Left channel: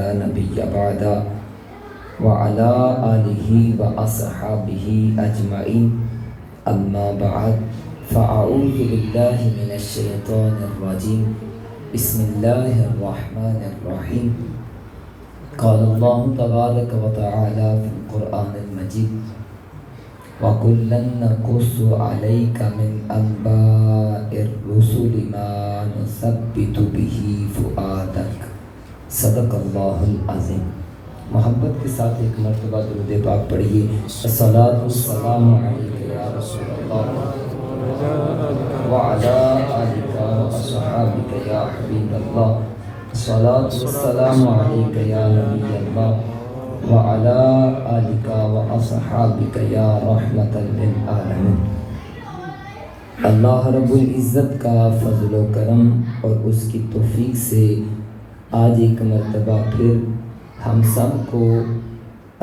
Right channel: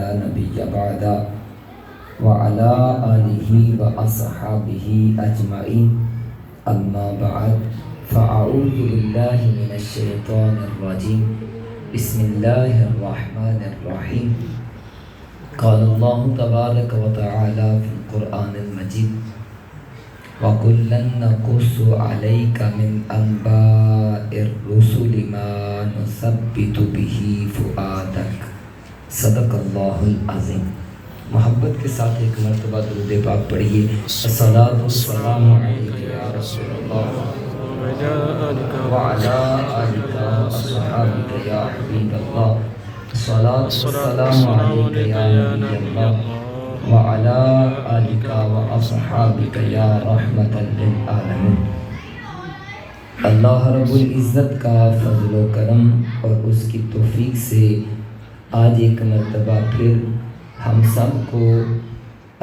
لا نبي بعده وعلى آله وأصحابه أجمعين أما بعد فأعوذ بالله من الشيطان الرجيم بسم الله الرحمن الرحيم قال الله تبارك وتعالى في القرآن المجيد وَكُلًّا نَقُصُّ عَلَيْكَ مِنْ أَنْبَاءِ الرُّسُلِ مَا نُثَبِّتُ بِهِ فُؤَادَكَ صدق اللہ العظیم۔ محبت کے ساتھ ایک مرتبہ درود پاک پڑھیے۔ الصلاۃ والسلام علیک یا رسول اللہ وعلی آلک واصحابک یا حبیب اللہ، الصلاۃ والسلام علیک یا نبی اللہ وعلی آلک واصحابک یا رحمۃ للعالمین۔ اللہ رب العزت کا فضل و کرم اور اس کی توفیق سے آج ایک مرتبہ پھر ہم سب کو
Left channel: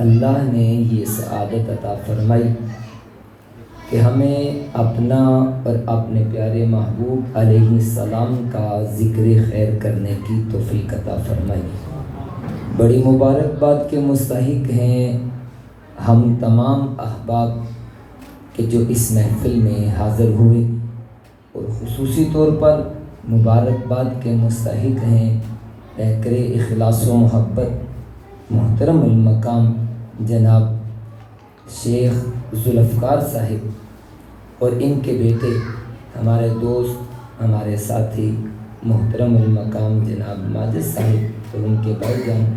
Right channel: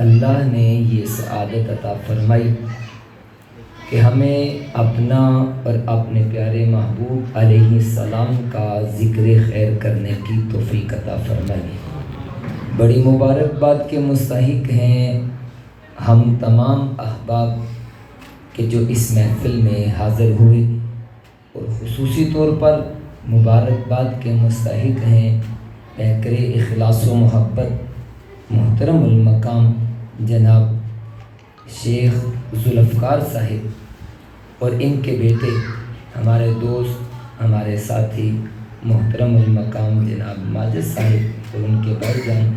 اللہ نے یہ سعادت عطا فرمائی کہ ہمیں اپنا اور اپنے پیارے محبوب علیہ السلام کا ذکر خیر کرنے کی توفیق عطا فرمائی۔ بڑی مبارکباد کے مستحق ہیں ہم تمام احباب کہ جو اس محفل میں حاضر ہوئے، اور خصوصی طور پر مبارکباد کے مستحق ہیں پیکر اخلاص و محبت محترم المقام جناب شیخ ذوالفقار صاحب اور ان کے بیٹے ہمارے دوست ہمارے ساتھی محترم المقام جناب ماجد صاحب اور ان کے بھائی جان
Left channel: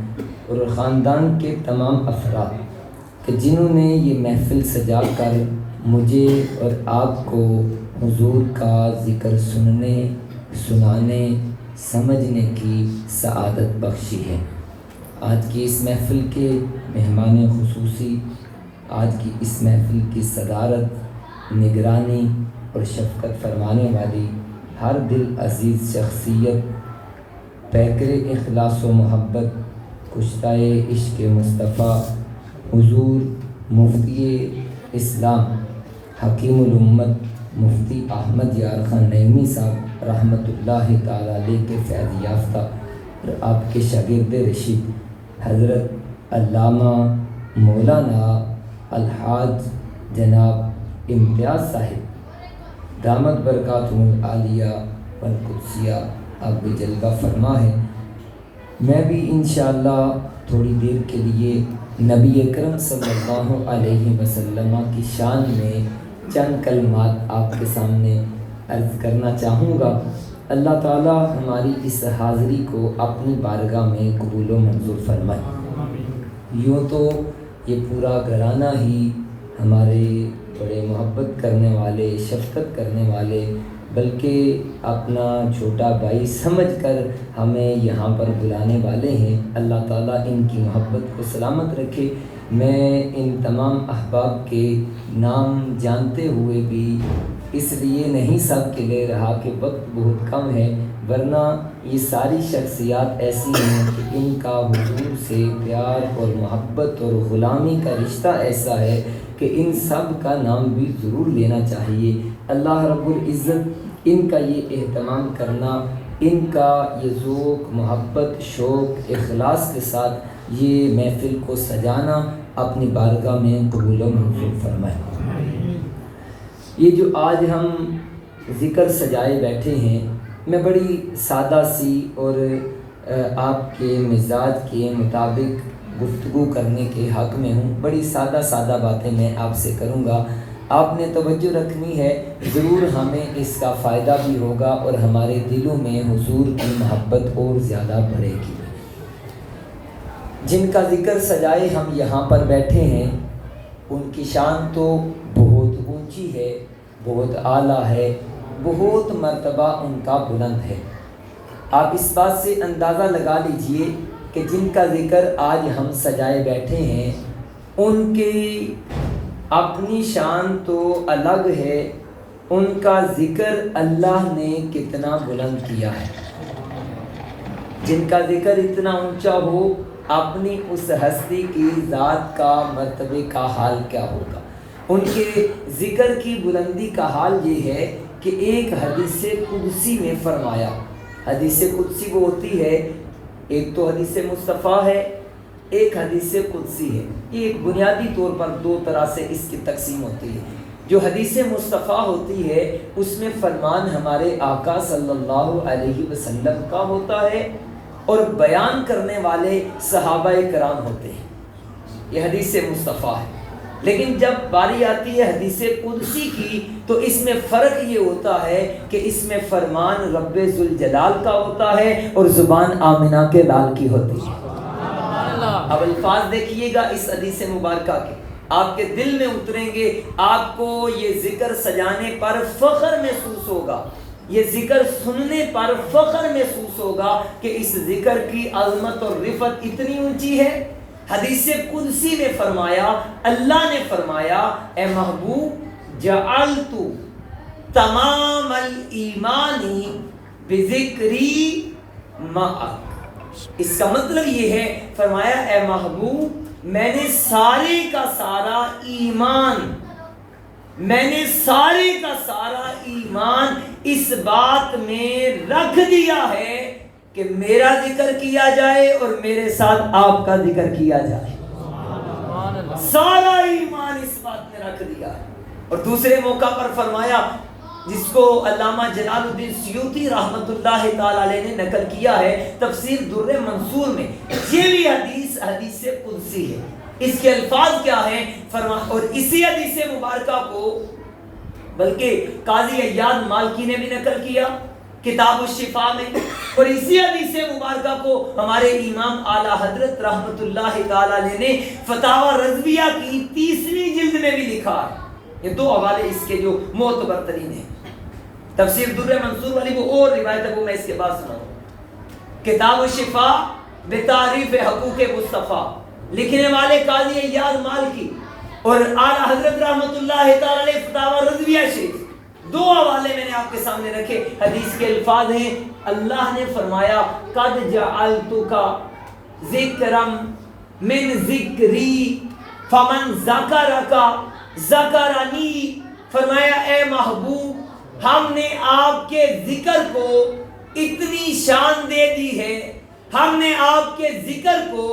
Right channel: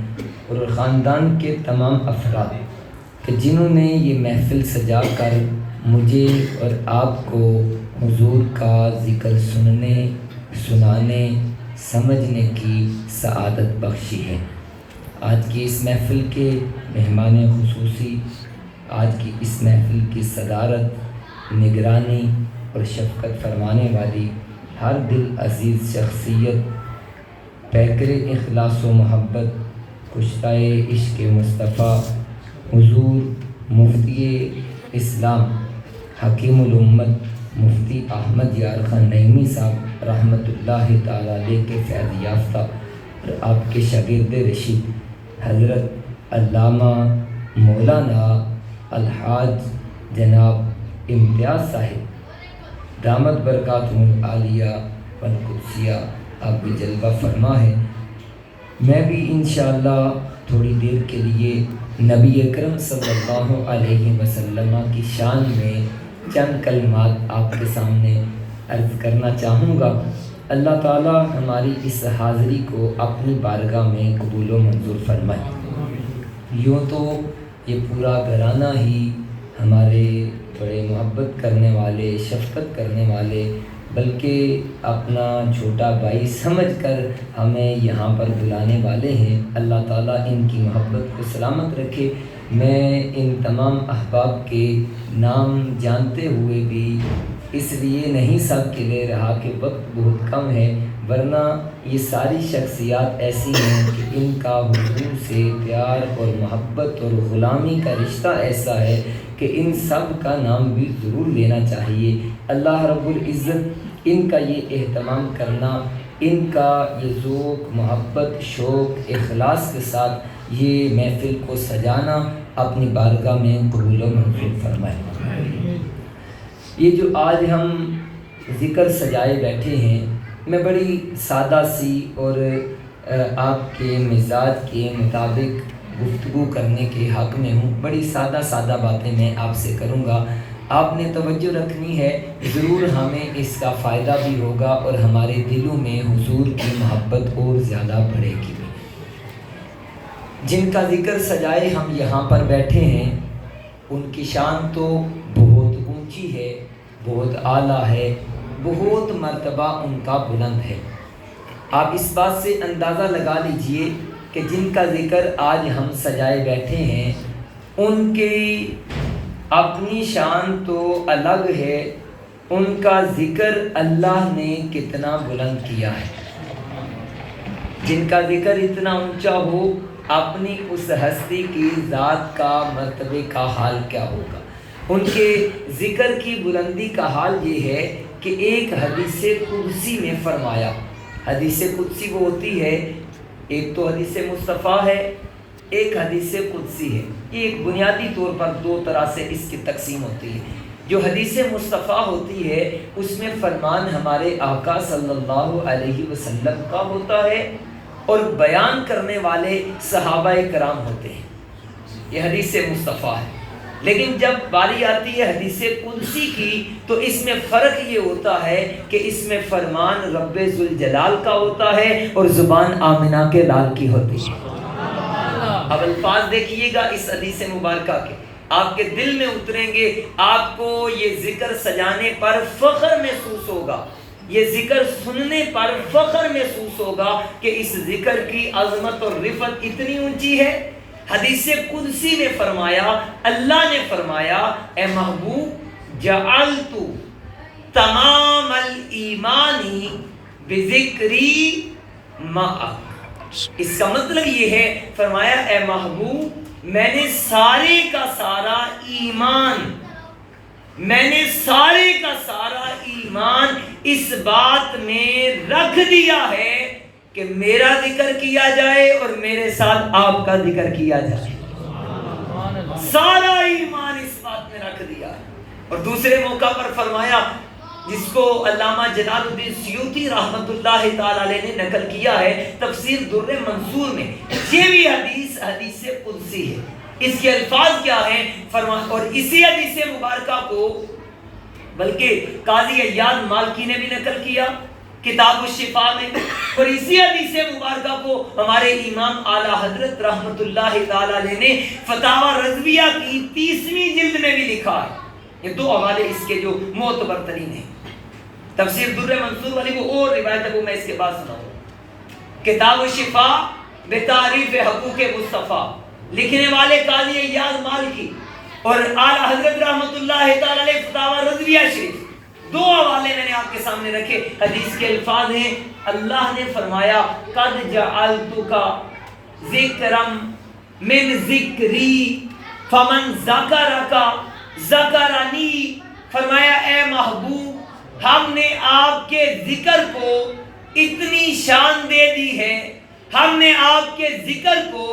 اور خاندان کے تمام افراد کہ جنہوں نے یہ محفل سجا کر مجھے اور آپ کو حضور کا ذکر سننے سنانے سمجھنے کی سعادت بخشی ہے۔ آج کی اس محفل کے مہمان خصوصی، آج کی اس محفل کی صدارت، نگرانی اور شفقت فرمانے والی ہر دل عزیز شخصیت، پیکر اخلاص و محبت، کشتۂ عشق مصطفیٰ حضور مفتی اسلام حکیم الامت مفتی احمد یار خان نعیمی صاحب رحمۃ اللہ تعالیٰ علیہ کے فیض یافتہ اور آپ کے شاگرد رشید حضرت علامہ مولانا الحاج جناب امتیاز صاحب دامت برکاتہم العالیہ والقدسیہ آپ بھی جلوہ فرما ہے۔ میں بھی انشاءاللہ تھوڑی دیر کے لیے نبی اکرم صلی اللہ علیہ وسلم کی شان میں چند کلمات آپ کے سامنے عرض کرنا چاہوں گا۔ اللہ تعالی ہماری اس حاضری کو اپنی بارگاہ میں قبول و منظور فرمائے۔ یوں تو یہ پورا گھرانہ ہی ہمارے بڑے محبت کرنے والے، شفقت کرنے والے، بلکہ اپنا چھوٹا بھائی سمجھ کر ہمیں یہاں پر بلانے والے ہیں۔ اللہ تعالیٰ ان کی محبت کو سلامت رکھے۔ میں ان تمام احباب کے نام جانتے ہوئے بھی اس لیے نہیں سب کے لے رہا کہ وقت بہت کم ہے، ورنہ یہ ساری شخصیات ایسی ہیں کہ ان کا حضور سے پیار اور محبت اور غلامی کا رشتہ ایسا ہے کہ ان سب کا نام بھی ضرور لینا چاہیے۔ اللہ رب العزت ان کا یہ اہتمام کرنا، ان کا یہ ذوق محبت شوق اخلاص کے ساتھ یہ محفل کو سجانا اپنی بارگاہ میں قبول و منظور فرمائے۔ یہ جو آج ہم ذکر سجائے بیٹھے ہیں، میں بڑی سادہ سی اور آپ کے مزاج کے مطابق گفتگو کرنے کے حق میں ہوں۔ بڑی سادہ باتیں میں آپ سے کروں گا، آپ نے توجہ رکھنی ہے، ضرور ہمیں اس کا فائدہ بھی ہوگا اور ہمارے دلوں میں حضور کی محبت اور زیادہ بڑھے گی۔ جن کا ذکر سجائے ہم یہاں پر بیٹھے ہیں، ان کی شان تو بہت اونچی ہے، بہت اعلیٰ ہے، بہت مرتبہ ان کا بلند ہے۔ آپ اس بات سے اندازہ لگا لیجئے کہ جن کا ذکر آج ہم سجائے بیٹھے ہیں، ان کی اپنی شان تو الگ ہے، ان کا ذکر اللہ نے کتنا بلند کیا ہے۔ جن کا ذکر اتنا اونچا ہو، اپنی اس ہستی کی ذات کا مرتبے کا حال کیا ہوگا۔ ان کے ذکر کی بلندی کا حال یہ ہے کہ ایک حدیث قدسی میں فرمایا، حدیث قدسی وہ ہوتی ہے ایک تو حدیث مصطفیٰ ہے، ایک حدیث قدسی ہے۔ یہ ایک بنیادی طور پر دو طرح سے اس کی تقسیم ہوتی ہے۔ جو حدیث مصطفیٰ ہوتی ہے اس میں فرمان ہمارے آقا صلی اللہ علیہ وسلم کا ہوتا ہے اور بیان کرنے والے صحابہ کرام ہوتے ہیں، یہ حدیث مصطفیٰ ہے۔ لیکن جب باری آتی ہے حدیث قدسی کی تو اس میں فرق یہ ہوتا ہے کہ اس میں فرمان رب ذوالجلال کا ہوتا ہے اور زبان آمنہ کے لال کی ہوتی ہے۔ اب الفاظ دیکھیے گا اس حدیث مبارکہ کے، آپ کے دل میں اتریں گے، آپ کو یہ ذکر سجانے پر فخر محسوس ہوگا، یہ ذکر سننے پر فخر محسوس ہوگا کہ اس ذکر کی عظمت اور رفعت اتنی اونچی ہے۔ حدیث قدسی نے فرمایا، اللہ نے فرمایا، اے محبوب جعلت تمام الایمان بذکری معک۔ اس کا مطلب یہ ہے، فرمایا اے محبوب میں نے سارے کا سارا ایمان، میں نے سارے کا سارا ایمان اس بات میں رکھ دیا ہے کہ میرا ذکر کیا جائے اور میرے ساتھ آپ کا ذکر کیا جائے۔ سارا ایمان اس بات میں رکھ دیا۔ اور دوسرے موقع پر فرمایا، جس کو علامہ جلال الدین سیوطی رحمۃ اللہ تعالی علیہ نے نقل کیا ہے تفسیر در منصور میں، یہ بھی حدیث قدسی ہے۔ اس کے الفاظ کیا ہیں؟ اور اسی حدیث مبارکہ کو بلکہ قاضی عیاض مالکی نے بھی نقل کیا کتاب الشفاء میں، اور اسی حدیث مبارکہ کو ہمارے امام اعلیٰ حضرت رحمۃ اللہ تعالی علیہ نے فتاوی رضویہ کی 30ویں جلد میں بھی لکھا ہے۔ یہ دو حوالے اس کے جو معتبر ترین ہیں۔ تفسیر در منصور والی وہ اور روایت ہے، وہ میں اس کے بعد سناؤں۔ کتاب الشفاء بتعریف حقوق مصطفیٰ، لکھنے والے قاضی عیاض مالکی اور اعلیٰ حضرت رحمۃ اللہ تعالی علیہ فتاوی رضویہ شریف، دو حوالے میں نے آپ کے سامنے رکھے۔ حدیث کے الفاظ ہیں، اللہ نے فرمایا قد جعلتک ذکرا من ذکری فمن ذکرک ذکرنی۔ فرمایا اے محبوب ہم نے آپ کے ذکر کو اتنی شان دے دی ہے، ہم نے آپ کے ذکر کو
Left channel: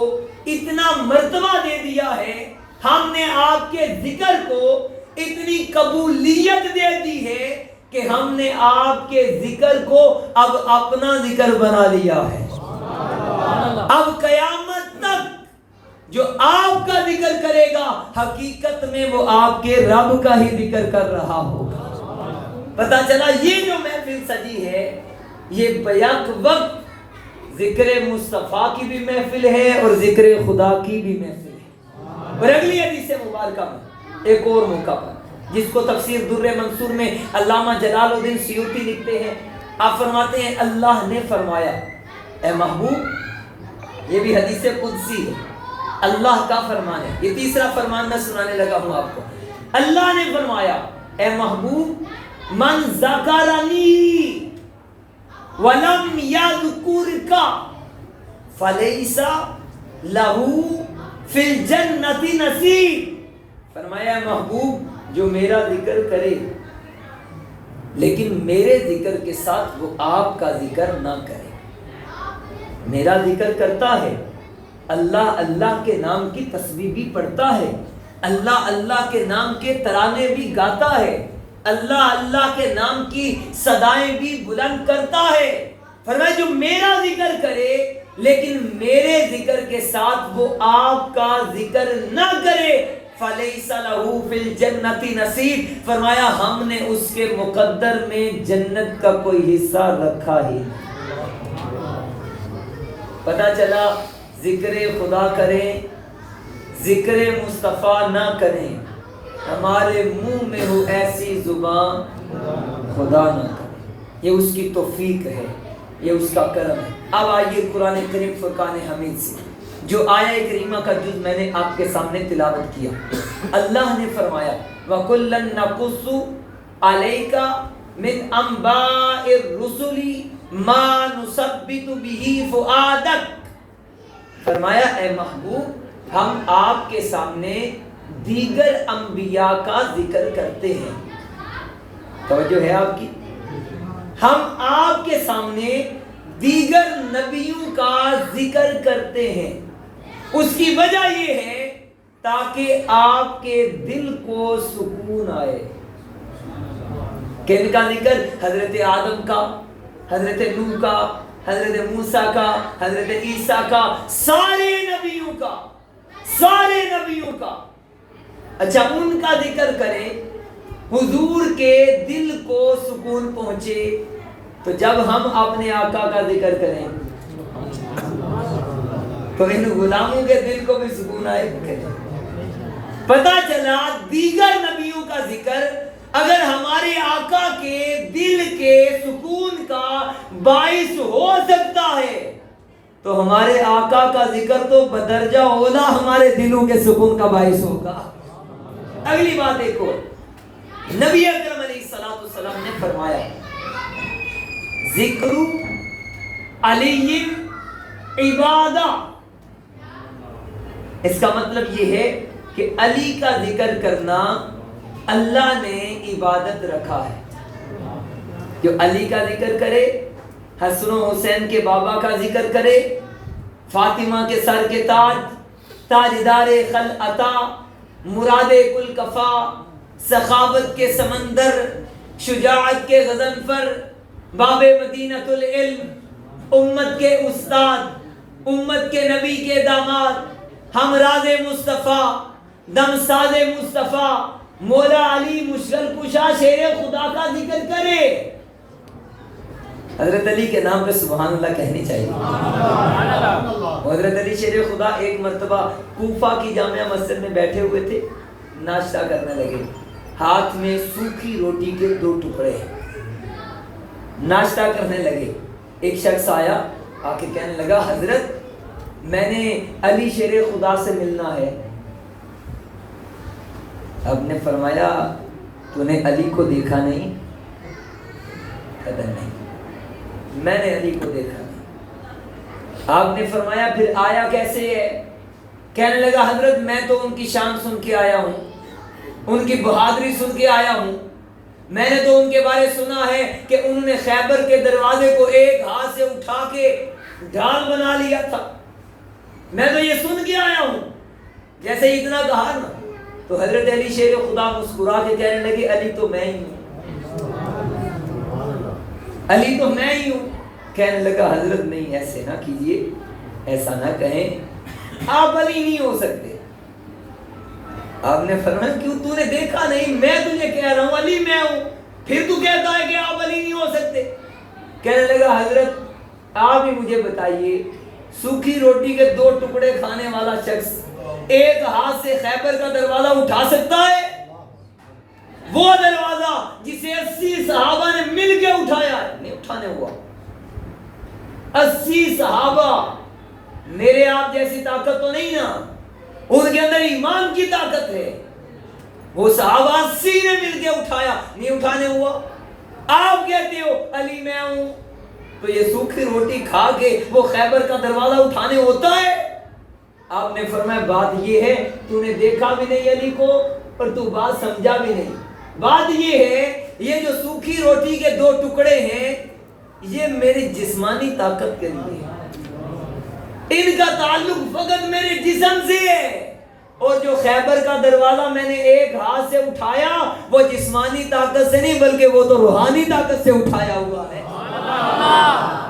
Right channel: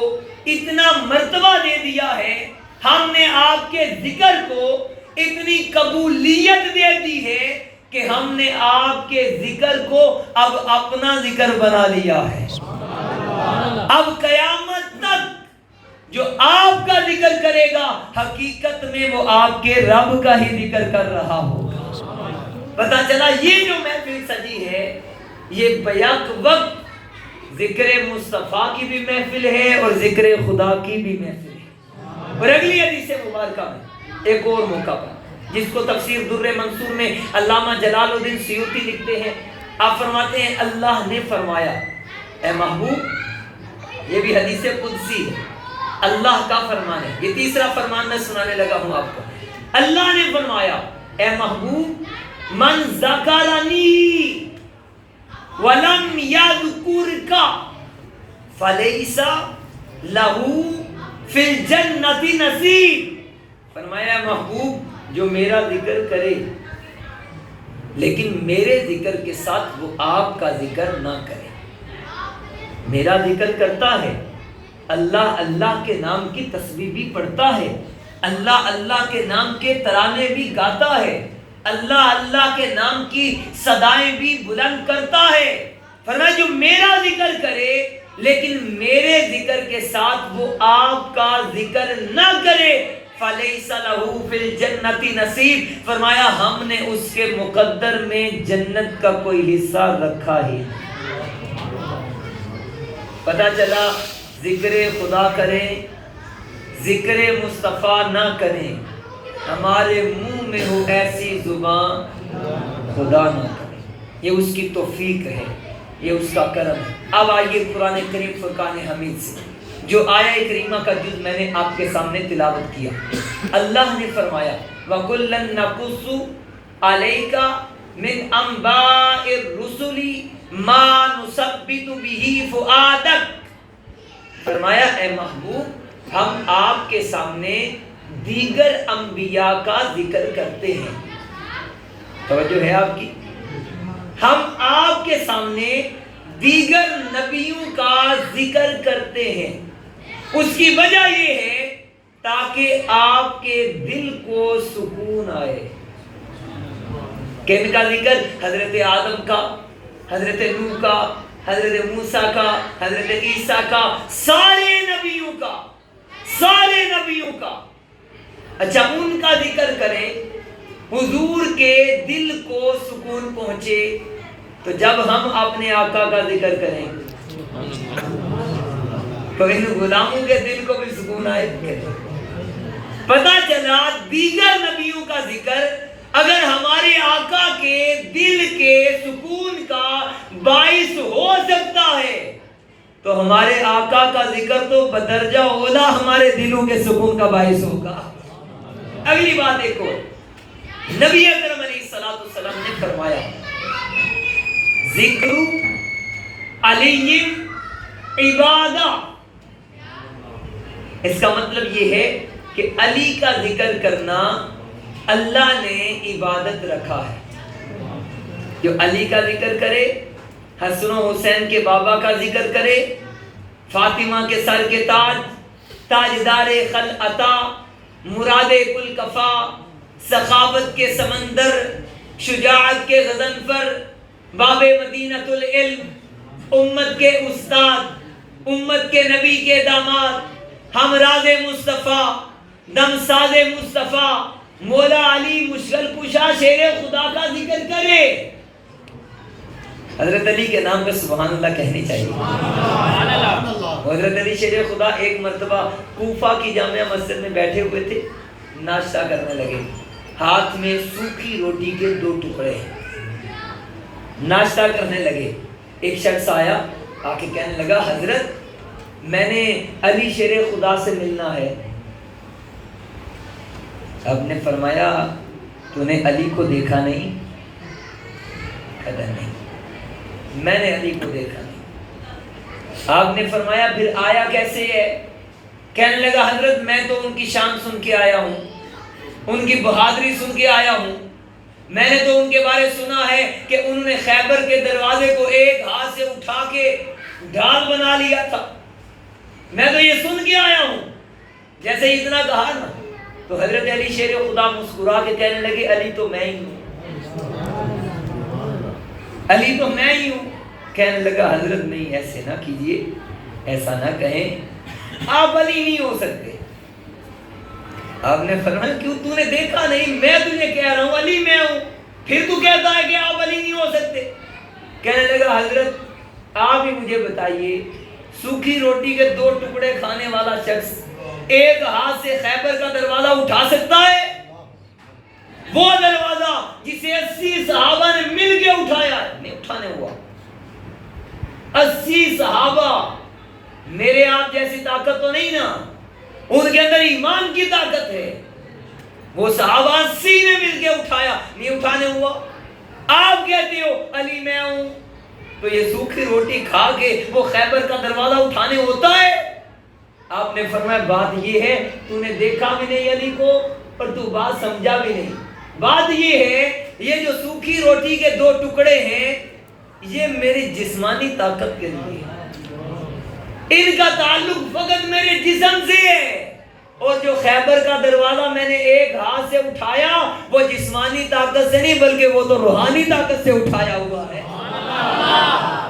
اتنا مرتبہ دے دیا ہے، ہم نے آپ کے ذکر کو اتنی قبولیت دے دی ہے کہ ہم نے آپ کے ذکر کو اب اپنا ذکر بنا لیا ہے۔ اب قیامت تک جو آپ کا ذکر کرے گا حقیقت میں وہ آپ کے رب کا ہی ذکر کر رہا ہوگا۔ پتہ چلا یہ جو محفل سجی ہے یہ بیک وقت ذکر مصطفیٰ کی بھی محفل ہے اور ذکر خدا کی بھی محفل ہے۔ اور اگلی حدیث مبارکہ میں ایک اور موقع پر، جس کو تفسیر در منصور میں علامہ جلال الدین سیوطی لکھتے ہیں، آپ فرماتے ہیں اللہ نے فرمایا اے محبوب، یہ بھی حدیث قدسی ہے، اللہ کا فرمان ہے۔ یہ تیسرا فرمان میں سنانے لگا ہوں آپ کو۔ اللہ نے فرمایا اے محبوب من ذکرنی ولم یذکرک فلیس لہ فی الجنۃ نصیب۔ فرمایا محبوب جو میرا ذکر کرے لیکن میرے ذکر کے ساتھ وہ آپ کا ذکر نہ کرے، میرا ذکر کرتا ہے، اللہ اللہ کے نام کی تسبیح بھی پڑھتا ہے، اللہ اللہ کے نام کے ترانے بھی گاتا ہے، اللہ اللہ کے نام کی صدائیں بھی بلند کرتا ہے، فرمایا جو میرا ذکر کرے لیکن میرے ذکر کے ساتھ وہ آپ کا ذکر نہ کرے فَلَيْسَ لَهُ فِي الْجَنَّةِ نَصِيب، فرمایا ہم نے اس کے مقدر میں جنت کا کوئی حصہ رکھا ہی نہیں۔ پتہ چلا ذکر خدا کریں، ذکر مصطفیٰ نہ کریں، ہمارے منہ میں ہو ایسی زبان خدا نہ کرے، یہ اس کی توفیق ہے، یہ اس کا کرم ہے۔ اب آئیے قرآن کریم فرقان حمید سے جو آیہ کریمہ کا جز میں نے آپ کے سامنے تلاوت کیا۔ اللہ نے فرمایا وَكُلًّا نَقُصُّ عَلَيْكَ مِنْ أَنْبَاءِ الرُّسُلِ مَا نُثَبِّتُ بِهِ فُؤَادَكَ، فرمایا اے محبوب ہم آپ کے سامنے دیگر انبیاء کا ذکر کرتے ہیں۔ توجہ ہے آپ کی؟ ہم آپ کے سامنے دیگر نبیوں کا ذکر کرتے ہیں، اس کی وجہ یہ ہے تاکہ آپ کے دل کو سکون آئے۔ کن کا ذکر؟ حضرت آدم کا، حضرت نوح کا، حضرت موسیٰ کا، حضرت عیسیٰ کا، سارے نبیوں کا، سارے نبیوں کا۔ اچھا، ان کا ذکر کریں، حضور کے دل کو سکون پہنچے، تو جب ہم اپنے آقا کا ذکر کریں تو ان غلاموں کے دل کو بھی سکون آئے۔ پتہ چلا دیگر نبیوں کا ذکر اگر ہمارے آقا کے دل کے سکون کا باعث ہو سکتا ہے تو ہمارے آقا کا ذکر تو بدرجہ اولا ہمارے دلوں کے سکون کا باعث ہوگا۔ اگلی بات دیکھو، نبی اکرم علیہ الصلوۃ والسلام نے فرمایا ذکر علی عبادہ، اس کا مطلب یہ ہے کہ علی کا ذکر کرنا اللہ نے عبادت رکھا ہے۔ جو علی کا ذکر کرے، حسن و حسین کے بابا کا ذکر کرے، فاطمہ کے سر کے تاج، تاجدار خلعتا، مراد کل کفا، سخاوت کے سمندر، شجاعت کے غضنفر، باب مدینۃ العلم، امت کے استاد، امت کے نبی کے داماد، ہمراز مصطفیٰ، دمساز مصطفیٰ، مولا علی مشکل کشا شیر خدا کا ذکر کرے۔ حضرت علی کے نام پہ سبحان اللہ کہنی چاہیے۔ حضرت علی شیر خدا ایک مرتبہ کوفہ کی جامع مسجد میں بیٹھے ہوئے تھے، ناشتہ کرنے لگے، ہاتھ میں سوکھی روٹی کے 2 ٹکڑے، ناشتہ کرنے لگے۔ ایک شخص آیا، آ کے کہنے لگا حضرت میں نے علی شیر خدا سے ملنا ہے۔ آپ نے فرمایا تو نے علی کو دیکھا نہیں؟ کہتا نہیں، میں نے علی کو دیکھا نہیں۔ آپ نے فرمایا پھر آیا کیسے ہے؟ کہنے لگا حضرت میں تو ان کی شان سن کے آیا ہوں، ان کی بہادری سن کے آیا ہوں، میں نے تو ان کے بارے سنا ہے کہ انہوں نے خیبر کے دروازے کو ایک ہاتھ سے اٹھا کے ڈھال بنا لیا تھا، میں تو یہ سن کے آیا ہوں۔ جیسے اتنا کہا نا تو حضرت علی شیر خدا مسکرا کے کہنے لگے علی تو میں ہی ہوں، علی تو میں ہی ہوں۔ کہنے لگا حضرت نہیں ایسے نہ کیجئے، ایسا نہ کہیں، آپ علی نہیں ہو سکتے۔ آپ نے فرمایا کیوں؟ تو نے دیکھا نہیں، میں تجھے کہہ رہا ہوں علی میں ہوں، پھر تو کہتا ہے کہ آپ علی نہیں ہو سکتے۔ کہنے لگا حضرت آپ ہی مجھے بتائیے، سوکھی روٹی کے 2 ٹکڑے کھانے والا شخص ایک ہاتھ سے خیبر کا دروازہ اٹھا سکتا ہے؟ وہ دروازہ جسے 80 صحابہ نے مل کے اٹھایا ہے، نہیں اٹھانے ہوا۔ 80 صحابہ، میرے آپ جیسی طاقت تو نہیں نا، ان کے اندر ایمان کی طاقت ہے، وہ صحابہ 80 نے مل کے اٹھایا، نہیں اٹھانے ہوا۔ آپ کہتے ہو علی میں ہوں، تو یہ سوکھی روٹی کھا کے وہ خیبر کا دروازہ اٹھانے ہوتا ہے؟ آپ نے فرمایا بات یہ ہے تو نے دیکھا بھی نہیں علی کو اور تو بات سمجھا بھی نہیں۔ بات یہ ہے یہ جو سوکھی روٹی کے 2 ٹکڑے ہیں یہ میری جسمانی طاقت کے لیے ہے، ان کا تعلق فقط میرے جسم سے ہے، اور جو خیبر کا دروازہ میں نے ایک ہاتھ سے اٹھایا وہ جسمانی طاقت سے نہیں بلکہ وہ تو روحانی طاقت سے اٹھایا ہوا ہے۔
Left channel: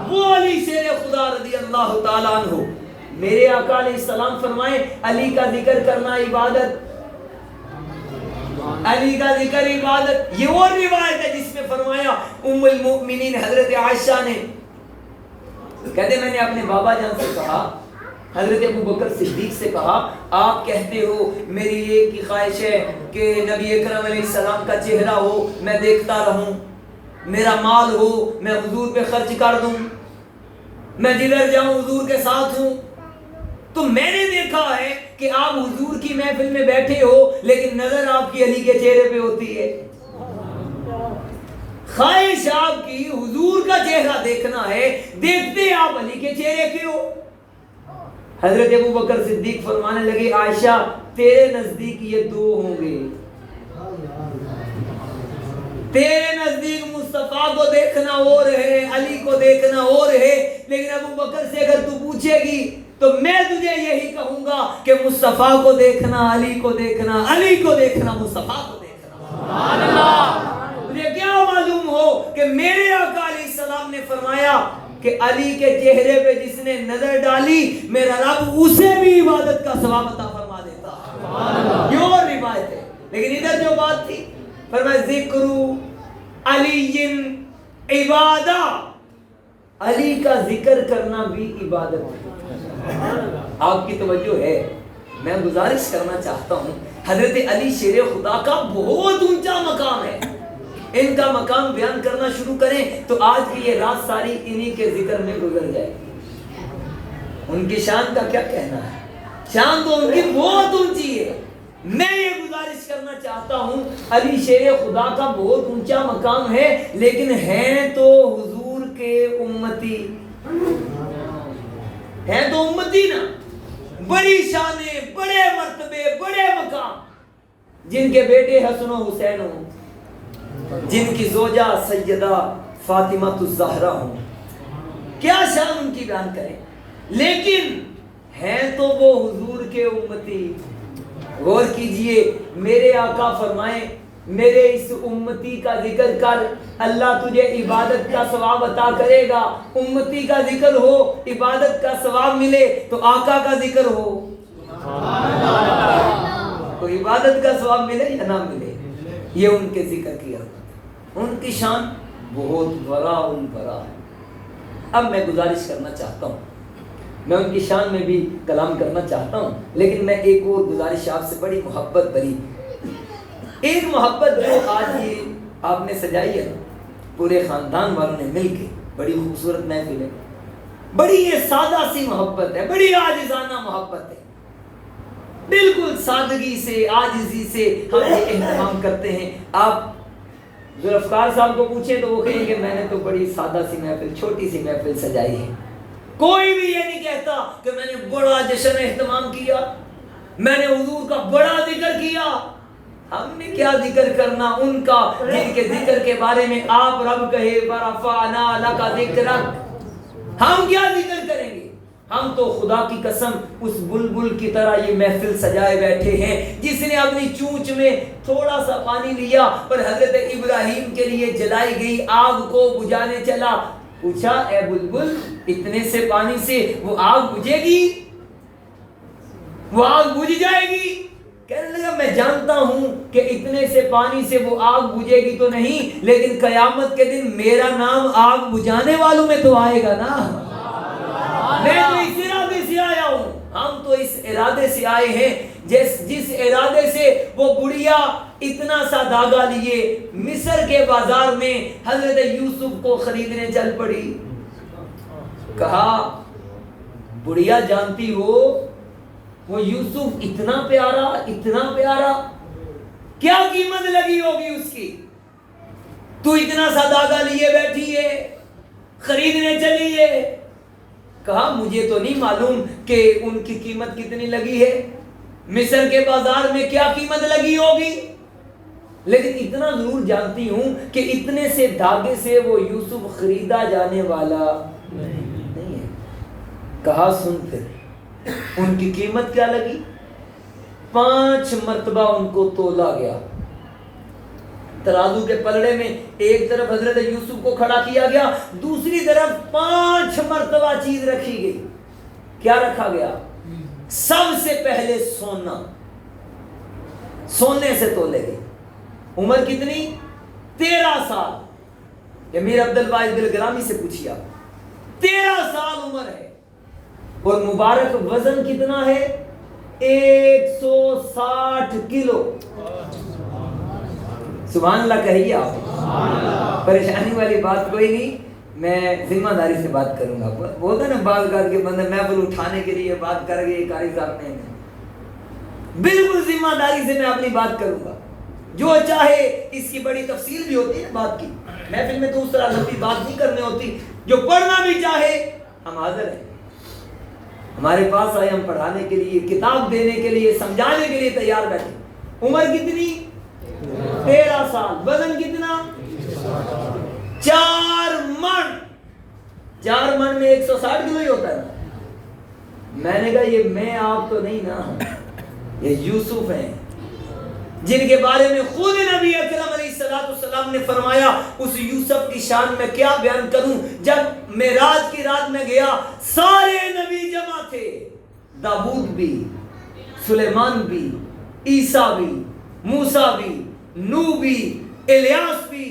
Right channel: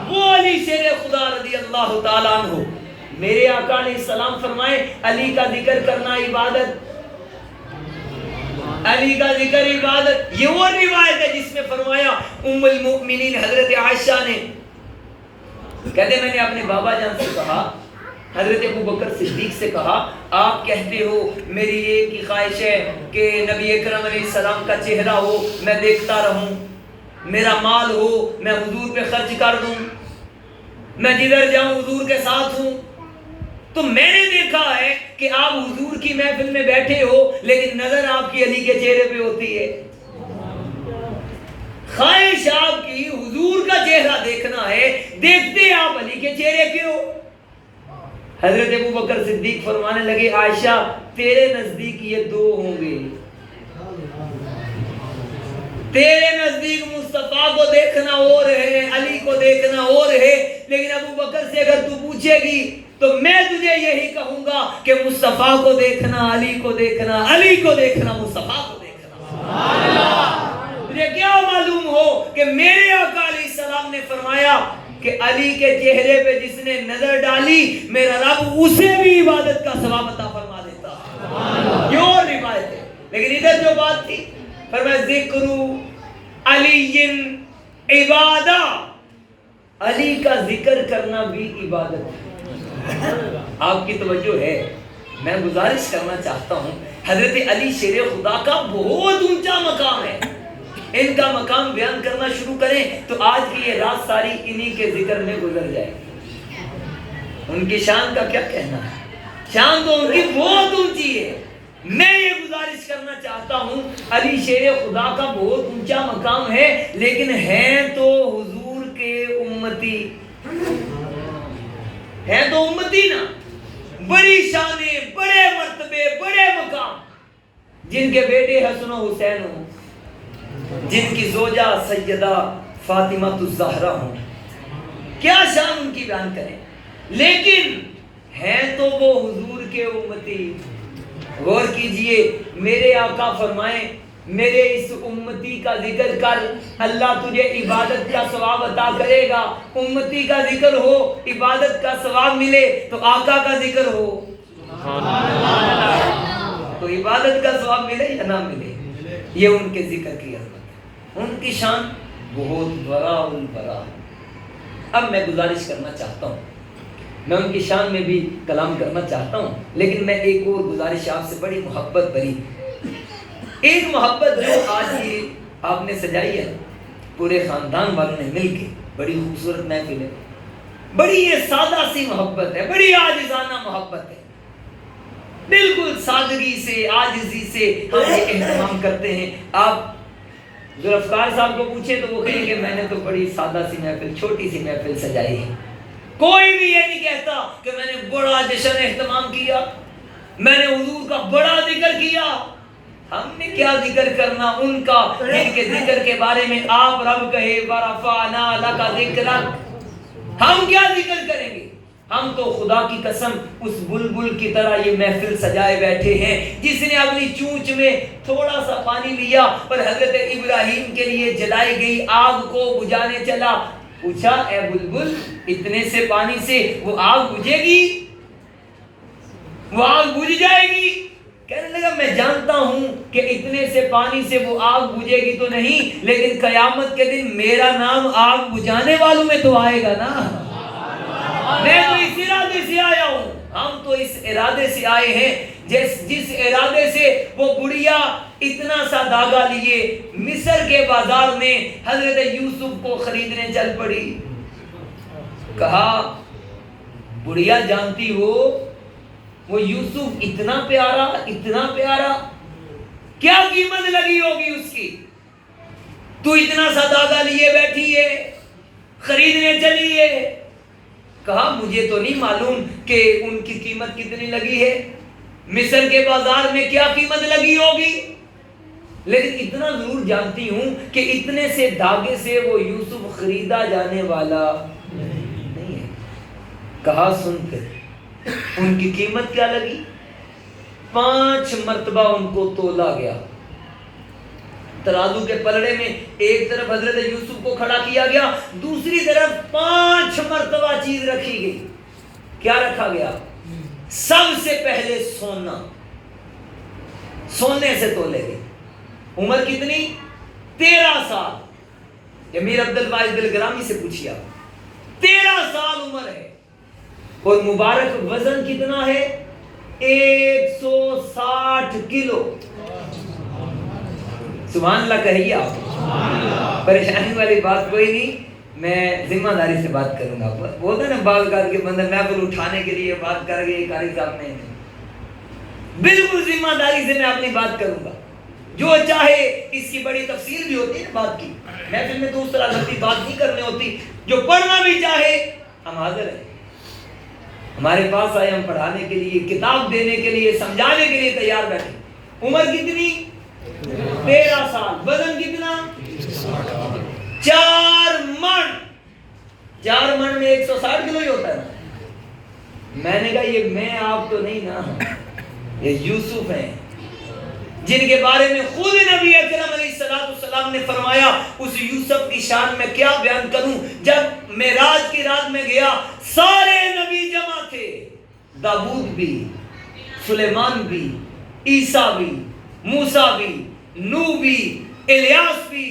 وہ علی شیر خدا رضی اللہ تعالیٰ عنہ۔ میرے آقا علیہ السلام فرمائے علی کا ذکر کرنا عبادت، علی کا ذکر عبادت۔ یہ وہ روایت ہے جس میں فرمایا ام المؤمنین حضرت عائشہ نے، کہتے میں نے اپنے بابا جان سے کہا، حضرت ابوبکر صدیق سے کہا آپ کہتے ہو میری ایک ہی خواہش ہے کہ نبی اکرم علیہ السلام کا چہرہ ہو، میں دیکھتا رہوں، میرا مال ہو میں حضور پہ خرچ کر دوں، میں جدھر جاؤں حضور کے ساتھ ہوں۔ تو میں نے دیکھا ہے کہ آپ حضور کی محفل میں بیٹھے ہو لیکن نظر آپ کی علی کے چہرے پہ ہوتی ہے۔ خواہش آپ کی حضور کا چہرہ دیکھنا ہے، دیکھتے آپ علی کے چہرے کے ہو۔ حضرت ابوبکر صدیق فرمانے لگے عائشہ تیرے نزدیک یہ 2 ہوں گے، تیرے نزدیک مصطفیٰ کو دیکھنا اور ہے، علی کو دیکھنا اور ہے، لیکن ابو بکر سے اگر تو پوچھے گی تو میں تجھے یہی کہوں گا کہ مصطفیٰ کو دیکھنا، علی کو دیکھنا، علی کو دیکھنا، مصطفیٰ کو دیکھنا۔ سبحان اللہ۔ مجھے کیا معلوم ہو کہ میرے آقا علیہ السلام نے فرمایا کہ علی کے چہرے پہ جس نے نظر ڈالی میرا رب اسے بھی عبادت کا ثواب عطا فرما دیتا۔ سبحان اللہ۔ یہ اور روایت ہے، لیکن ادھر جو بات تھی فرمایا ذکر علی عبادہ، علی کا ذکر کرنا بھی عبادت ہے۔ آپ کی توجہ ہے، میں گزارش کرنا چاہتا ہوں، حضرت علی شیر خدا کا بہت اونچا مقام ہے، ان کا مقام بیان کرنا شروع کریں تو آج کی یہ رات ساری انہی کے ذکر میں گزر جائے۔ ان کی شان کا کیا کہنا ہے، شان تو ان کی بہت اونچی ہے۔ میں یہ گزارش کرنا چاہتا ہوں، علی شیر خدا کا بہت اونچا مقام ہے، لیکن ہیں تو حضور کے امتی، ہیں تو امتی نا، بڑی شانیں، بڑے مرتبے، بڑے مقام، جن کے بیٹے حسن و حسین ہوں، جن کی زوجہ سیدہ فاطمہ الزہرا ہوں، کیا شان ان کی بیان کریں، لیکن ہیں تو وہ حضور کے امتی۔ غور کیجئے، میرے آقا فرمائیں میرے اس امتی کا ذکر کر، اللہ تجھے عبادت کا ثواب عطا کرے گا۔ امتی کا ذکر ہو، عبادت کا ثواب ملے تو آقا کا ذکر ہو تو عبادت کا ثواب ملے یا نہ ملے۔ یہ ان کے ذکر کی عظمت، ان کی شان بہت براء البراء۔ اب میں گزارش کرنا چاہتا ہوں، میں ان کی شان میں بھی کلام کرنا چاہتا ہوں، لیکن میں ایک اور گزارش آپ سے بڑی محبت بھری، ایک محبت جو آج ہی آپ نے سجائی ہے پورے خاندان والوں نے مل کے، بڑی خوبصورت محفل ہے، بڑی یہ سادہ سی محبت ہے، بڑی عاجزانہ محبت ہے، بالکل سادگی سے، عاجزی سے ہم یہ اہتمام کرتے ہیں۔ آپ ذوالفقار صاحب کو پوچھیں تو وہ کہیں کہ میں نے تو بڑی سادہ سی محفل، چھوٹی سی محفل سجائی ہے۔ کوئی بھی یہ نہیں کہتا کہ میں نے بڑا جشن اہتمام کیا، میں نے حضور کا بڑا ذکر کیا۔ ہم نے کیا ذکر کرنا ان کا جن کے ذکر کے بارے میں آپ رب کہے وَرَفَعْنَا لَكَ ذِكْرَكَ، ہم کیا ذکر کریں گے؟ ہم تو خدا کی قسم اس بلبل کی طرح یہ محفل سجائے بیٹھے ہیں جس نے اپنی چونچ میں تھوڑا سا پانی لیا اور حضرت ابراہیم کے لیے جلائی گئی آگ کو بجھانے چلا۔ پوچھا اے بلبل اتنے سے پانی سے وہ آگ بجھے گی؟ وہ آگ بجھ جائے گی؟ کہنے لگا میں جانتا ہوں کہ اتنے سے پانی سے وہ آگ بجھے گی تو نہیں، لیکن قیامت کے دن میرا نام آگ بجھانے والوں میں تو آئے گا نا۔ میں تو اس ارادے سے آیا ہوں، ہم تو اس ارادے سے آئے ہیں جس ارادے سے وہ بڑھیا اتنا سا دھاگا لیے مصر کے بازار میں حضرت یوسف کو خریدنے چل پڑی۔ کہا بڑھیا جانتی ہو وہ یوسف اتنا پیارا، اتنا پیارا، کیا قیمت لگی ہوگی اس کی، تو اتنا سا دھاگا لیے بیٹھی ہے، خریدنے چلی ہے۔ کہا مجھے تو نہیں معلوم کہ ان کی قیمت کتنی لگی ہے، مصر کے بازار میں کیا قیمت لگی ہوگی، لیکن اتنا ضرور جانتی ہوں کہ اتنے سے دھاگے سے وہ یوسف خریدا جانے والا نہیں ہے۔ کہا سن کر ان کی قیمت کیا لگی؟ 5 مرتبہ ان کو تولا گیا، ترازو کے پلڑے میں ایک طرف حضرت یوسف کو کھڑا کیا گیا، دوسری طرف 5 مرتبہ چیز رکھی گئی۔ کیا رکھا گیا؟ سب سے پہلے سونا، سونے سے تولے گئے۔ عمر کتنی؟ 13 سال۔ امیر عبدالواحد بلگرامی سے پوچھیا، 13 سال عمر ہے اور مبارک وزن کتنا ہے؟ 160 کلو۔ سبحان اللہ کہیے آپ، پریشانی والی بات کوئی نہیں، میں ذمہ داری سے بات کروں گا۔ بولتے ہیں نا بعض کار کے بندے محفل اٹھانے کے لیے بات کر گئے، قاری صاحب نے بالکل ذمہ داری سے میں اپنی بات کروں گا، جو چاہے اس کی بڑی تفصیل بھی ہوتی ہے بات کی، محفل میں تو اس طرح لمبی بات نہیں کرنی ہوتی، جو پڑھنا بھی چاہے ہم حاضر ہیں، ہمارے پاس آئے، ہم پڑھانے کے لیے، کتاب دینے کے لیے، سمجھانے کے لیے تیار بیٹھے۔ عمر کتنی؟ 13 سال۔ وزن کتنا؟ 4 من۔ 4 من میں 160 کلو ہی ہوتا ہے نا. میں نے کہا یہ میں آپ تو نہیں نا, یہ یوسف ہیں جن کے بارے میں خود نبی اکرم علیہ السلام نے فرمایا. اس یوسف کی شان میں کیا بیان کروں. جب معراج کی رات میں گیا سارے نبی جمع تھے, داؤد بھی, سلیمان بھی, عیسیٰ بھی, موسیٰ بھی, نوح بھی, الیاس بھی,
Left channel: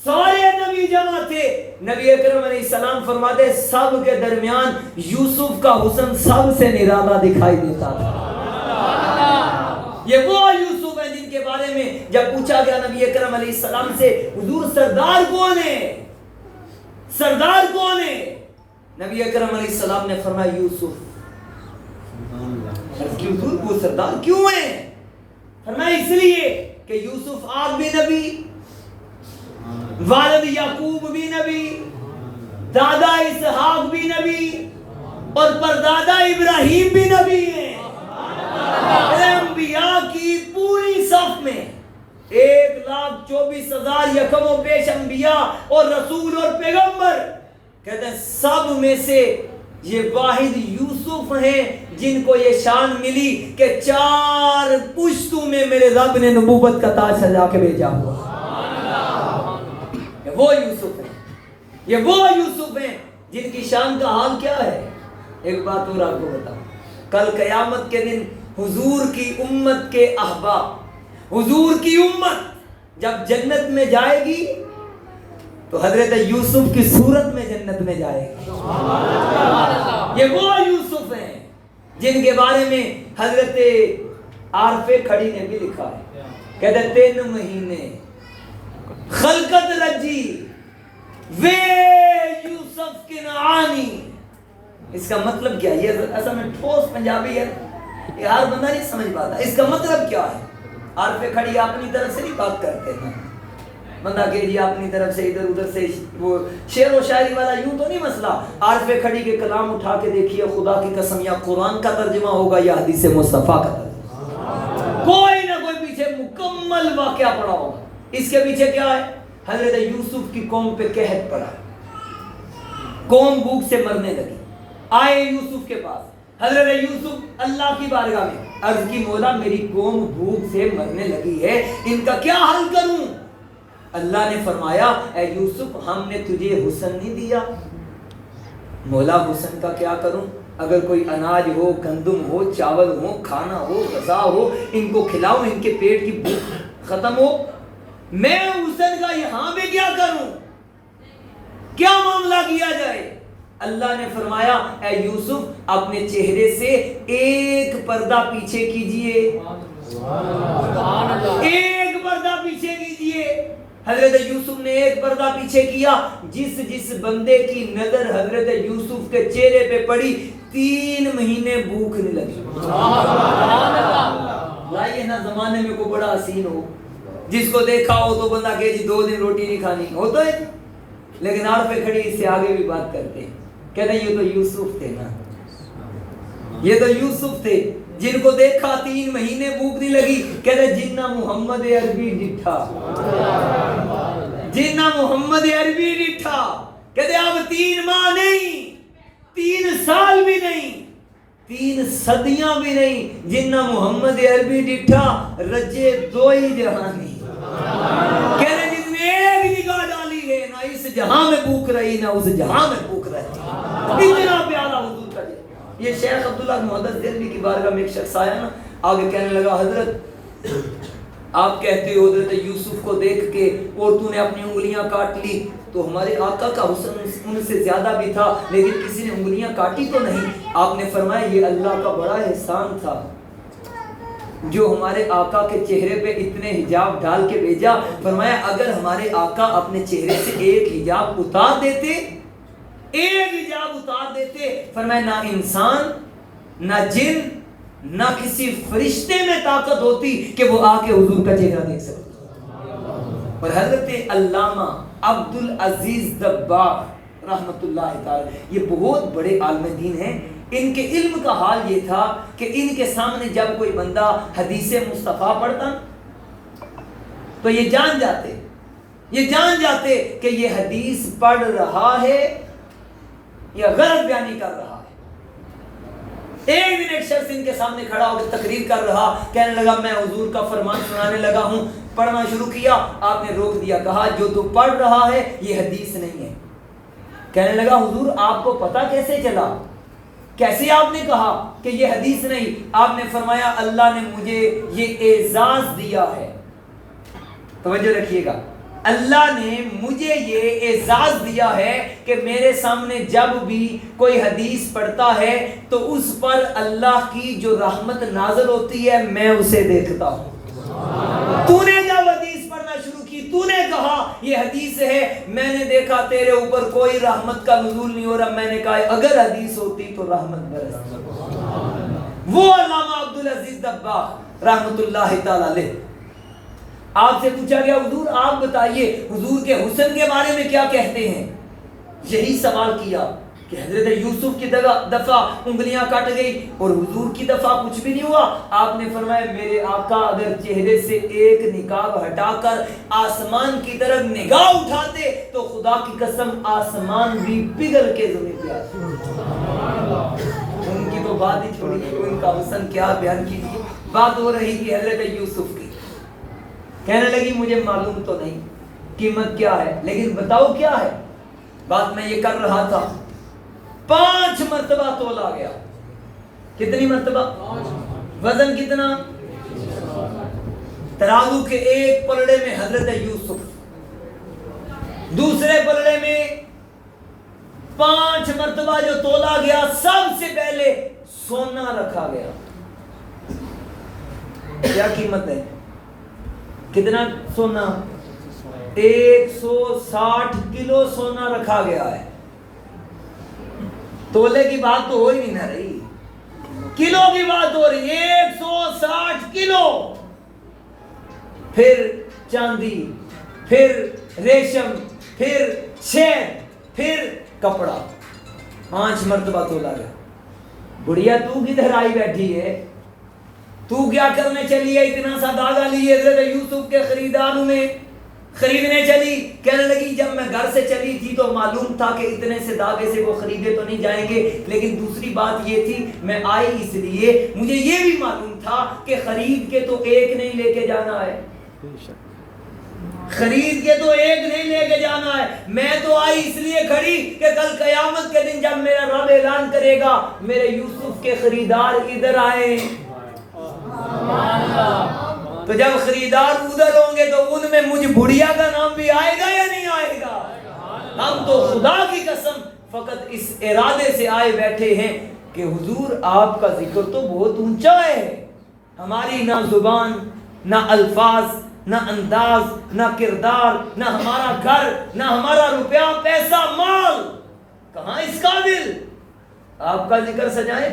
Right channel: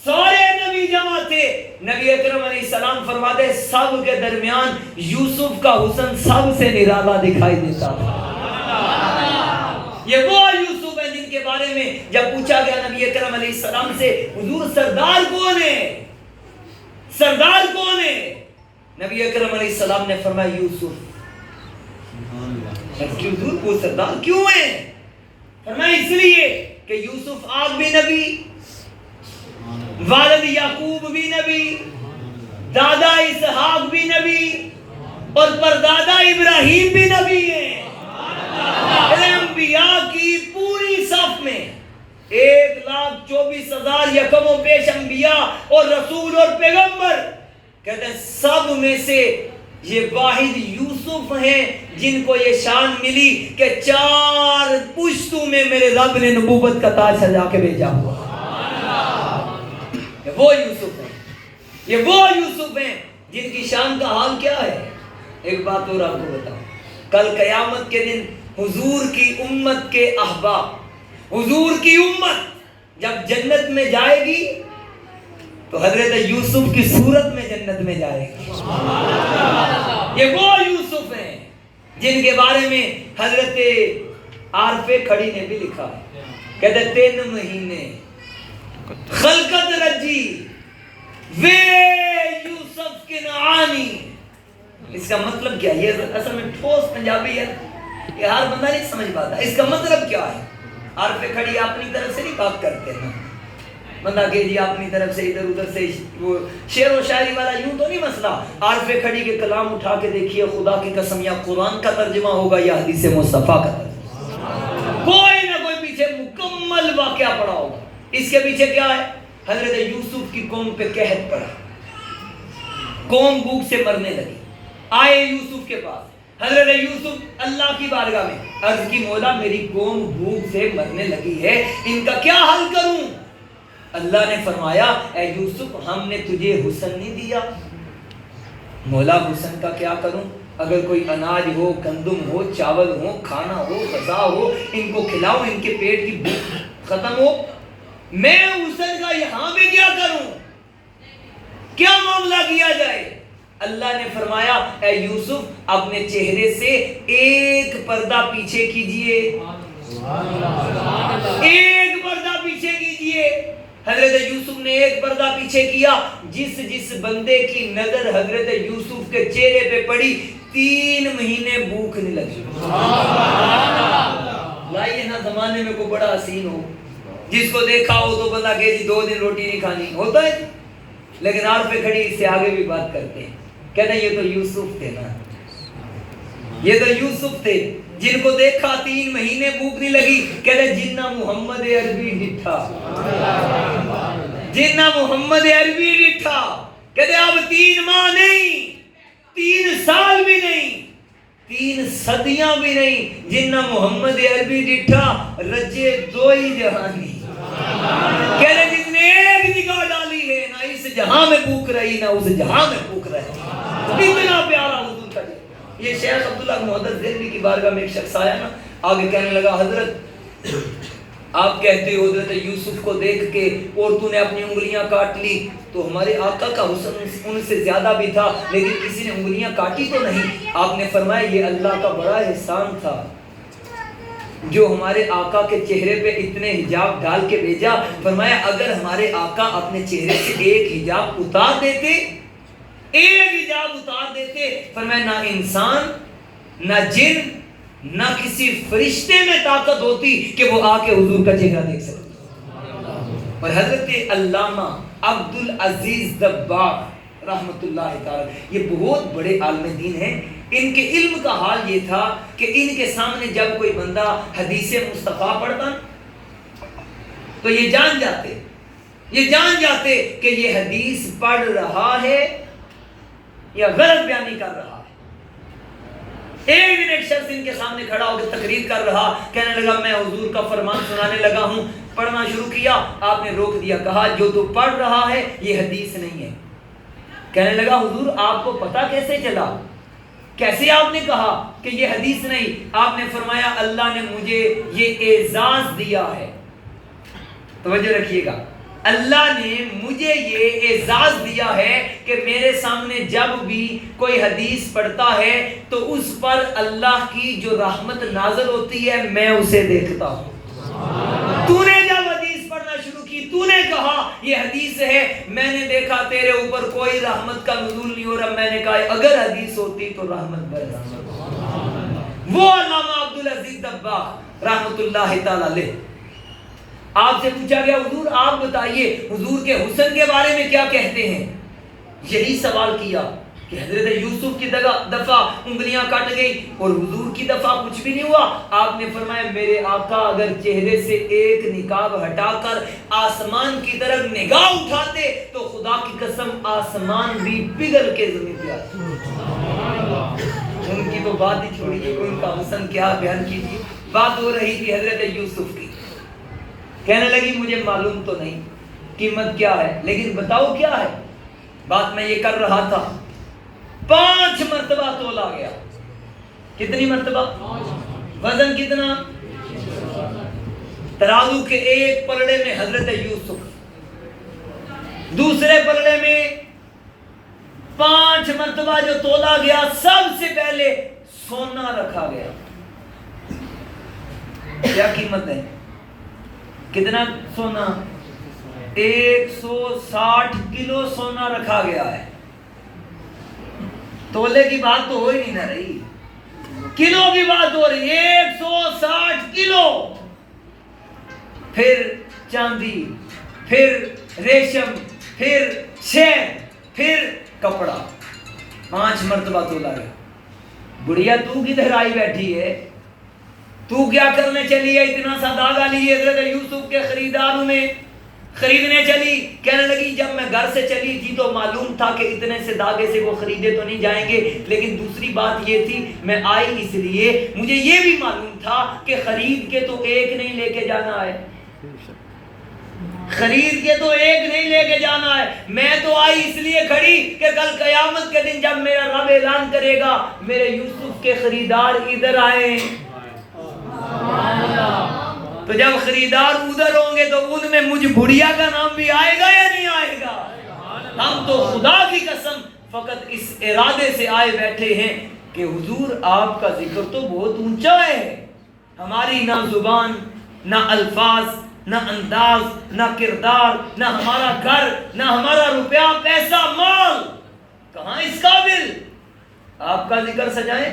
سارے نبی جمع تھے. نبی اکرم علیہ السلام فرماتے سب کے درمیان یوسف کا حسن سب سے نرالا دکھائی دیتا تھا. یہ وہ یوسف ہیں جن کے بارے میں جب پوچھا گیا نبی اکرم علیہ السلام سے حضور سردار کون ہے, سردار کون ہے, نبی اکرم علیہ السلام نے فرمایا یوسف. حضور وہ سردار کیوں ہیں؟ فرمایا اس لیے کہ یوسف آپ بھی نبی, والد یعقوب بھی نبی, دادا اسحاق بھی نبی, اور پردادا ابراہیم بھی نبی ہیں. انبیاء کی پوری صف میں 1,24,000 یکم و بیش انبیاء اور رسول اور پیغمبر, کہتے ہیں سب میں سے یہ واحد یوسف ہیں جن کو یہ شان ملی کہ 4 پشتوں میں میرے رب نے نبوت کا تاج سجا کے بھیجا ہوا. وہ یوسف ہیں, یہ وہ یوسف ہیں جن کی شان کا حال کیا ہے. ایک بات اور آپ کو بتاؤں, کل قیامت کے دن حضور کی امت کے احباب, حضور کی امت جب جنت میں جائے گی تو حضرت یوسف کی صورت میں جنت میں جائے گی. یہ وہ یوسف ہیں جن کے بارے میں حضرت عارف کھڑی نے بھی لکھا, کہتے 3 مہینے خلقت رجی وے یوسف کنعانی. اس کا مطلب کیا ہے؟ یہ اصل میں ٹھوس پنجابی ہے, یہ ہر بندہ نہیں سمجھ پاتا. اس کا مطلب کیا ہے؟ عارف کھڑی اپنی طرف سے نہیں بات کرتے ہیں, بندہ کہ جی اپنی طرف سے ادھر ادھر سے وہ شعر و شاعری والا یوں تو نہیں مسئلہ. عارف کھڑی کے کلام اٹھا کے دیکھیے, خدا کی قسم یا قرآن کا ترجمہ ہوگا یا حدیث مصطفیٰ کا ترجمہ, کوئی نہ کوئی پیچھے مکمل واقعہ پڑا ہوگا. اس کے پیچھے کیا ہے؟ حضرت یوسف کی قوم پہ قحط پڑا, قوم بھوک سے مرنے لگی. آئے یوسف کے پاس, حضرت یوسف اللہ کی بارگاہ میں عرض کی مولا میری قوم بھوک سے مرنے لگی ہے, ان کا کیا حل کروں؟ اللہ نے فرمایا اے یوسف ہم نے تجھے حسن نہیں دیا. مولا حسن کا کیا کروں؟ اگر کوئی اناج ہو, گندم ہو, چاول ہو, کھانا ہو, غذا ہو, ان کو کھلاؤ, ان کے پیٹ کی بھوک ختم ہو. میں حسن کا یہاں پہ کیا کروں؟ کیا معاملہ کیا جائے؟ اللہ نے فرمایا اے یوسف اپنے چہرے سے ایک پردہ پیچھے کیجئے, ایک پردہ پیچھے کیجئے. حضرت یوسف نے ایک پردہ پیچھے کیا. جس بندے کی نظر حضرت یوسف کے چہرے پہ پڑی 3 مہینے بھوک نہیں لگی. لائیے نا زمانے میں کوئی بڑا حسین ہو جس کو دیکھا ہو تو بندہ کہ جی 2 دن روٹی نہیں کھانی, ہوتا ہے. لیکن آپ پہ کھڑی اس سے آگے بھی بات کرتے ہیں, کہتے ہیں یہ تو یوسف تھے نا, یہ تو یوسف تھے جن کو دیکھا 3 مہینے بھوک نہیں لگی. کہتے ہیں جنہ محمد عربی ڈٹھا, جنہ محمد عربی ڈٹھا. کہتے ہیں اب 3 ماہ نہیں, 3 سال بھی نہیں, 3 صدیاں بھی نہیں, جنہ محمد عربی ڈٹھا رجے 2 ہی جہانی. کہتے ہیں جس نے ایک نگاہ ڈالی ہے نہ اس جہاں میں بھوک رہی نہ اس جہاں میں بھوک رہی. اتنا پیارا حضور کا جی. یہ شیخ عبداللہ محدث دہلوی کی بارگاہ میں ایک شخص آیا نا, آگے کہنے لگا حضرت آپ کہتے ہو حضرت یوسف کو دیکھ کے اور تو نے اپنی انگلیاں کاٹ لی, تو ہمارے آقا کا حسن ان سے زیادہ بھی تھا لیکن کسی نے انگلیاں کاٹی تو نہیں. آپ نے فرمایا یہ اللہ کا بڑا احسان تھا جو ہمارے آقا کے چہرے پہ اتنے حجاب ڈال کے بھیجا. فرمایا اگر ہمارے آقا اپنے چہرے سے ایک حجاب اتار دیتے, ایک حجاب اتار دیتے, فرمایا نہ انسان نہ جن نہ کسی فرشتے میں طاقت ہوتی کہ وہ آ کے حضور کا چہرہ دیکھ سکتے. اور حضرت علامہ عبدالعزیز دباغ رحمت اللہ تعالی یہ بہت بڑے عالم دین ہیں. ان کے علم کا حال یہ تھا کہ ان کے سامنے جب کوئی بندہ حدیث مصطفیٰ پڑھتا تو یہ جان جاتے کہ یہ حدیث پڑھ رہا ہے یا غلط بیانی کر رہا ہے. ایک دن ایک شخص ان کے سامنے کھڑا ہو کے تقریر کر رہا, کہنے لگا میں حضور کا فرمان سنانے لگا ہوں. پڑھنا شروع کیا, آپ نے روک دیا, کہا جو تو پڑھ رہا ہے یہ حدیث نہیں ہے. کہنے لگا حضور آپ کو پتہ کیسے چلا, کیسے آپ نے کہا کہ یہ حدیث نہیں؟ آپ نے فرمایا اللہ نے مجھے یہ اعزاز دیا ہے. توجہ رکھیے گا, اللہ نے مجھے یہ اعزاز دیا ہے کہ میرے سامنے جب بھی کوئی حدیث پڑھتا ہے تو اس پر اللہ کی جو رحمت نازل ہوتی ہے میں اسے دیکھتا ہوں. تو نے جب حدیث پڑھنا شروع کی, تو نے کہا یہ حدیث ہے, میں نے دیکھا تیرے اوپر کوئی رحمت کا نزول نہیں ہو رہا. میں نے کہا اگر حدیث ہوتی تو رحمت برستی. وہ علامہ عبدالعزیز دباغ رحمت اللہ تعالی علیہ, آپ سے پوچھا گیا حضور آپ بتائیے حضور کے حسن کے بارے میں کیا کہتے ہیں. یہی سوال کیا کہ حضرت یوسف کی دفعہ انگلیاں کٹ گئی اور حضور کی دفعہ کچھ بھی نہیں ہوا. آپ نے فرمایا میرے آقا اگر چہرے سے ایک نقاب ہٹا کر آسمان کی طرف نگاہ اٹھاتے تو خدا کی قسم آسمان بھی پگھل کے زمین پہ آتا. ان کی تو بات ہی چھوڑی, ان کا حسن کیا بیان کیجیے. بات ہو رہی تھی حضرت یوسف کی, کہنے لگی مجھے معلوم تو نہیں قیمت کیا ہے لیکن بتاؤ کیا ہے. بات میں یہ کر رہا تھا, 5 مرتبہ تولا گیا. کتنی مرتبہ؟ وزن کتنا؟ ترازو کے ایک پلڑے میں حضرت یوسف, دوسرے پلڑے میں 5 مرتبہ جو تولا گیا سب سے پہلے سونا رکھا گیا. کیا قیمت ہے؟ کتنا سونا؟ 160 کلو سونا رکھا گیا ہے. تولے کی بات تو ہو ہی نہیں نہ رہی, کلو کی بات ہو رہی. 160 کلو. پھر چاندی, پھر ریشم, پھر شہد, پھر کپڑا. 5 مرتبہ تولا گیا. بڑھیا تو کدھر آئی بیٹھی ہے, تو کیا کرنے چلی ہے اتنا سا داغا لیے حضرت یوسف کے خریداروں میں خریدنے چلی. کہنے لگی جب میں گھر سے چلی تھی تو معلوم تھا کہ اتنے سے داغے سے وہ خریدے تو نہیں جائیں گے, لیکن دوسری بات یہ تھی میں آئی اس لیے مجھے یہ بھی معلوم تھا کہ خرید کے تو ایک نہیں لے کے جانا ہے, خرید کے تو ایک نہیں لے کے جانا ہے. میں تو آئی اس لیے کھڑی کہ کل قیامت کے دن جب میرا رب اعلان کرے گا میرے یوسف کے خریدار ادھر آئے, تو جب خریدار ادھر ہوں گے تو ان میں مجھ بڑھیا کا نام بھی آئے گا یا نہیں آئے گا. ہم تو خدا کی قسم فقط اس ارادے سے آئے بیٹھے ہیں کہ حضور آپ کا ذکر تو بہت اونچا ہے. ہماری نہ زبان, نہ الفاظ, نہ انداز, نہ کردار, نہ ہمارا گھر, نہ ہمارا روپیہ پیسہ مال کہاں اس قابل آپ کا ذکر سجائے.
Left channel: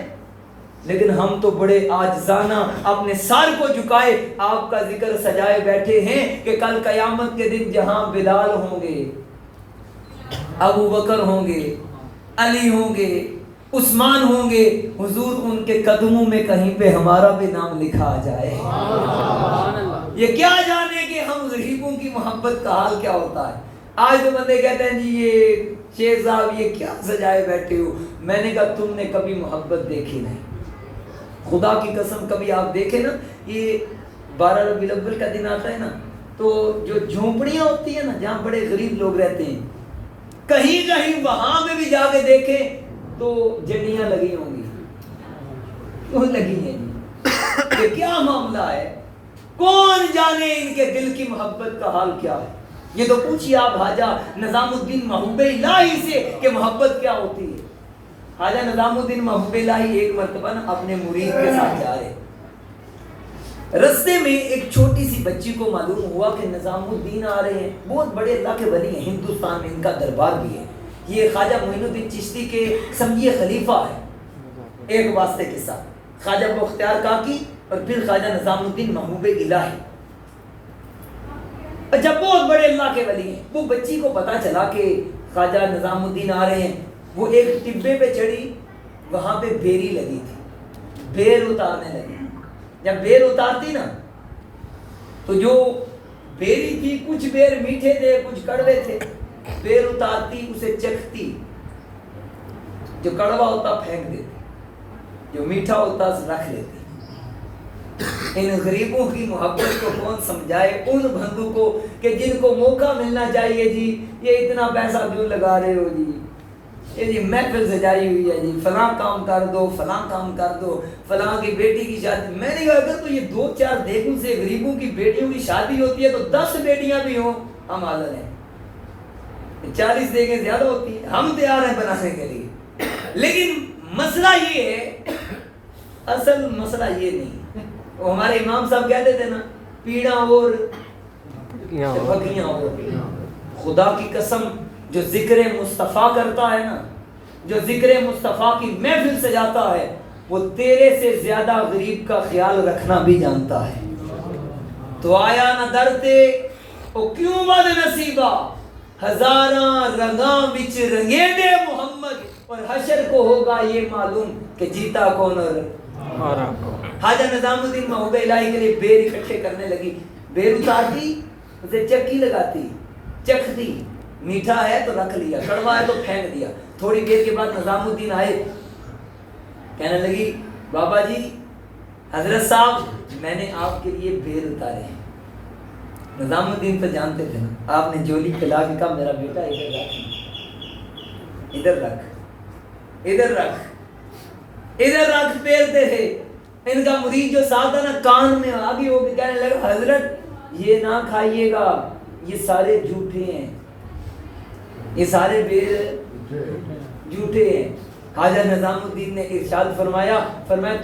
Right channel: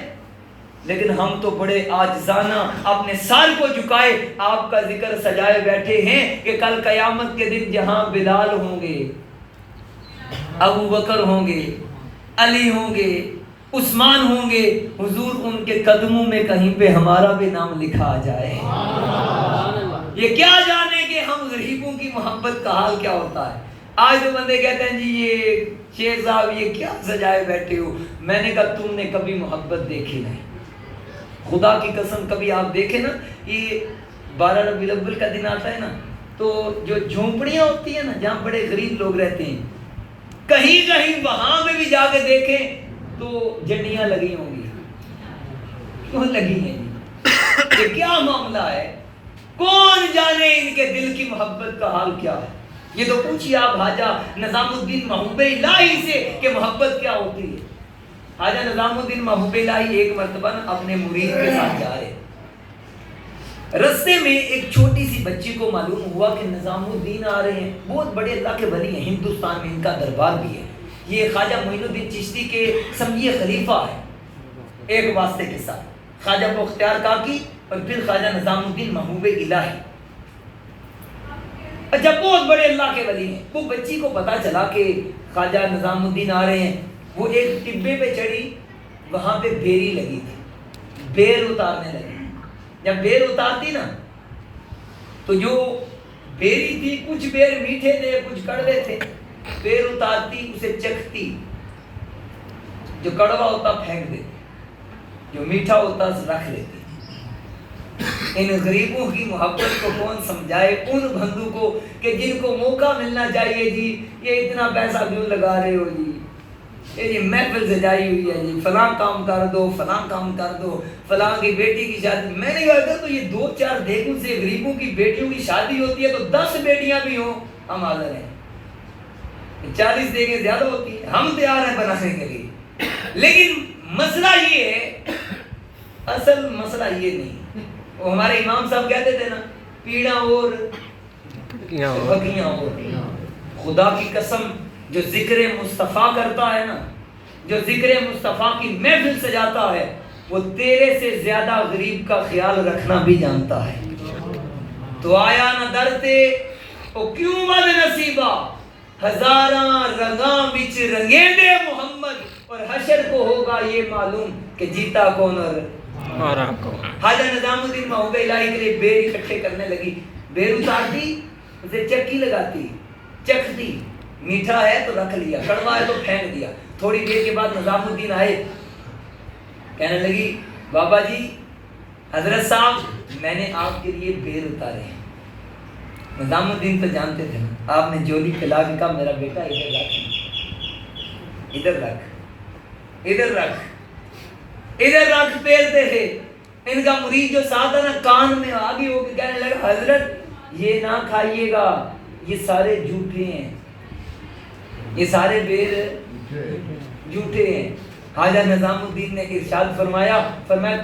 لیکن ہم تو بڑے عاجزانہ اپنے سر کو جھکائے آپ کا ذکر سجائے بیٹھے ہیں کہ کل قیامت کے دن جہاں بلال ہوں گے, ابو بکر ہوں گے, علی ہوں گے, عثمان ہوں گے, حضور ان کے قدموں میں کہیں پہ ہمارا بھی نام لکھا جائے. یہ کیا جانے کہ ہم غریبوں کی محبت کا حال کیا ہوتا ہے. آج تو بندے کہتے ہیں جی یہ شیخ صاحب یہ کیا سجائے بیٹھے ہو. میں نے کہا تم نے کبھی محبت دیکھی نہیں. خدا کی قسم کبھی آپ دیکھیں نا, یہ 12 ربیع الاول کا دن آتا ہے نا تو جو جھونپڑیاں ہوتی ہیں نا جہاں بڑے غریب لوگ رہتے ہیں, کہیں کہیں وہاں پہ بھی جا کے دیکھیں تو جھنڈیاں لگی ہوں گی. کیوں لگی ہیں؟ یہ کیا معاملہ ہے؟ کون جانے ان کے دل کی محبت کا حال کیا ہے. یہ تو پوچھیے آپ حاجہ نظام الدین محبوب الہی سے کہ محبت کیا ہوتی ہے. حاجہ نظام الدین محبوب الہی ایک مرتبہ اپنے مرید کے ساتھ جا رہے, رستے میں ایک چھوٹی سی بچی کو معلوم ہوا کہ نظام الدین آ رہے ہیں, بہت بڑے اللہ کے ولی ہیں, ہندوستان میں ان کا دربار بھی ہے. یہ خواجہ معین الدین چشتی کے سمجھیے خلیفہ ہے. ایک واسطے کے ساتھ خواجہ بختیار کاکی اور پھر خواجہ نظام الدین محبوب الہی. اچھا بہت بڑے اللہ کے ولی ہیں. وہ بچی کو پتا چلا کہ خواجہ نظام الدین آ رہے ہیں. وہ ایک ٹبے پہ چڑھی, وہاں پہ بیری لگی تھی, بیر اتارنے لگی. جب بیر اتارتی نا تو جو بیری تھی کچھ بیر میٹھے تھے کچھ کڑوے تھے, بیر اتارتی اسے چکھتی جو کڑوا ہوتا پھینک دیتے, جو میٹھا ہوتا رکھ لیتے. ان غریبوں کی محبت کو کون سمجھائے, ان بندوں کو کہ جن کو موقع ملنا چاہیے جی یہ اتنا پیسہ کیوں لگا رہے ہو جی, یہ جی محفل سجائی ہوئی ہے جی, فلاں کام کر دو, فلاں کام کر دو, فلاں کی بیٹی کی شادی. میں نے کہا تو یہ 2-4 دیگوں سے غریبوں کی بیٹیوں کی شادی ہوتی ہے تو 10 بیٹیاں بھی ہوں ہم حاضر ہیں. 40 دیگیں زیادہ ہوتی ہیں, ہم تیار ہیں بنانے کے لیے. لیکن مسئلہ یہ ہے, اصل مسئلہ یہ نہیں. وہ ہمارے امام صاحب کہتے تھے نا, پیڑا اور بکیاں اور. خدا کی قسم جو ذکر مصطفیٰ کرتا ہے نا, جو ذکر مصطفیٰ کی محفل سجاتا ہے, وہ تیرے سے زیادہ غریب کا خیال رکھنا بھی جانتا ہے. تو آیا نہ درتے او کیوں بد نصیبہ, ہزاراں رنگاں وچ رنگے دے محمد, اور حشر کو ہوگا یہ معلوم کہ جیتا کون اور مارا کون. خواجہ نظام الدین محبوب الہی کے لیے بیر اکٹھے کرنے لگی. بیر اتارتی, اسے چکی لگاتی, چکھتی, میٹھا ہے تو رکھ لیا, کڑوا ہے تو پھینک دیا. تھوڑی دیر کے بعد نظام الدین آئے, کہنے لگی بابا جی حضرت صاحب میں نے آپ کے لیے بیر اتارے ہیں. نظام الدین تو جانتے تھے نا, آپ نے جولی کھلا کے کہا میرا بیٹا ادھر رکھ, ادھر رکھ, ادھر رکھ, ادھر رکھ. پھیرتے تھے. ان کا مرید جو ساتھ ہے نا کان میں آگے ہو کے کہنے لگا حضرت یہ نہ کھائیے گا, یہ سارے جھوٹے ہیں, یہ سارے بیر جھوٹے ہیں. خواجہ نظام الدین نے ارشاد فرمایا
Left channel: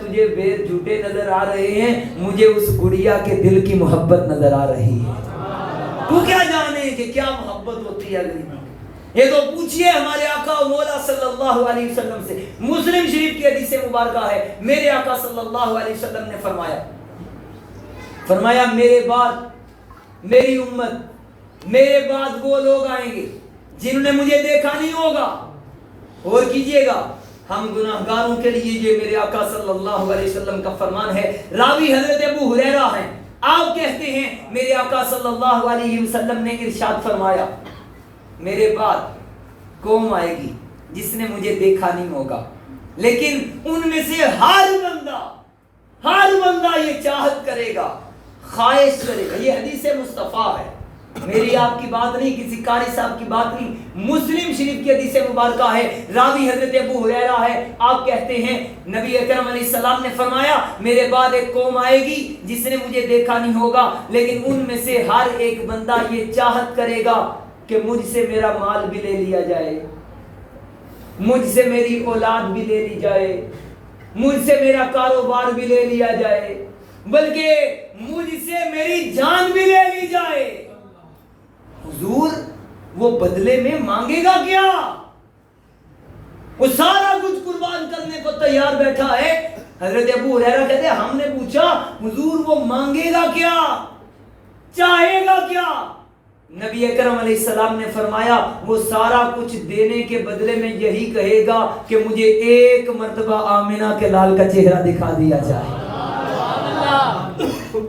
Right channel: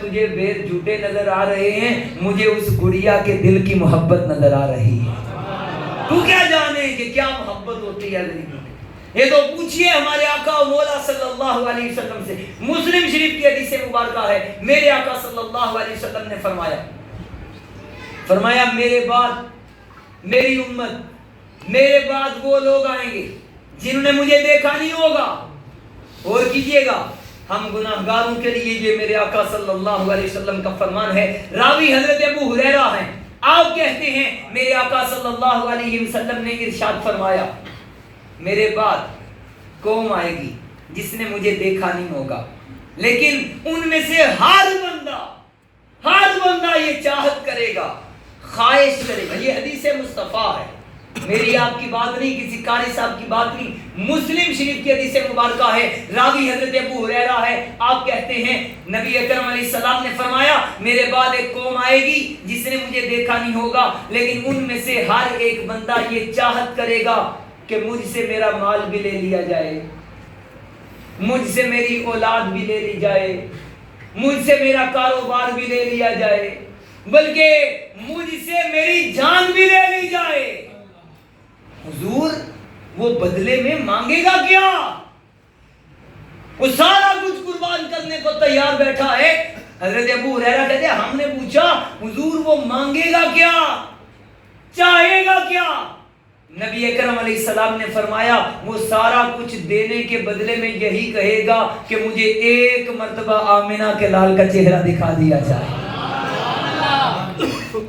تجھے بیر جھوٹے نظر آ رہے ہیں, مجھے اس گڑیا کے دل کی محبت نظر آ رہی ہے. تو کیا جانے کہ کیا محبت ہوتی ہے غریبوں کی. یہ تو پوچھئے ہمارے آقا و مولا صلی اللہ علیہ وسلم سے. مسلم شریف کی حدیث مبارکہ ہے, میرے آقا صلی اللہ علیہ وسلم نے فرمایا میرے بعد میری امت, میرے بعد وہ لوگ آئیں گے جنہوں نے مجھے دیکھا نہیں ہوگا. اور کیجئے گا ہم گناہگاروں کے لیے یہ میرے آقا صلی اللہ علیہ وسلم کا فرمان ہے. راوی حضرت ابو ہریرہ ہیں, آپ کہتے ہیں میرے آقا صلی اللہ علیہ وسلم نے ارشاد فرمایا میرے بعد قوم آئے گی جس نے مجھے دیکھا نہیں ہوگا, لیکن ان میں سے ہر بندہ یہ چاہت کرے گا, خواہش کرے گا. یہ حدیث مصطفیٰ ہے, میری آپ کی بات نہیں, کسی قاری صاحب کی بات نہیں, مسلم شریف کی حدیث مبارکہ ہے. راوی حضرت ابو ہریرہ ہے, آپ کہتے ہیں نبی اکرم علیہ السلام نے فرمایا میرے بعد ایک قوم آئے گی جس نے مجھے دیکھا نہیں ہوگا, لیکن ان میں سے ہر ایک بندہ یہ چاہت کرے گا کہ مجھ سے میرا مال بھی لے لیا جائے, مجھ سے میری اولاد بھی لے لی جائے, مجھ سے میرا کاروبار بھی لے لیا جائے, بلکہ مجھ سے میری جان بھی لے لی جائے. حضور وہ بدلے میں مانگے گا کیا؟ وہ سارا کچھ قربان کرنے کو تیار بیٹھا ہے. حضرت ابو ہریرہ کہتے ہیں ہم نے پوچھا حضور وہ مانگے گا کیا, چاہے گا کیا؟ نبی اکرم علیہ السلام نے فرمایا وہ سارا کچھ دینے کے بدلے میں یہی کہے گا کہ مجھے ایک مرتبہ آمنہ کے لال کا چہرہ دکھا دیا جائے.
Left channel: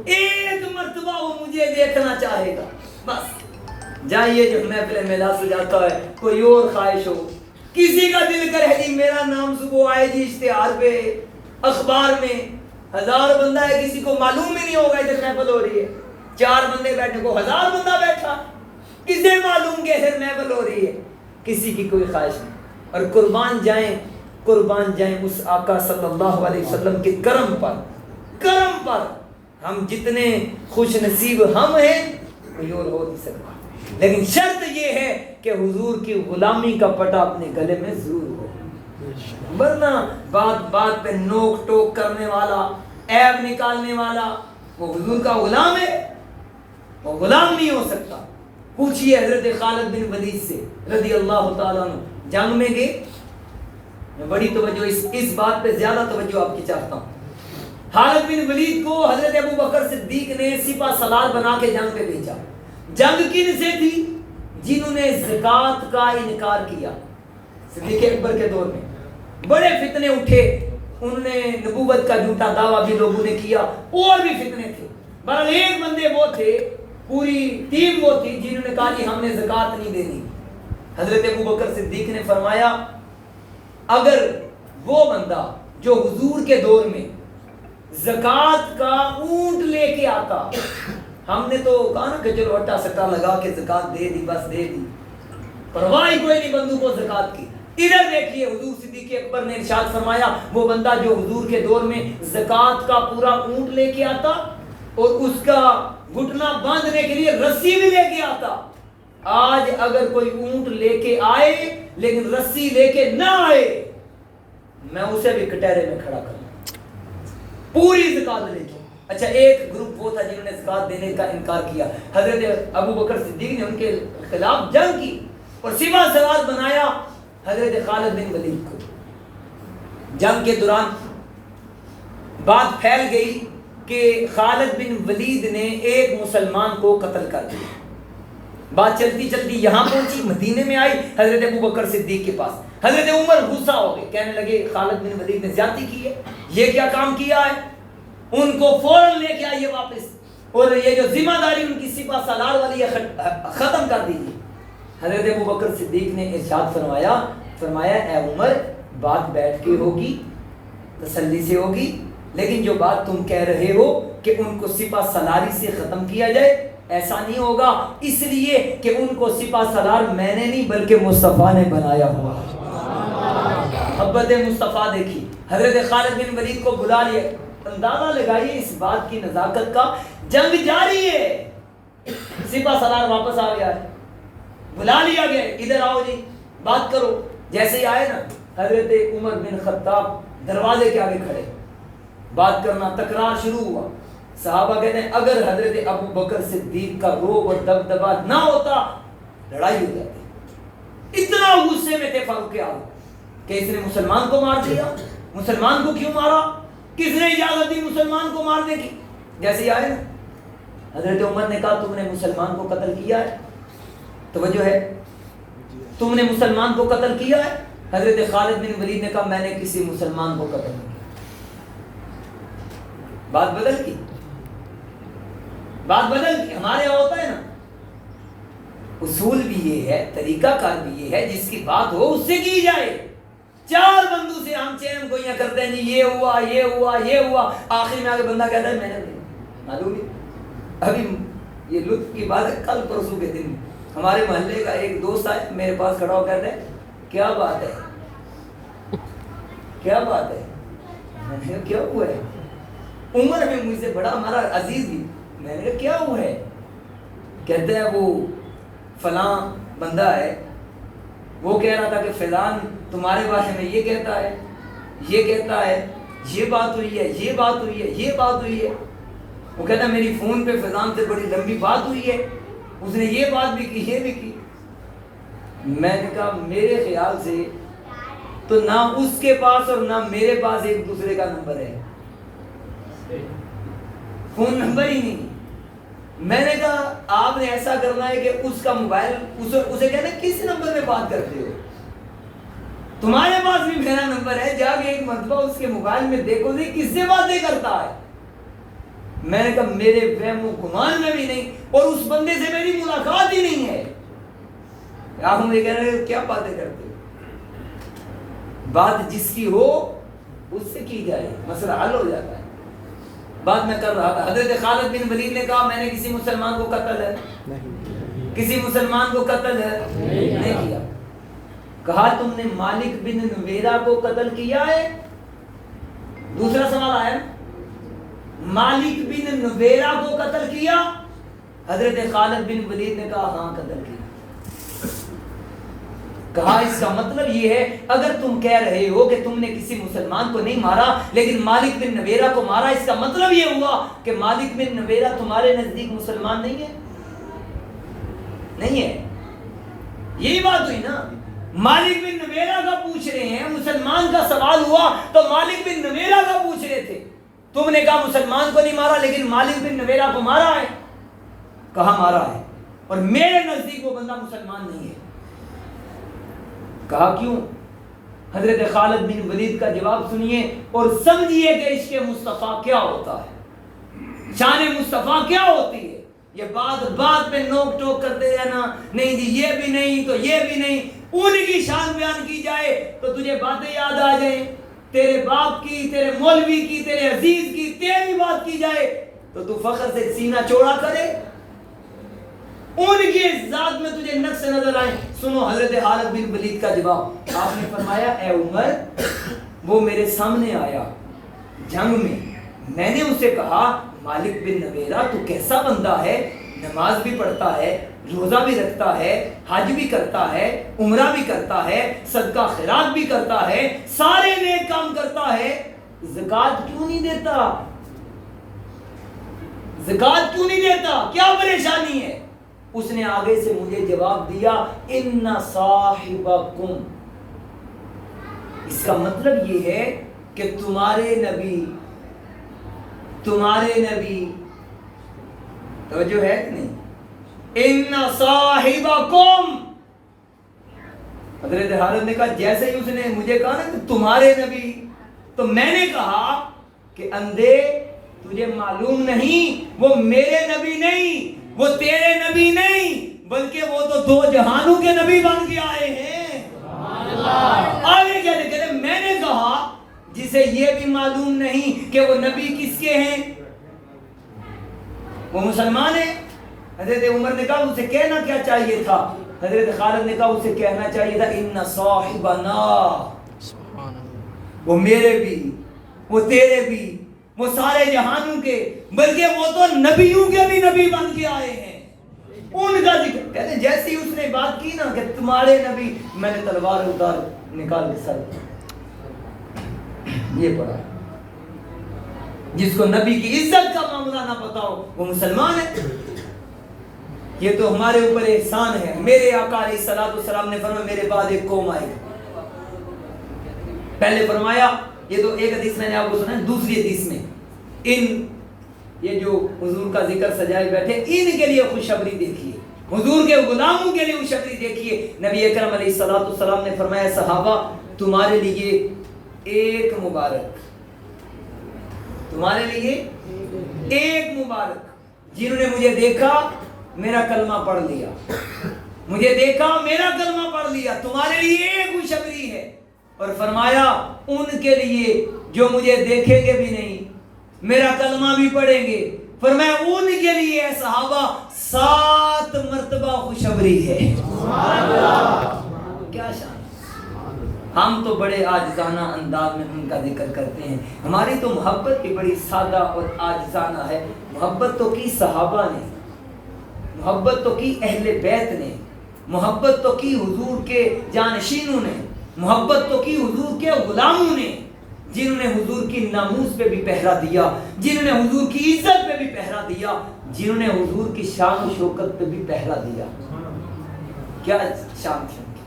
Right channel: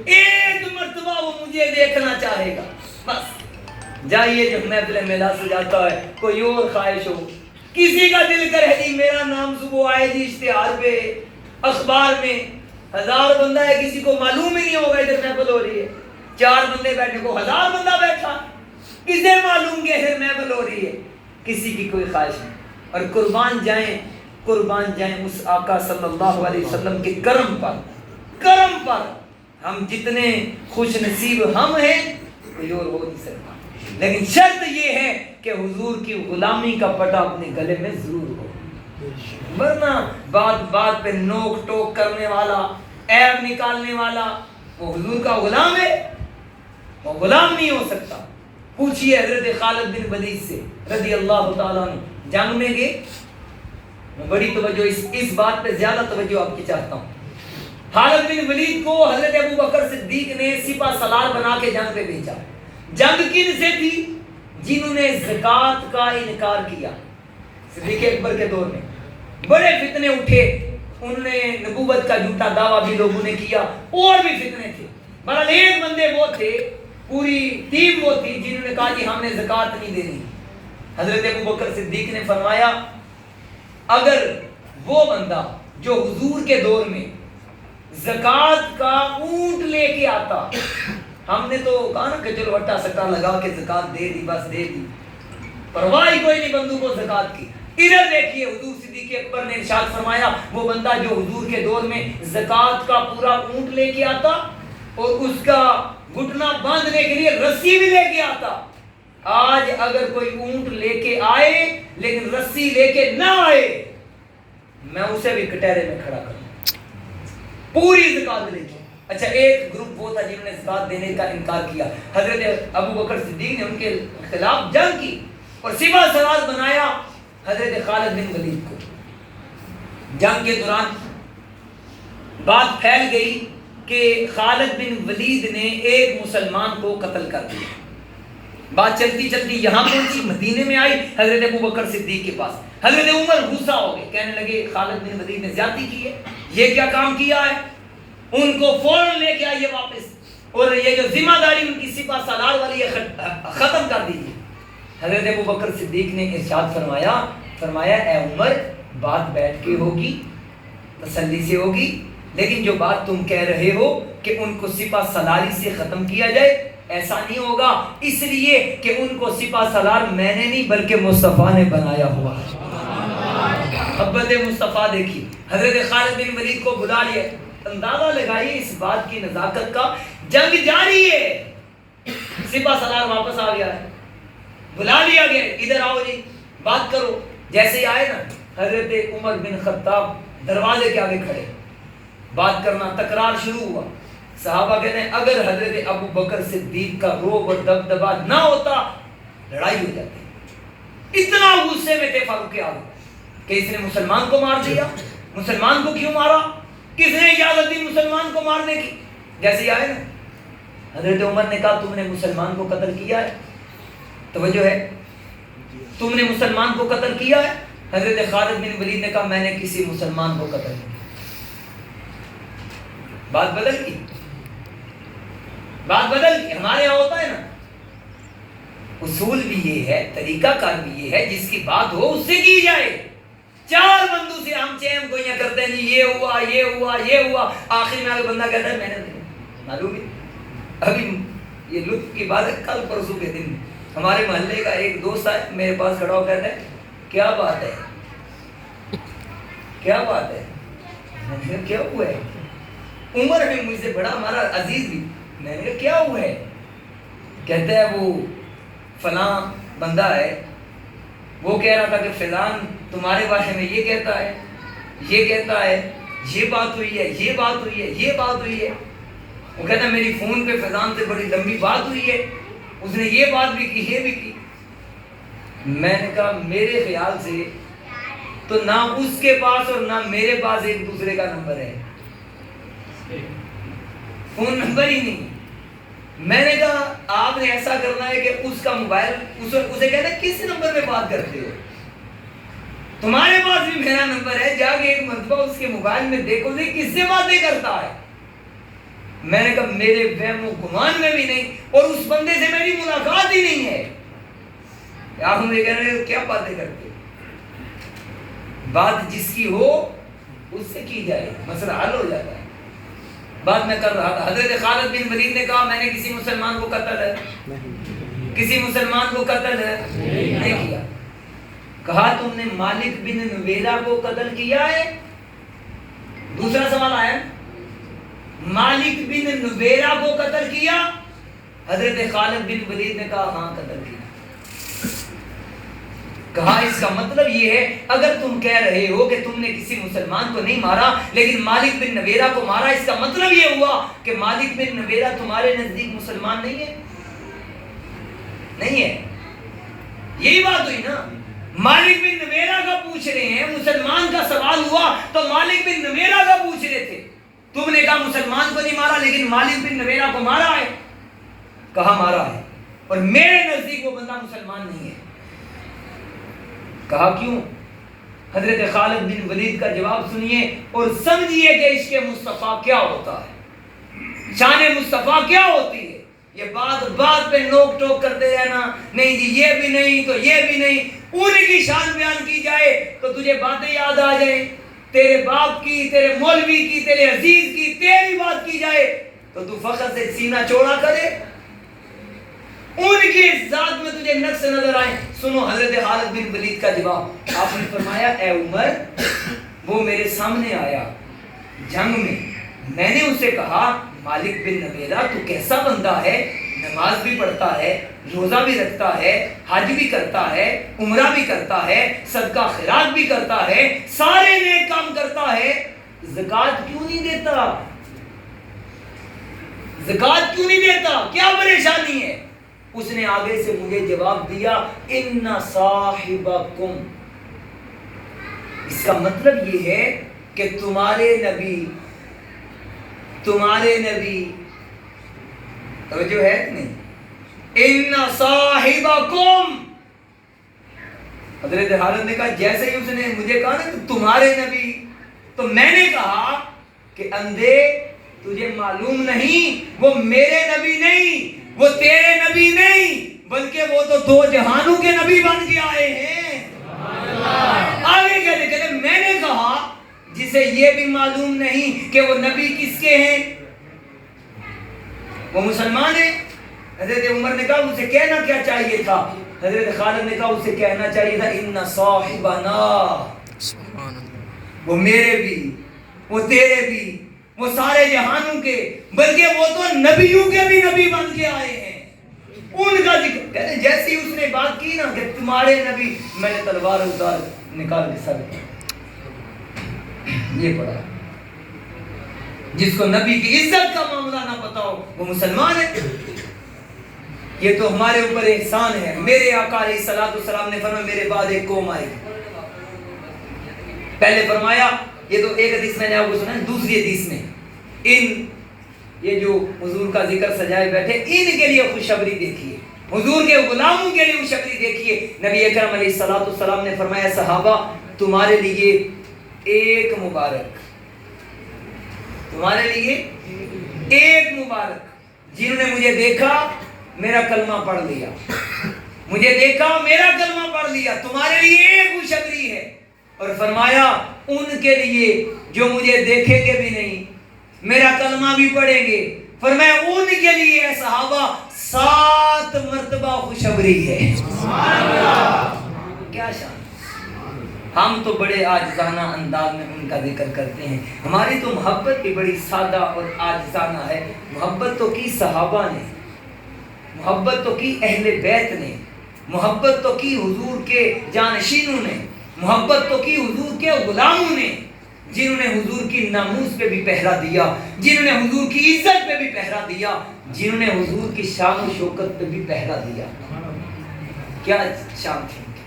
ایک مرتبہ وہ مجھے دیکھنا چاہے گا. بس جائیے جب محفل میلہ سے جاتا ہے کوئی اور خواہش ہو, کسی کا دل کرے جی میرا نام صبح آئے جی اشتہار پہ, اخبار میں, 1000 بندہ ہے, کسی کو معلوم ہی نہیں ہوگا ادھر محفل ہو رہی ہے, 4 بندے بیٹھے کو 1000 بندہ بیٹھا, کسے معلوم کہ ادھر محفل ہو رہی ہے, کسی کی کوئی خواہش نہیں. اور قربان جائیں اس آقا صلی اللہ علیہ وسلم کے کرم پر. ہم جتنے خوش نصیب ہم ہیں کوئی اور ہو نہیں سکتا, لیکن شرط یہ ہے کہ حضور کی غلامی کا پٹا اپنے گلے میں ضرور ہو, ورنہ بات پہ نوک ٹوک کرنے والا, عیب نکالنے والا وہ حضور کا غلام ہے, وہ غلام نہیں ہو سکتا. پوچھئے حضرت خالد بن ولید سے رضی اللہ تعالیٰ عنہ, جنگ میں گئے, میں بڑی توجہ اس بات پہ زیادہ توجہ آپ کی چاہتا ہوں. خالد بن ولید کو حضرت ابو بکر صدیق نے سپہ سالار بنا کے جنگ پہ بھیجا. جنگ کن سے تھی؟ جنہوں نے زکوٰۃ کا انکار کیا. صدیق اکبر کے دور میں بڑے فتنے اٹھے, انہوں نے نبوت کا جھوٹا دعویٰ بھی لوگوں نے کیا, اور بھی فتنے تھے. بہرحال ایک بندے وہ تھے, پوری ٹیم وہ تھی جنہوں نے کہا کہ ہم نے زکوٰۃ نہیں دینی. حضرت ابو بکر صدیق نے فرمایا اگر وہ بندہ جو حضور کے دور میں زکوٰۃ کا اونٹ لے کے آتا، ہم نے تو کہا نا کہ چلو اٹا سٹا لگا کے زکوٰۃ دے دی، بس دے دی، پرواہ ہی کوئی نہیں بندوں کو زکوٰۃ کی۔ ادھر دیکھیے حضور صدیق اکبر نے ارشاد فرمایا وہ بندہ جو حضور کے دور میں زکوٰۃ کا پورا اونٹ لے کے آتا اور اس کا گھٹنا باندھنے کے لیے رسی بھی لے کے آتا، آج اگر کوئی اونٹ لے کے آئے لیکن رسی لے کے نہ آئے، میں اسے بھی کٹہرے میں کھڑا کروں، پوری زکوٰۃ لے کے۔ اچھا ایک گروپ وہ تھا جنہوں نے زکوٰۃ دینے کا انکار کیا، حضرت ابو بکر صدیق نے ان کے خلاف جنگ کی اور سپہ سالار بنایا حضرت خالد بن ولید کو۔ جنگ کے دوران بات پھیل گئی کہ خالد بن ولید نے ایک مسلمان کو قتل کر دیا۔ بات چلتی چلتی یہاں پہنچی، مدینے میں آئی حضرت ابو بکر صدیق کے پاس۔ حضرت عمر غصہ ہو گئے، کہنے لگے خالد بن ولید نے زیادتی کی ہے، یہ کیا کام کیا ہے، ان کو فوراً لے کے آئیے واپس، اور یہ جو ذمہ داری ان کی سپہ سالار والی ہے ختم کر دیجیے۔ حضرت ابو بکر صدیق نے ارشاد فرمایا اے عمر، بات بیٹھ کے ہوگی، تسلی سے ہوگی، لیکن جو بات تم کہہ رہے ہو کہ ان کو سپہ سالاری سے ختم کیا جائے، ایسا نہیں ہوگا، اس لیے کہ ان کو سپہ سالار میں نے نہیں بلکہ مصطفیٰ نے بنایا ہوا ہے۔ محبت مصطفیٰ دیکھی، حضرت خالد بن ولید کو بلا لیا، اندازہ لگائیے اس بات کی نزاکت کا، جنگ جاری ہے، سپہ سالار واپس آ گیا ہے، بلا لیا گیا، ادھر آؤ جی بات کرو۔ جیسے ہی آئے نا، حضرت عمر بن خطاب دروازے کے آگے کھڑے، بات کرنا تکرار شروع ہوا۔ صحابہ کہتے ہیں اگر حضرت ابو بکر صدیق کا روب اور دبدبا نہ ہوتا لڑائی ہو جاتی۔ اتنا غصے میں تھے فاروق اعظم کہ اس نے مسلمان کو مار دیا، مسلمان کو کیوں مارا، کس نے اجازت دی مسلمان کو مارنے کی؟ جیسے ہی آئے نا، حضرت عمر نے کہا تم نے مسلمان کو قتل کیا ہے، توجہ ہے، تم نے مسلمان کو قتل کیا ہے؟ حضرت خالد بن ولید نے کہا میں نے کسی مسلمان کو قتل نہیں کیا۔ بات بدل گئی، بات بدل گئی۔ ہمارے یہاں ہوتا ہے نا، اصول بھی یہ ہے، طریقہ کار بھی یہ ہے، جس کی بات ہو اس سے کی جائے۔ چار بندوں سے ہم چیم گوئیاں کرتے ہیں، یہ ہوا یہ ہوا یہ ہوا، آخر میں اگر بندہ کہتا ہے میں نے معلوم ہے۔ ابھی یہ لطف کی بات ہے، کل پرسوں کے دن ہمارے محلے کا ایک دوست آئے میرے پاس کھڑا ہو کہتا ہے کیا بات ہے، کیا بات ہے، میں نے کہا کیا ہوا ہے، عمر ہے مجھ سے بڑا ہمارا عزیز بھی، میں نے کہا کیا ہوا ہے، کہتے ہیں وہ فلاں بندہ ہے، وہ کہہ رہا تھا کہ فلان تمہارے بارے میں یہ کہتا ہے، یہ کہتا ہے، یہ بات ہوئی ہے، یہ بات ہوئی ہے، یہ بات ہوئی ہے۔ وہ کہتا ہے میری فون پہ فلان سے بڑی لمبی بات ہوئی ہے، اس نے یہ بات بھی کی، یہ بھی کی۔ میں نے کہا میرے خیال سے تو نہ اس کے پاس اور نہ میرے پاس ایک دوسرے کا نمبر ہے، فون نمبر ہی نہیں۔ میں نے کہا آپ نے ایسا کرنا ہے کہ اس کا موبائل اسے کہتے ہیں کس نمبر پہ بات کرتے ہو، تمہارے پاس بھی میرا نمبر ہے، جا کے ایک مرتبہ اس کے موبائل میں دیکھو نہیں کس سے باتیں کرتا ہے۔ میں نے کہا میرے وہم و گمان میں بھی نہیں، اور اس بندے سے میری ملاقات ہی نہیں ہے، آپ مجھے کہہ رہے ہو کیا باتیں کرتے ہو۔ بات جس کی ہو اس سے کی جائے، مسئلہ حل ہو جاتا ہے۔ بات میں کر رہا تھا، حضرت خالد بن ولید نے کہا میں نے کسی مسلمان کو قتل ہے، کسی مسلمان کو قتل ہے نہیں کیا۔ کہا تم نے مالک بن نویرہ کو قتل کیا ہے؟ دوسرا سوال آیا، مالک بن نویرہ کو قتل کیا؟ حضرت خالد بن ولید نے کہا ہاں قتل کیا۔ کہا اس کا مطلب یہ ہے اگر تم کہہ رہے ہو کہ تم نے کسی مسلمان کو نہیں مارا لیکن مالک بن نویرہ کو مارا، اس کا مطلب یہ ہوا کہ مالک بن نویرہ تمہارے نزدیک مسلمان نہیں ہے، نہیں ہے، یہی بات ہوئی نا۔ مالک بن نویرہ کا پوچھ رہے ہیں، مسلمان کا سوال ہوا تو مالک بن نویرہ کا پوچھ رہے تھے، تم نے کہا مسلمان کو نہیں مارا لیکن مالک بن نویرہ کو مارا ہے، کہا مارا ہے، اور میرے نزدیک وہ بندہ مسلمان نہیں ہے۔ کہا کیوں؟ حضرت خالد بن ولید کا جواب سنیے اور سمجھیے کہ عشق مصطفیٰ کیا ہوتا ہے، شان مصطفیٰ کیا ہوتی ہے۔ یہ بات بات پہ نوک ٹوک کرتے رہنا، نہیں جی یہ بھی نہیں تو یہ بھی نہیں، ان کی شان بیان کی جائے تو تجھے باتیں یاد آ جائیں، تیرے باپ کی، تیرے مولوی کی، تیرے عزیز کی، تیری بات کی جائے تو تو فخر سے سینہ چوڑا کرے، ان کی ذات میں تجھے نقص نظر آئے۔ سنو حضرت خالد بن ولید کا جواب، آپ نے فرمایا اے عمر، وہ میرے سامنے آیا جنگ میں نے اسے کہا مالک بن نویرہ تو کیسا بندہ ہے، نماز بھی پڑھتا ہے، روزہ بھی رکھتا ہے، حج بھی کرتا ہے، عمرہ بھی کرتا ہے، صدقہ خیرات بھی کرتا ہے، سارے نیک کام کرتا ہے، زکوٰۃ کیوں نہیں دیتا؟ زکوٰۃ کیوں نہیں دیتا؟ کیا پریشانی ہے؟ اس نے آگے سے مجھے جواب دیا ان صاحبکم، اس کا مطلب یہ ہے کہ تمہارے نبی توجہ ہے نہیں، ان صاحبکم، حضرت خالد نے کہا جیسے ہی اس نے مجھے کہا نا کہ تمہارے نبی، تو میں نے کہا کہ اندھے تجھے معلوم نہیں وہ میرے نبی نہیں، وہ تیرے نبی نہیں، بلکہ وہ تو دو جہانوں کے نبی بن کے آئے ہیں۔ آگے کیا لکھا؟ میں نے کہا جسے یہ بھی معلوم نہیں کہ وہ نبی کس کے ہیں، وہ مسلمان ہے۔ حضرت عمر نے کہا اسے کہنا کیا چاہیے تھا؟ حضرت خالد نے کہا اسے کہنا چاہیے تھا ان صاحبنا، وہ میرے بھی، وہ تیرے بھی، وہ سارے جہانوں کے، بلکہ وہ تو نبیوں کے بھی نبی بن کے آئے ہیں، ان کا ذکر کہتے ہیں۔ جیسی اس نے بات کی نا کہ تمہارے نبی، میں نے تلوار اتار نکال کے سر یہ پڑھا، جس کو نبی کی عزت کا معاملہ نہ پتا ہو وہ مسلمان ہے۔ یہ تو ہمارے اوپر احسان ہے۔ میرے آقا علیہ الصلوۃ والسلام نے فرمایا میرے بعد ایک قوم آئے گی، پہلے فرمایا، یہ تو ایک حدیث میں نے آپ کو سنا ہے، دوسری حدیث میں یہ جو حضور کا ذکر سجائے بیٹھے ان کے لیے خوشخبری دیکھیے، حضور کے غلاموں کے لیے خوشخبری دیکھیے۔ نبی اکرم علیہ الصلوۃ والسلام نے فرمایا صحابہ تمہارے لیے ایک مبارک، تمہارے لیے ایک مبارک، جنہوں نے مجھے دیکھا میرا کلمہ پڑھ لیا، مجھے دیکھا میرا کلمہ پڑھ لیا، تمہارے لیے ایک خوشخبری ہے۔ اور فرمایا ان کے لیے جو مجھے دیکھیں گے بھی نہیں، میرا کلمہ بھی پڑھیں گے، فرمایا ان کے لیے اے صحابہ 7 مرتبہ خوشخبری ہے۔ کیا شان! ہم تو بڑے عاجزانہ انداز میں ان کا ذکر کرتے ہیں، ہماری تو محبت بھی بڑی سادہ اور عاجزانہ ہے۔ محبت تو کی صحابہ نے، محبت تو کی اہل بیت نے، محبت تو کی حضور کے جانشینوں نے، محبت تو کی حضور کے غلاموں نے، جنہوں نے حضور کی ناموس پہ بھی پہرا دیا، جنہوں نے حضور کی عزت پہ بھی پہرا دیا، جنہوں نے حضور کی شان و شوکت پہ بھی پہرا دیا۔ کیا شان تھی ان کی،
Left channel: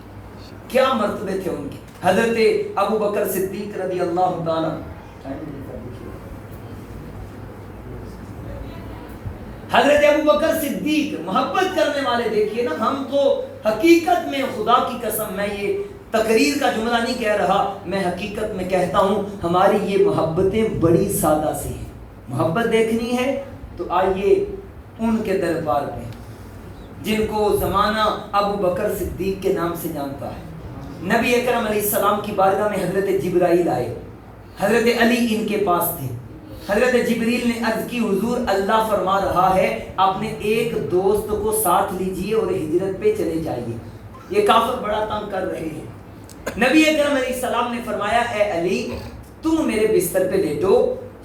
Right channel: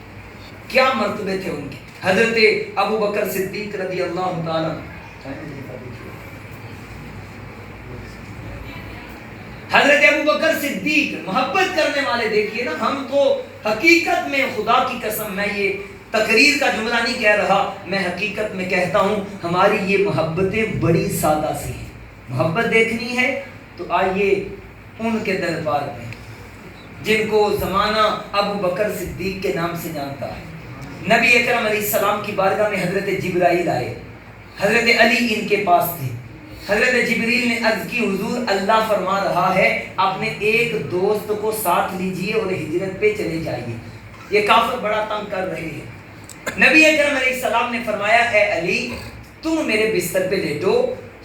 کیا مرتبے تھے ان کے۔ حضرت ابو بکر صدیق رضی اللہ تعالیٰ، حضرت ابو بکر صدیق محبت کرنے والے، دیکھیے نا، ہم تو حقیقت میں خدا کی قسم، میں یہ تقریر کا جملہ نہیں کہہ رہا، میں حقیقت میں کہتا ہوں ہماری یہ محبتیں بڑی سادہ سی ہیں۔ محبت دیکھنی ہے تو آئیے ان کے دربار میں جن کو زمانہ ابو بکر صدیق کے نام سے جانتا ہے۔ نبی اکرم علیہ السلام کی بارگاہ میں حضرت جبرائیل آئے، حضرت علی ان کے پاس تھے۔ حضرت جبریل نے عرض کی حضور اللہ فرما رہا ہے اپنے ایک دوست کو ساتھ لیجئے اور ہجرت پہ چلے جائیے، یہ کافر بڑا تنگ کر رہے ہیں۔ نبی اکرم علیہ السلام نے فرمایا اے علی تم میرے بستر پہ لیٹو،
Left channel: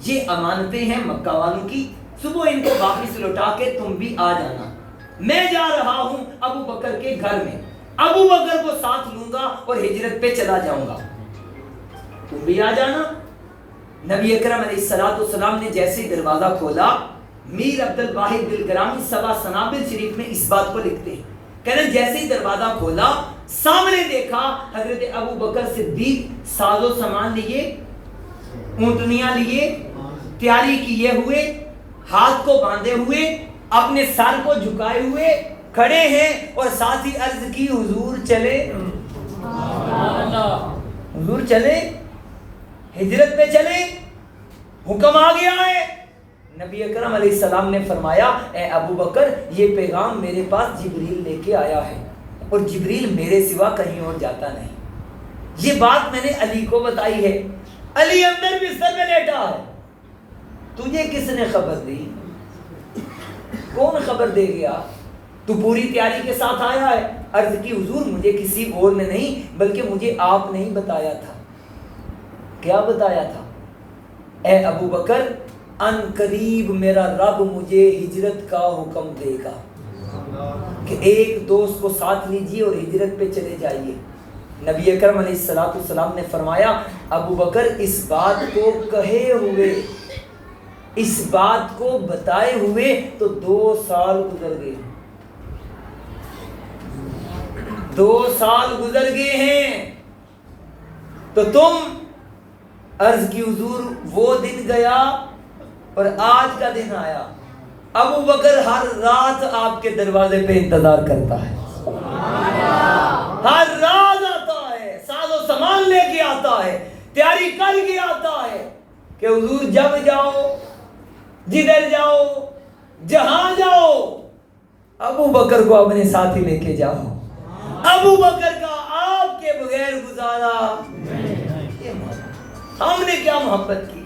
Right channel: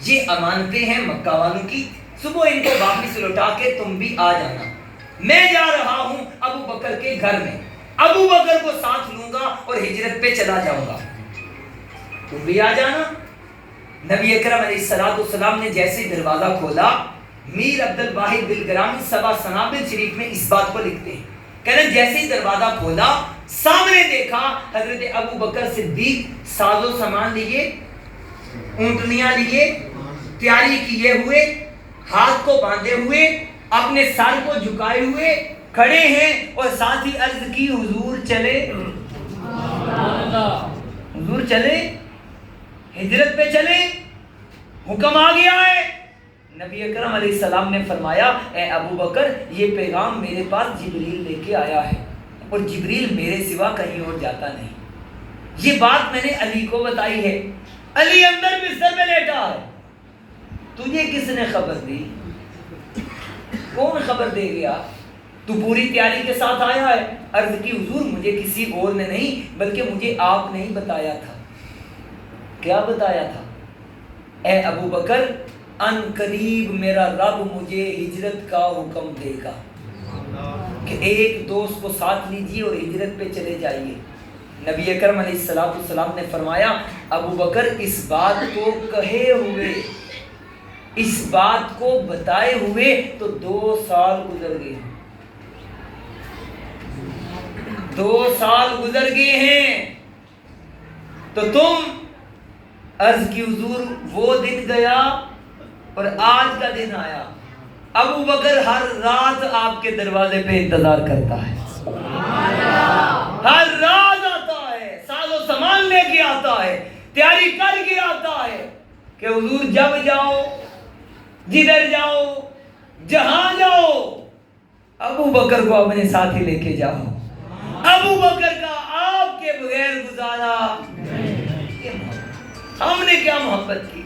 یہ امانتیں ہیں مکہ والوں کی، صبح ان کو واپس لوٹا کے تم بھی آ جانا، میں جا رہا ہوں ابو بکر کے گھر میں، ابو بکر کو ساتھ لوں گا اور ہجرت پہ چلا جاؤں گا، تم بھی آ جانا۔ نبی اکرم علیہ السلام نے جیسے دروازہ کھولا، میر عبد الواحد دلگرامی سبا سنابل شریف میں اس بات کو لکھتے ہیں، کہنا جیسے ہی دروازہ کھولا سامنے دیکھا حضرت ابو بکر صدیق ساز و سامان لیے، اونٹنیاں لیے، تیاری کیے ہوئے، ہاتھ کو باندھے ہوئے، اپنے سر کو جھکائے ہوئے کھڑے ہیں، اور ساتھ ہی عرض کی حضور چلے، حضور چلے، ہجرت پہ چلے، حکم آ گیا ہے۔ نبی اکرم علیہ السلام نے فرمایا اے ابو بکر یہ پیغام میرے پاس جبریل لے کے آیا ہے اور جبریل میرے سوا کہیں اور جاتا نہیں. یہ بات میں نے علی کو بتائی ہے. علی اندر بستر میں لیٹا ہے. تجھے کس نے خبر دی؟ کون خبر دے گیا؟ تو پوری تیاری کے ساتھ آیا ہے. عرض کی حضور مجھے کسی اور نے نہیں بلکہ مجھے آپ نے ہی بتایا تھا. کیا بتایا تھا؟ اے ابو بکر ان قریب میرا رب مجھے ہجرت کا حکم دے گا کہ ایک دوست کو ساتھ لیجیے اور ہجرت پہ چلے جائیے. نبی اکرم علیہ السلام نے فرمایا ابو بکر اس بات کو کہے ہوئے اس بات کو بتائے ہوئے تو 2 سال گزر گئے. 2 سال گزر گئے ہیں تو تم عرض کی حضور وہ دن گیا اور آج کا دن آیا. ابو بکر ہر رات آپ کے دروازے پہ انتظار کرتا ہے. ہر رات آتا ہے, ساز و سامان لے کے آتا ہے, تیاری کر کے آتا ہے کہ حضور جب جاؤ جدھر جاؤ جہاں جاؤ ابو بکر کو اپنے ساتھ ہی لے کے جاؤ. ابو بکر کا آپ کے بغیر گزارا. ہم نے کیا محبت کی؟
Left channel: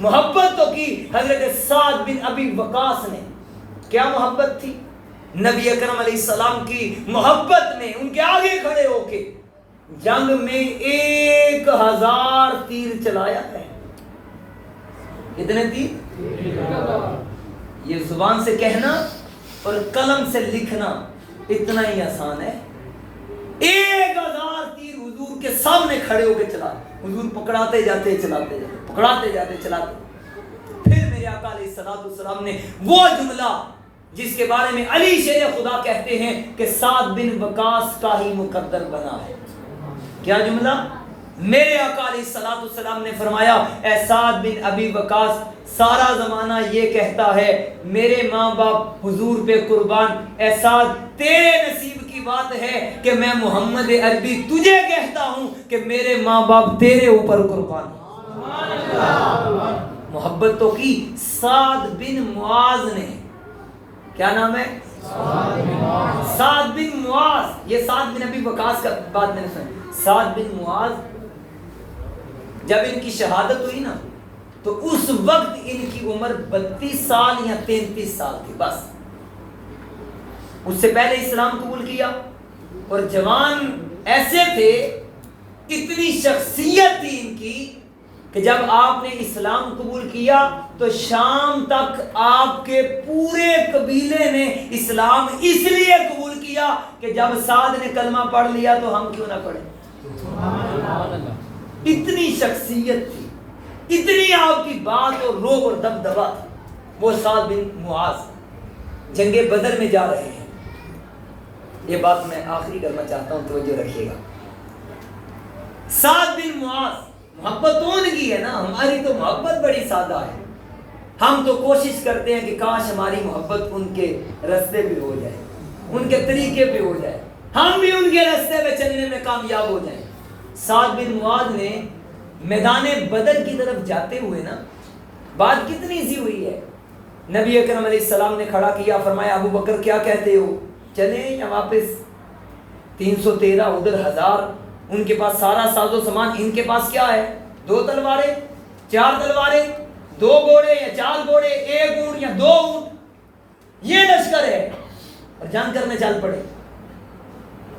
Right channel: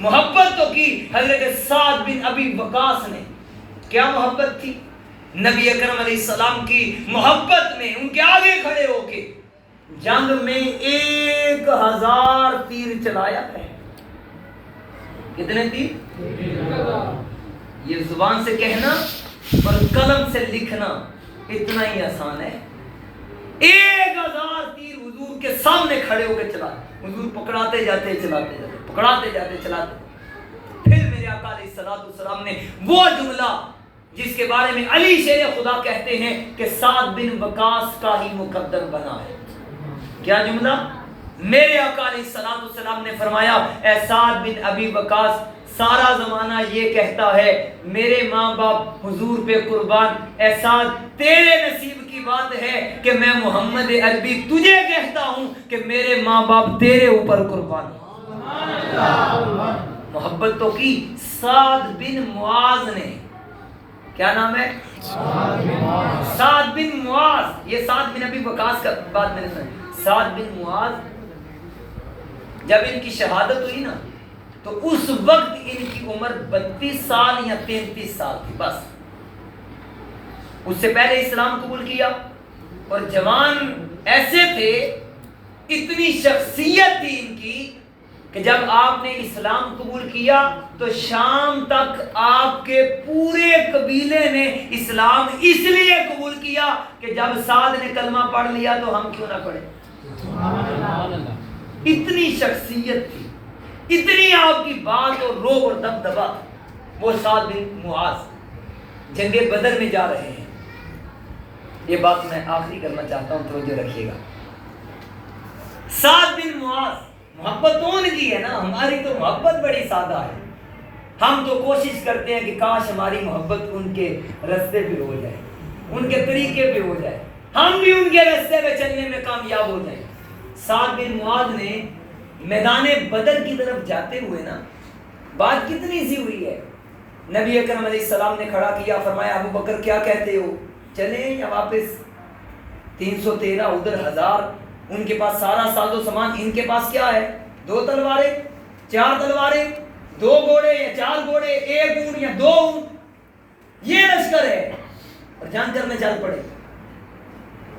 محبت تو کی حضرت سعد بن ابی وقاص نے. کیا محبت تھی؟ نبی اکرم علیہ السلام کی محبت میں ان کے آگے کھڑے ہو کے جنگ میں 1000 تیر چلایا ہے. کتنے تیر؟ یہ زبان سے کہنا اور قلم سے لکھنا اتنا ہی آسان ہے. 1000 تیر حضور کے سامنے کھڑے ہو کے چلا. حضور پکڑاتے جاتے چلاتے جاتے پکڑاتے جاتے چلاتے. پھر میرے آقا علیہ السلام نے وہ جملہ جس کے بارے میں علی شیر خدا کہتے ہیں کہ سعد بن وقاص کا ہی مقدر بنا ہے. کیا جملہ؟ میرے آقا علیہ السلام نے فرمایا اے سعد بن ابی وقاص سارا زمانہ یہ کہتا ہے میرے ماں باپ حضور پہ قربان. اے سعد تیرے نصیب کی بات ہے کہ میں محمد عربی تجھے کہتا ہوں کہ میرے ماں باپ تیرے اوپر قربان. محبت تو کی. سعد بن معاذ نے, کیا نام ہے؟ سعد بن معاذ. یہ سعد بن ابی وقاص کا بات میں نے سنی. سعد بن معاذ جب ان کی شہادت ہوئی نا تو اس وقت ان کی عمر 32 سال یا 33 سال تھی بس. اس سے پہلے اسلام قبول کیا اور جوان ایسے تھے, اتنی شخصیت تھی ان کی کہ جب آپ نے اسلام قبول کیا تو شام تک آپ کے پورے قبیلے نے اسلام اس لیے قبول کیا کہ جب سعد نے کلمہ پڑھ لیا تو ہم کیوں نہ پڑھیں. اتنی شخصیت تھی, اتنی آپ کی بات اور روح اور دبدبا. وہ سعد بن معاذ جنگ بدر میں جا رہے ہیں. یہ بات میں آخری کرنا چاہتا ہوں, توجہ رکھیے گا. سعد بن معاذ, محبت تو ان کی ہے نا, ہماری تو محبت بڑی سادہ ہے. ہم تو کوشش کرتے ہیں کہ کاش ہماری محبت ان کے رستے پہ ہو جائے, ان کے طریقے پہ ہو جائے, ہم بھی ان کے رستے پہ چلنے میں کامیاب ہو جائیں. سعد بن معاذ نے میدان بدر کی طرف جاتے ہوئے نا بات کتنی سی ہوئی ہے. نبی اکرم علیہ السلام نے کھڑا کیا, فرمایا ابو بکر کیا کہتے ہو, چلیں یا واپس؟ 313 ادھر 1000. ان کے پاس سارا ساز و سامان, ان کے پاس کیا ہے؟ 2 تلواریں, 4 تلواریں, 2 گھوڑے یا 4 گھوڑے, 1 اونٹ یا 2 اونٹ. یہ لشکر ہے اور جنگ کرنے چل پڑے.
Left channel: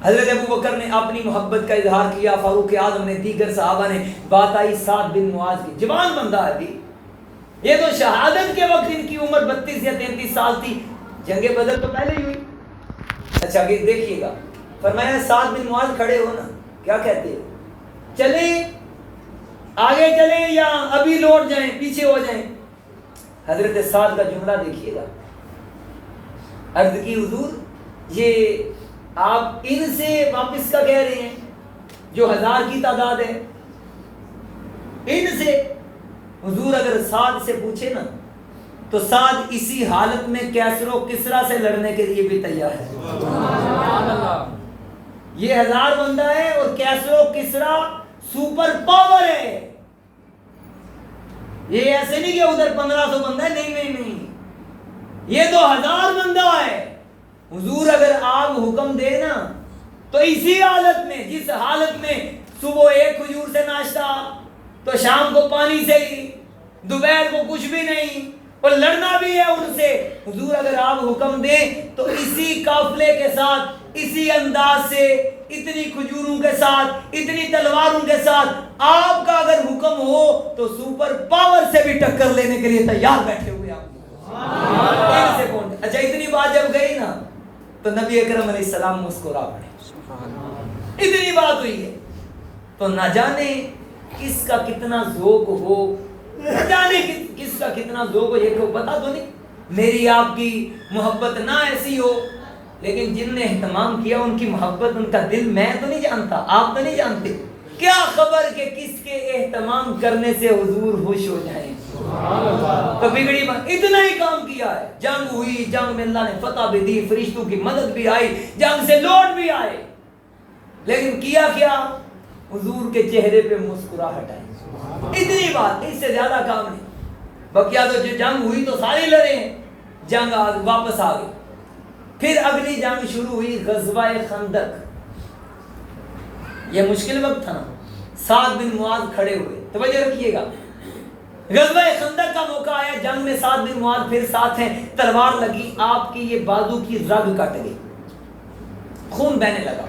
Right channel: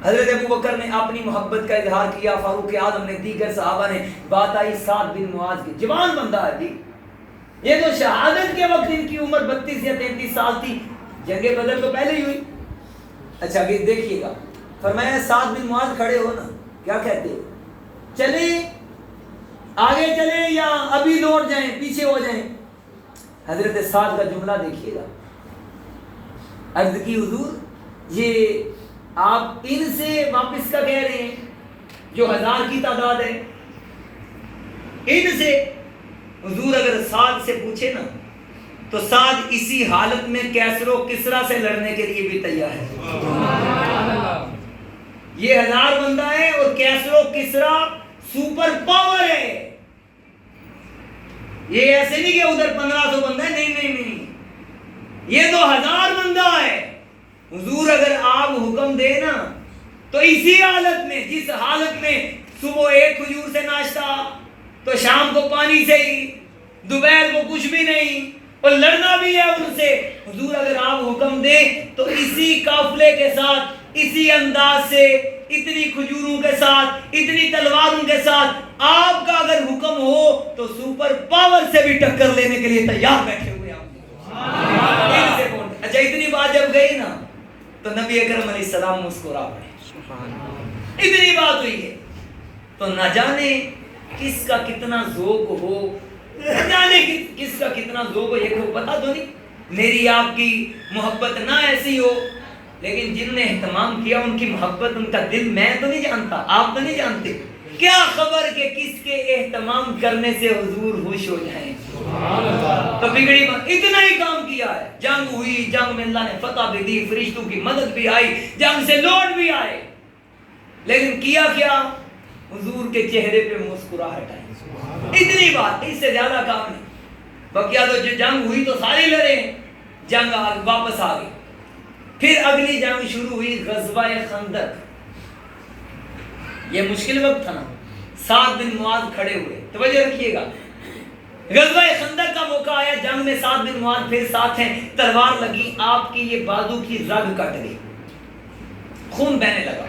حضرت ابو بکر نے اپنی محبت کا اظہار کیا, فاروق اعظم نے, دیگر صحابہ نے. بات آئی سعد بن معاذ کی. جوان بندہ ہے بھی, یہ تو شہادت کے وقت ان کی عمر 32 یا 33 سال تھی. جنگ بدر تو پہلے ہی ہوئی. اچھا دیکھیے گا, فرمایا سعد بن معاذ کھڑے ہو نا, کیا کہتے ہو, چلیں آگے چلیں یا ابھی لوٹ جائیں, پیچھے ہو جائیں؟ حضرت سعد کا جملہ دیکھیے گا. عرض کی حضور یہ آپ ان سے واپس کا کہہ رہے ہیں جو 1000 کی تعداد ہے, ان سے؟ حضور اگر سعد سے پوچھے نا تو سعد اسی حالت میں کیسر و کسرا سے لڑنے کے لیے بھی تیار ہے. یہ 1000 بندہ ہے اور کیسر و کسرا سپر پاور ہے. یہ ایسے نہیں کہ ادھر 1500 بندہ ہے, نہیں نہیں نہیں, یہ 2000 بندہ ہے. حضور اگر آپ حکم دے نا تو اسی حالت میں، جس حالت میں صبح ایک کھجور سے ناشتہ تو شام کو پانی سے ہی، دوپہر کو کچھ بھی نہیں اور لڑنا بھی ہے ان سے، حضور اگر آپ حکم دیں تو اسی قافلے کے ساتھ، اسی انداز سے، اتنی کھجوروں کے ساتھ، اتنی تلواروں کے ساتھ آپ کا اگر حکم ہو تو سپر پاور سے بھی ٹکر لینے کے لیے تیار بیٹھے ہوئے آپ. اچھا اتنی بات جب گئی نا تو نبی اکرم علیہ السلام مسکرا پڑے. اتنی بات ہوئی ہے تو نہ جانے کس کا کتنا ذوق ہو، نہ جانے کس کا کتنا ذوق ہو. یہ تو پتا تو نہیں، میری آپ کی محبت نہ ایسی ہو، لیکن جن نے اہتمام کیا ان کی محبت، ان کا دل میں تو نہیں جانتا، آپ تو نہیں جانتے. کیا خبر کہ کس کے اہتمام کرنے سے حضور خوش ہو جائیں. تو بگڑی بات، اتنا ہی کام کیا ہے. جنگ ہوئی، جنگ میں اللہ نے فتح بھی دی، فرشتوں کی مدد بھی آئی، جنگ سے لوٹ بھی آئے، لیکن کیا کیا؟ حضور کے چہرے پہ مسکراہٹ آئی. اتنی بات، اس سے زیادہ کام نہیں. بقیہ تو جو جنگ ہوئی تو سارے لڑے ہیں، جنگ واپس آ گئی. پھر اگلی جنگ شروع ہوئی، غزوہ خندق. یہ مشکل وقت تھا نا. سعد بن معاذ کھڑے ہوئے، توجہ رکھیے گا. غزوہ خندق کا موقع آیا، جنگ میں سعد بن معاذ پھر ساتھ ہیں. تلوار لگی، آپ کی یہ بازو کی رگ کٹ گئی، خون بہنے لگا.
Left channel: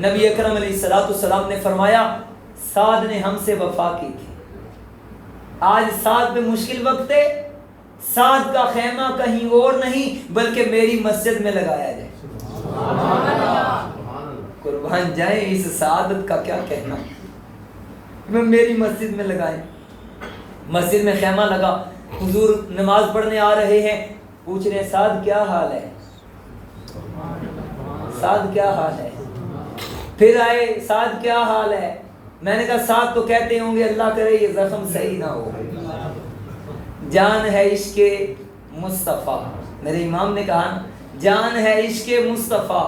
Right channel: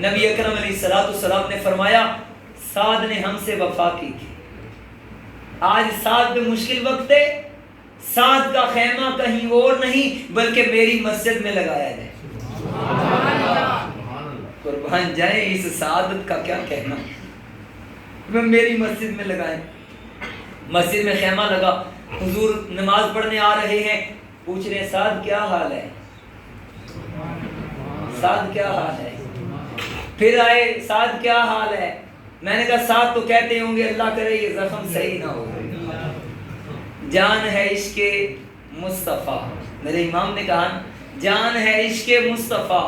نبی اکرم علیہ السلام نے فرمایا سعد نے ہم سے وفا کی تھی، آج سعد پہ مشکل وقت ہے، سعد کا خیمہ کہیں اور نہیں بلکہ میری مسجد میں لگایا جائے. قربان جائیں اس سعادت کا کیا کہنا، میری مسجد میں لگائیں. مسجد میں خیمہ لگا، حضور نماز پڑھنے آ رہے ہیں، پوچھ رہے ہیں سعد کیا حال ہے، سعد کیا حال ہے. پھر آئے، سعد کیا حال ہے. میں نے کہا سعد تو کہتے ہوں گے اللہ کرے یہ زخم صحیح نہ ہو. جان ہے عشق مصطفیٰ، میرے امام نے کہا جان ہے عشق مصطفیٰ،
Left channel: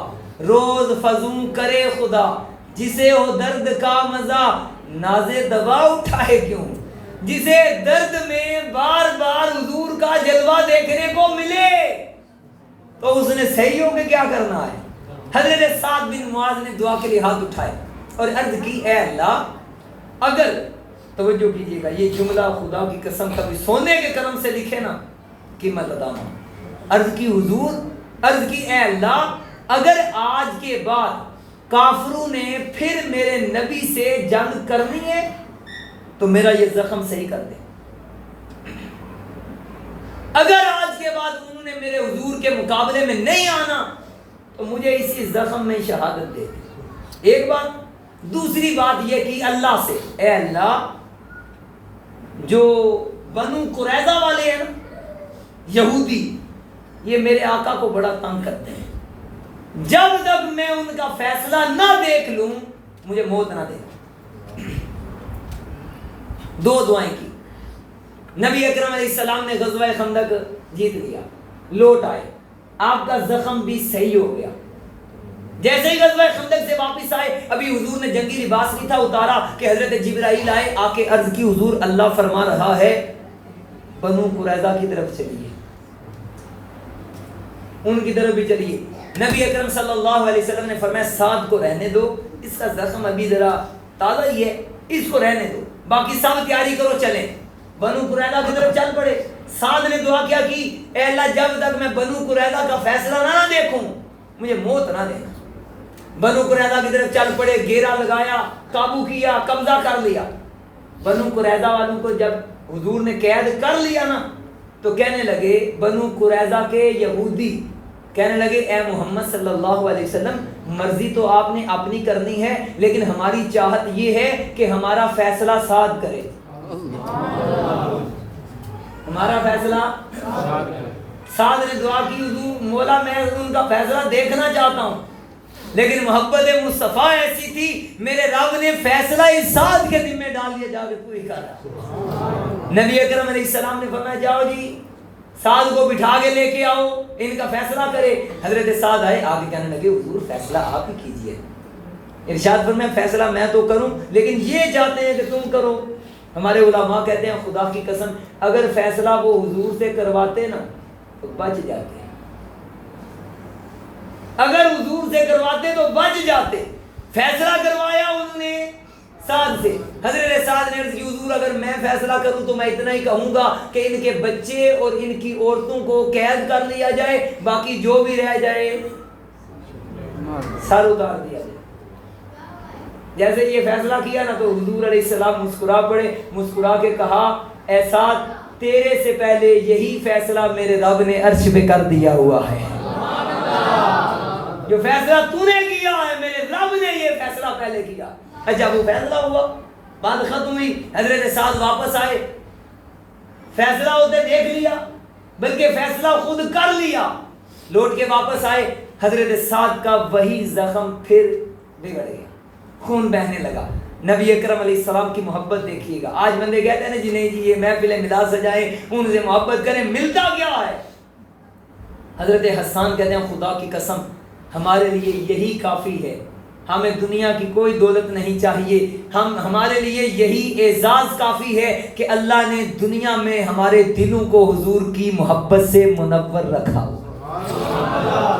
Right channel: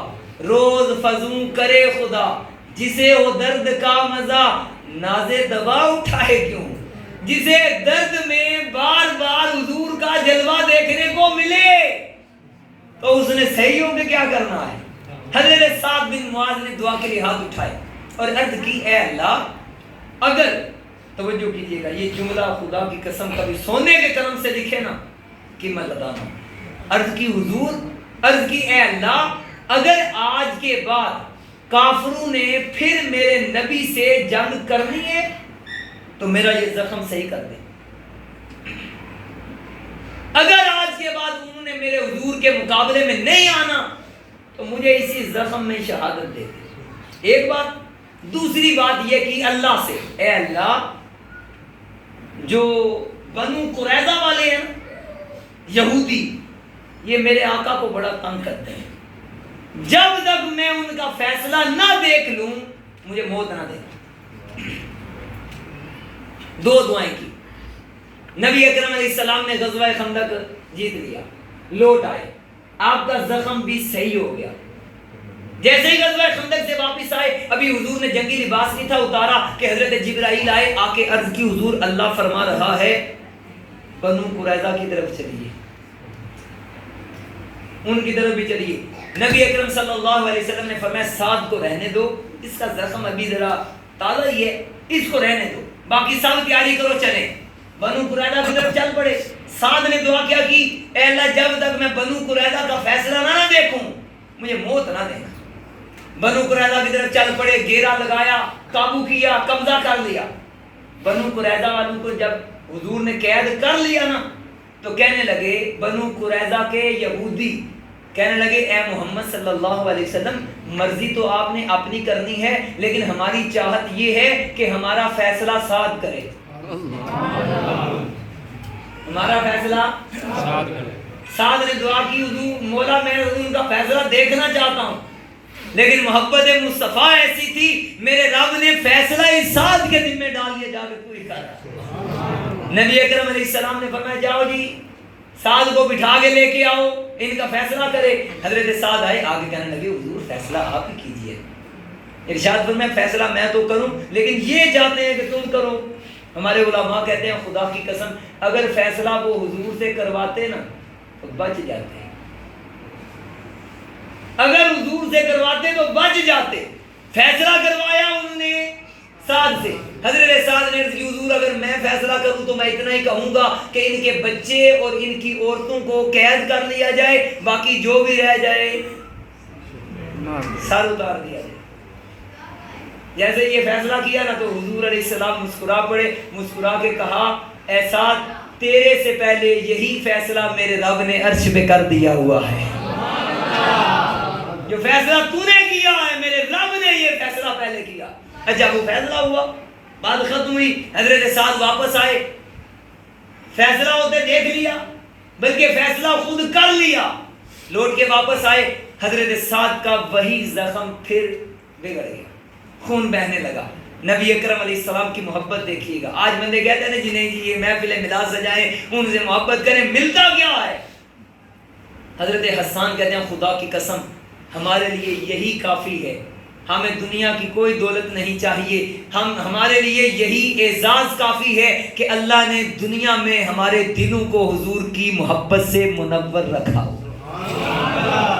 روز فزوں کرے خدا، جسے ہو درد کا مزہ ناز دوا اٹھائے کیوں. جسے درد میں بار بار حضور کا جلوہ دیکھنے کو ملے تو اس نے صحیح ہو کے کیا کرنا ہے. حضرت سعد بن معاذ نے دعا کے لیے ہاتھ اٹھائے اور عرض کی اے اللہ، اگر توجہ کیجیے گا یہ جملہ خدا کی قسم کبھی سونے کے قلم سے لکھے نا قیمت ادا نہ. عرض کی حضور، عرض کی اے اللہ، اگر آج کے بعد کافروں نے پھر میرے نبی سے جنگ کرنی ہے تو میرا یہ زخم صحیح کر دے. اگر آج کے بعد انہوں نے میرے حضور کے مقابلے میں نہیں آنا تو مجھے اسی زخم میں شہادت دے دے. ایک بات. دوسری بات یہ کہ اللہ سے، اے اللہ، جو بنو قریظہ والے ہیں نا یہودی، یہ میرے آقا کو بڑا تنگ کرتے ہیں، جب تک میں ان کا فیصلہ نہ دیکھ لوں مجھے موت نہ دے. دو دعائیں کی. نبی اکرم علیہ السلام نے غزوہ خندق جیت لیا، لوٹ آئے، آپ کا زخم بھی صحیح ہو گیا. جیسے ہی غزوہ خندق سے واپس آئے، ابھی حضور نے جنگی لباس نہیں تھا اتارا کہ حضرت جبرائیل آئے، آ کے عرض کی حضور اللہ فرما رہا ہے بنو قریظہ کی طرف چلیے، ان کی طرف بھی چلیے. نبی اکرم صلی اللہ علیہ وسلم نے فرمایا سعد کو رہنے دو، اس کا زخم ابھی ذرا تازہ ہی ہے، اس کو رہنے دو، باقی سب تیاری کرو چلیں. بنو قریظہ کی طرف چل پڑے. سعد نے دعا کیا کی، اے اللہ جب تک میں بنو قریظہ کا فیصلہ نہ دیکھوں مجھے موت نہ دینا. بنو قریظہ کی طرف چل پڑے، گھیرا لگایا، قابو کیا، قبضہ کر لیا. بنو قریظہ والوں کو جب حضور نے قید کر لیا نا تو کہنے لگے بنو قریظہ کے یہودی، کہنے لگے اے محمد صلی اللہ علیہ وسلم، مرضی تو آپ نے اپنی کرنی ہے لیکن ہماری چاہت یہ ہے کہ ہمارا فیصلہ سعد کرے. ہمارا فیصلہ سعد نے دعا کی، حضور مولا میں ان کا فیصلہ دیکھنا چاہتا ہوں، لیکن محبت مصطفیٰ ایسی تھی میرے رب نے فیصلہ اس سعد کے ذمہ ڈال دیا، جا کے تو ہی کر. نبی اکرم علیہ السلام نے فرمایا جاؤ جی سعد کو بٹھا کے لے کے آؤ، ان کا فیصلہ کرے. حضرت سعد آئے، آگے کہنے لگے حضور فیصلہ آپ ہی کیجئے. ارشاد فرمایا فیصلہ میں تو کروں لیکن یہ چاہتے ہیں کہ تم کرو. ہمارے علماء کہتے ہیں خدا کی قسم اگر فیصلہ وہ حضور سے کرواتے نا تو بچ جاتے، اگر حضور سے کرواتے تو بچ جاتے۔ فیصلہ کروایا انہوں نے سعد سے، حضرت سعد نے عرض کی حضور اگر میں فیصلہ کروں تو میں اتنا ہی کہوں گا کہ ان کے بچے اور ان کی عورتوں کو قید کر لیا جائے، باقی جو بھی رہ جائے سر اتار دیا جائے۔ جیسے یہ فیصلہ کیا نا تو حضور علیہ السلام مسکرا پڑے، مسکرا کے کہا اے سعد تیرے سے پہلے یہی فیصلہ میرے رب نے عرش پہ کر دیا ہوا ہے، جو فیصلہ تو نے کیا ہے میرے رب نے یہ فیصلہ پہلے کیا۔ جب وہ فیصلہ ہوا، بات ختم ہوئی، حضرت سعد واپس آئے، فیصلہ ہوتے دیکھ لیا بلکہ فیصلہ خود کر لیا، لوٹ کے واپس آئے، حضرت سعد کا وہی زخم پھر بگڑ گیا، خون بہنے لگا۔ نبی اکرم علیہ السلام کی محبت دیکھیے گا۔ آج بندے کہتے ہیں جی نہیں جی یہ محفل میلاد سجائیں ان سے محبت کریں، ملتا کیا ہے؟ حضرت حسان کہتے ہیں خدا کی قسم ہمارے لیے یہی کافی ہے، ہمیں دنیا کی کوئی دولت نہیں چاہیے، ہمارے لیے یہی اعزاز کافی ہے کہ اللہ نے دنیا میں ہمارے دلوں کو حضور کی محبت سے منور رکھا ہو،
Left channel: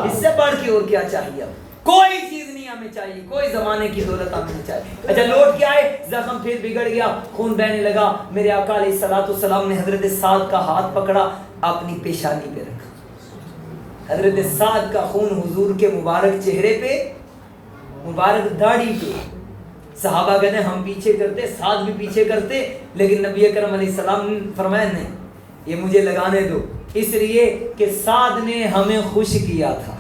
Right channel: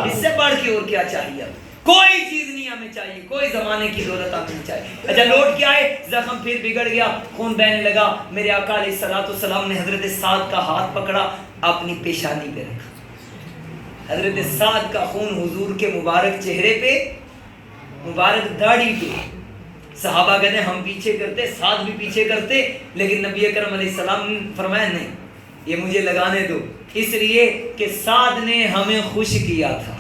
اس سے بڑھ کے اور کیا چاہیے؟ کوئی چیز نہیں ہمیں چاہیے، کوئی زمانے کی دولت ہمیں نہیں چاہیے۔ اچھا لوٹ کے آئے، زخم پھر بگڑ گیا، خون بہنے لگا، میرے آقا علیہ السلام نے حضرت سعد کا ہاتھ پکڑا، اپنی پیشانی پہ رکھا، حضرت سعد کا خون حضور کے مبارک چہرے پہ، مبارک داڑھی پہ۔ صحابہ کہتے ہیں ہم پیچھے کرتے، سعد بھی پیچھے کرتے، لیکن نبی اکرم علیہ السلام نے فرمایا نہیں یہ مجھے لگانے دو، اس لیے کہ سعد نے ہمیں خوش کیا تھا،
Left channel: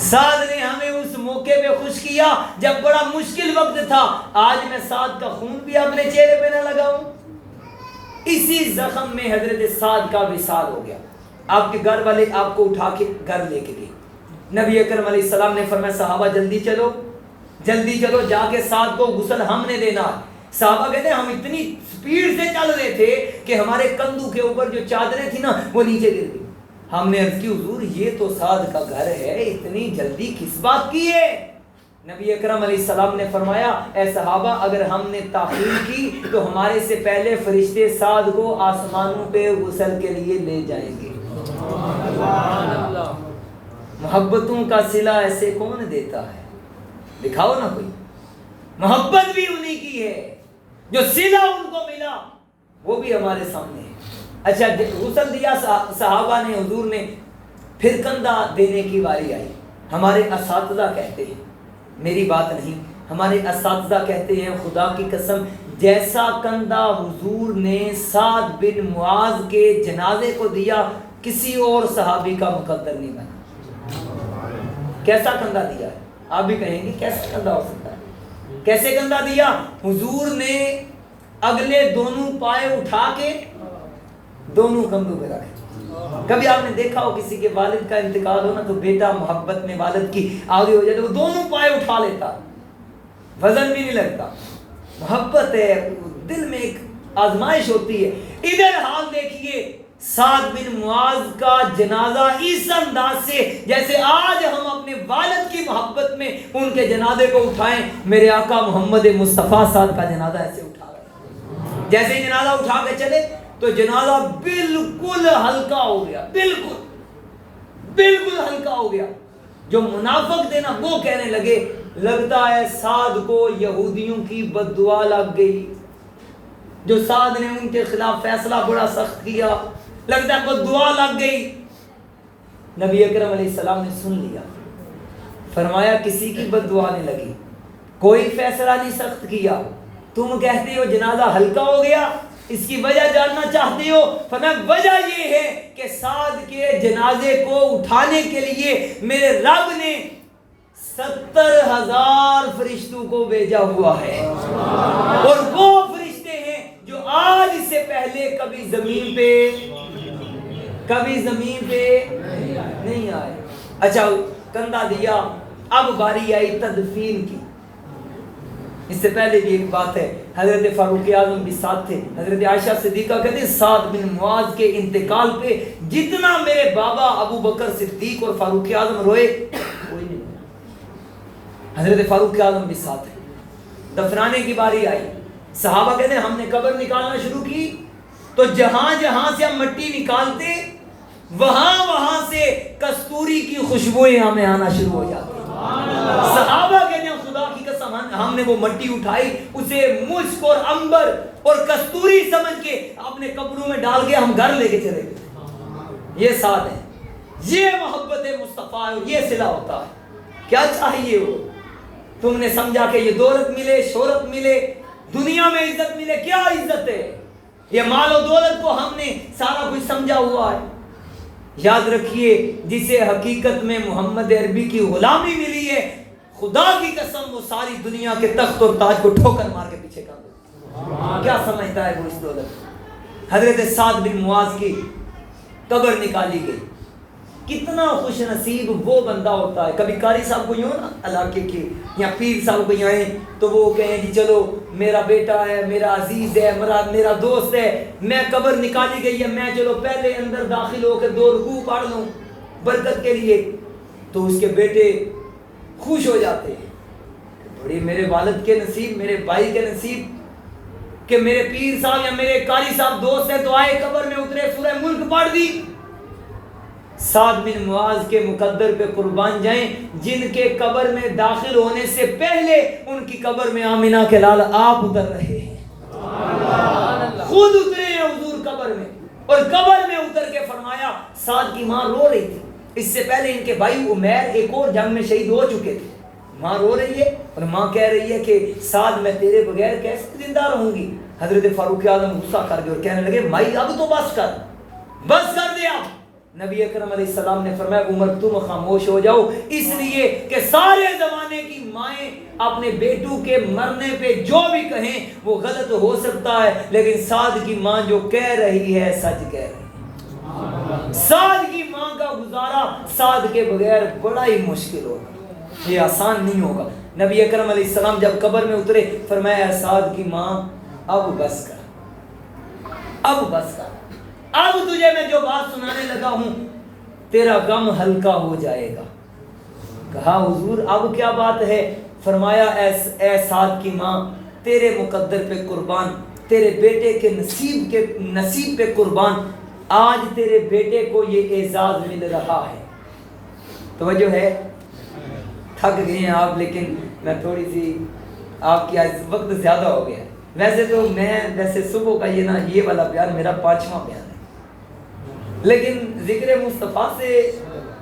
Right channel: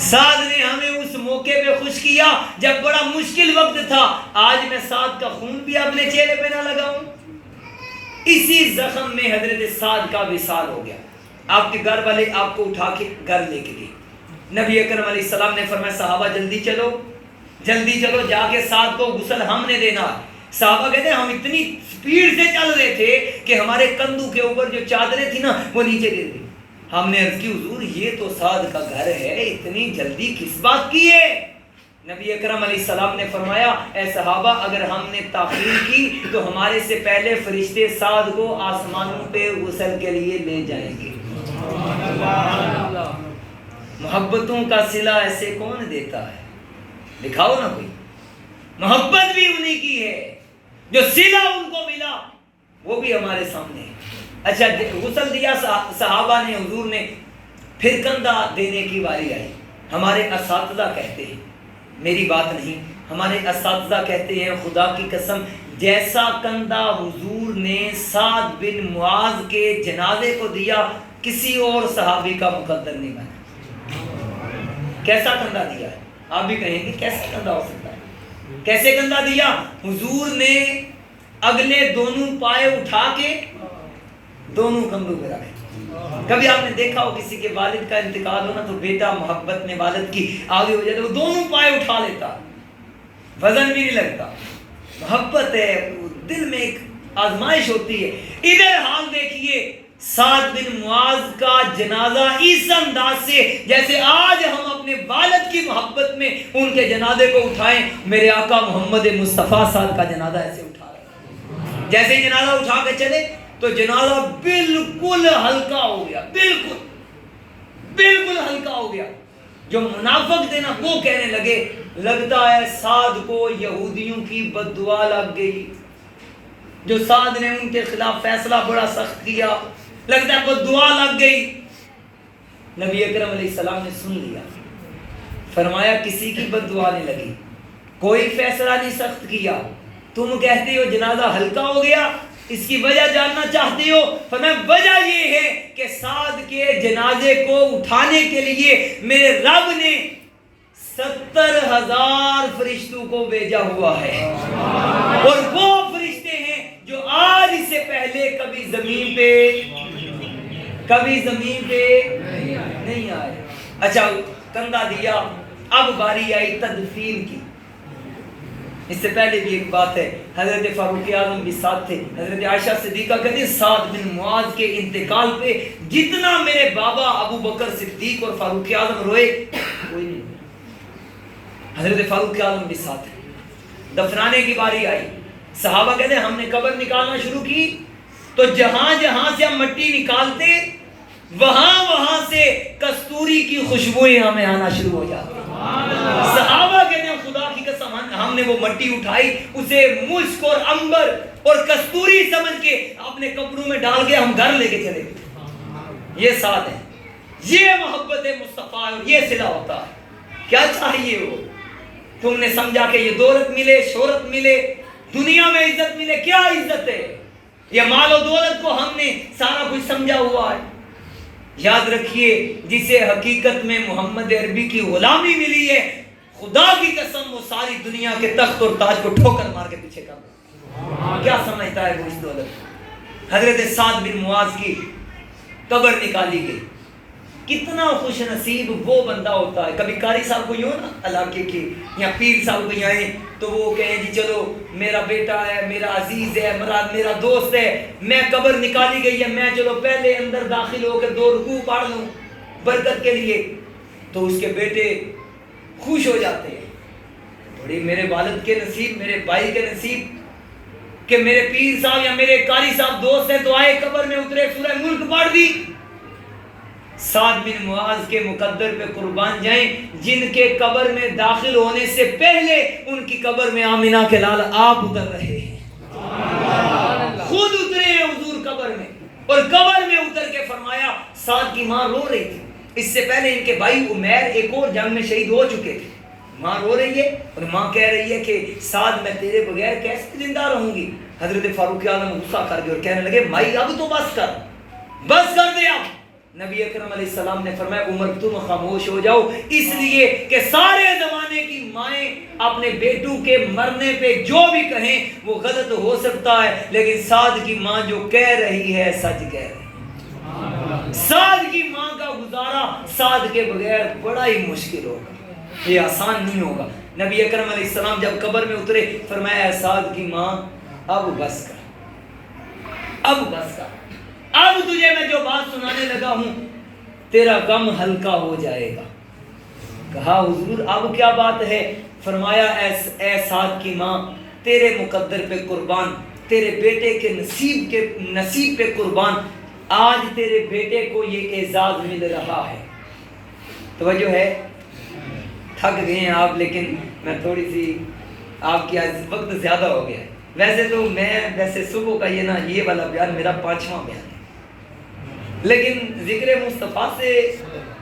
سعد نے ہمیں اس موقع پہ خوش کیا جب بڑا مشکل وقت تھا، آج میں سعد کا خون بھی اپنے چہرے پہ نہ لگاؤں۔ اسی زخم میں حضرت سعد کا وصال ہو گیا، آپ کے گھر والے آپ کو اٹھا کے گھر لے کے گئے، نبی اکرم علیہ السلام نے فرمایا صحابہ جلدی چلو جلدی چلو، جا کے سعد کو غسل ہم نے دینا۔ صحابہ کہتے ہیں ہم اتنی سپیڈ سے چل رہے تھے کہ ہمارے کندھوں کے اوپر جو چادریں تھی نا وہ نیچے گر گئی۔ ہم نے عرض کی حضور یہ تو سعد کا گھر ہے، اتنی جلدی کس بات کی ہے؟ نبی اکرم علیہ السلام نے فرمایا اے صحابہ اگر ہم نے تاخیر کی تو ہمارے سے پہلے فرشتے سعد کو آسمانوں پہ غسل کے لیے لے جائیں گے۔ محبتوں کا صلہ ایسے کون دیتا ہے؟ دکھاؤ نا کوئی، محبت بھی انہی کی ہے، جو صلہ ان کو ملا وہ بھی ہمارے سامنے ہے۔ اچھا غسل دیا صحابہ نے، حضور نے، پھر کندھا دینے کی باری آئی۔ ہمارے اساتذہ کہتے ہیں، میری بات نہیں، ہمارے اساتذہ کہتے ہیں خدا کی قسم جیسا کندھا حضور نے سعد بن معاذ کے جنازے کو دیا کسی اور صحابی کا مقدر نہیں بنا۔ کیسا کندھا دیا ہے؟ آپ بھی کہیں گے کیسا کندھا ہو سکتا ہے؟ کیسے کندھا دیا؟ حضور نے اگلے دونوں پائے اٹھا کے دونوں کندھوں پہ رکھے۔ کبھی آپ نے دیکھا ہو کسی کے والد کا انتقال ہونا تو بیٹا محبت میں والد کی آگے ہو جائے تو وہ دونوں پائے اٹھا لیتا، وزن بھی نہیں لگتا، محبت ہے، دل میں ایک آزمائش ہوتی ہے۔ ادھر حال دیکھیے سعد بن معاذ کا جنازہ اس انداز سے جیسے آج ہم اپنے والد کی محبت میں ان کے جنازے کو اٹھائیں، میرے آقا محمد مصطفیٰ صاحب کا جنازہ ایسے اٹھا رہے، جیسے ہی جنازہ اٹھا کے چلے تو جنازہ بالکل ہلکا ہو گیا، بالکل ہلکا ہو گیا۔ جو منافق تھے نا وہ کہنے لگے لگتا ہے سعد کو یہودیوں کی بد دعا لگ گئی، جو سعد نے ان کے خلاف فیصلہ بڑا سخت کیا، لگتا ہے بد دعا لگ گئی۔ نبی اکرم علیہ السلام نے سن لیا، فرمایا کسی کی بد دعا نہیں لگی، کوئی فیصلہ نہیں سخت کیا، تم کہتے ہو جنازہ ہلکا ہو گیا، اس کی وجہ جاننا چاہتے ہو؟ فرمایا وجہ یہ ہے کہ سعد کے جنازے کو اٹھانے کے لیے میرے رب نے 70,000 فرشتوں کو بھیجا ہوا ہے، اور وہ فرشتے ہیں جو آج اس سے پہلے کبھی زمین پہ نہیں آئے۔ اچھا کندھا دیا، اب باری آئی تدفین کی۔ اس سے پہلے بھی ایک بات ہے، حضرت فاروق اعظم بھی ساتھ تھے، حضرت عائشہ صدیقہ کہتے ہیں سعد بن معاذ کے انتقال پہ جتنا میرے بابا ابو بکر صدیق اور فاروق اعظم روئے کوئی نہیں، حضرت فاروق اعظم بھی ساتھ ہیں۔ دفنانے کی باری آئی، صحابہ کہتے ہیں ہم نے قبر نکالنا شروع کی تو جہاں جہاں سے ہم مٹی نکالتے وہاں سے کستوری کی خوشبوئیں ہمیں آنا شروع ہو جاتی ہیں. صحابہ کہتے ہیں خدا کی قسم ہم نے وہ مٹی اٹھائی, اسے مشک اور عنبر اور کستوری سمجھ کے اپنے کپڑوں میں ڈال کے ہم گھر لے کے چلے گئے. یہ ساتھ ہے, یہ محبت مصطفیٰ, یہ صلہ ہوتا ہے. کیا چاہیے وہ, تم نے سمجھا کہ یہ دولت ملے, شہرت ملے, دنیا میں عزت ملے, کیا عزت ہے؟ یہ مال و دولت کو ہم نے سارا کچھ سمجھا ہوا ہے. یاد رکھیے جسے حقیقت میں محمد عربی کی غلامی ملی ہے, خدا کی قسم وہ ساری دنیا کے تخت اور تاج کو ٹھوکر مار کے پیچھے کر دے. کیا سمجھتا ہے وہ اس دولت؟ حضرت سعد بن معاذ کی قبر نکالی گئی. کتنا خوش نصیب وہ بندہ ہوتا ہے. کبھی قاری صاحب کو یوں نا علاقے کے یا پیر صاحب کو آئیں تو وہ کہیں جی چلو میرا بیٹا ہے, میرا عزیز ہے, میرا دوست ہے, میں قبر نکالی گئی ہے, میں چلو پہلے اندر داخل ہو کے 2 رکوع پڑھ لوں برکت کے لیے. تو اس کے بیٹے خوش ہو جاتے ہیں, بڑی میرے والد کے نصیب, میرے بھائی کے نصیب کہ میرے پیر صاحب یا میرے قاری صاحب دوست ہیں, تو آئے قبر میں اترے, سورہ ملک پڑھ دی. سعد بن معاذ کے مقدر پہ قربان جائیں, جن کے قبر میں داخل ہونے سے پہلے ان کی قبر میں آمنہ کے لال آپ اتر رہے ہیں, خود اترے ہیں حضور قبر میں, اور قبر میں اتر کے فرمایا سعد کی ماں رو رہی تھی. اس سے پہلے ان کے بھائی عمیر ایک اور جنگ میں شہید ہو چکے تھے. ماں رو رہی ہے اور ماں کہہ رہی ہے کہ سعد میں تیرے بغیر کیسے زندہ رہوں گی. حضرت فاروق اعظم غصہ کر گئے اور کہنے لگے مائی اب تو بس کر دے. اب نبی اکرم علیہ السلام نے فرمایا عمر تم خاموش ہو جاؤ, اس لیے کہ سارے زمانے کی مائیں اپنے بیٹوں کے مرنے پہ جو بھی کہیں وہ غلط ہو سکتا ہے, لیکن سعد کی ماں جو کہہ رہی ہے سچ کہہ رہی ہے. سعد کی ماں کا گزارا سعد کے بغیر بڑا ہی مشکل ہوگا, یہ آسان نہیں ہوگا. نبی اکرم علیہ السلام جب قبر میں اترے فرمایا سعد کی ماں اب بس کر, اب تجھے میں جو بات سنانے لگا ہوں تیرا غم ہلکا ہو جائے گا. کہا حضور اب کیا بات ہے؟ فرمایا اے سعد کی ماں تیرے مقدر پہ قربان, تیرے بیٹے کے نصیب پہ قربان, آج تیرے بیٹے کو یہ اعزاز مل رہا ہے. توجہ ہے, تھک گئے ہیں آپ, لیکن میں تھوڑی سی آپ کی آج وقت زیادہ ہو گیا ہے. ویسے تو ویسے صبح کا یہ والا بیان میرا 5واں بیان ہے, لیکن ذکر مصطفیٰ سے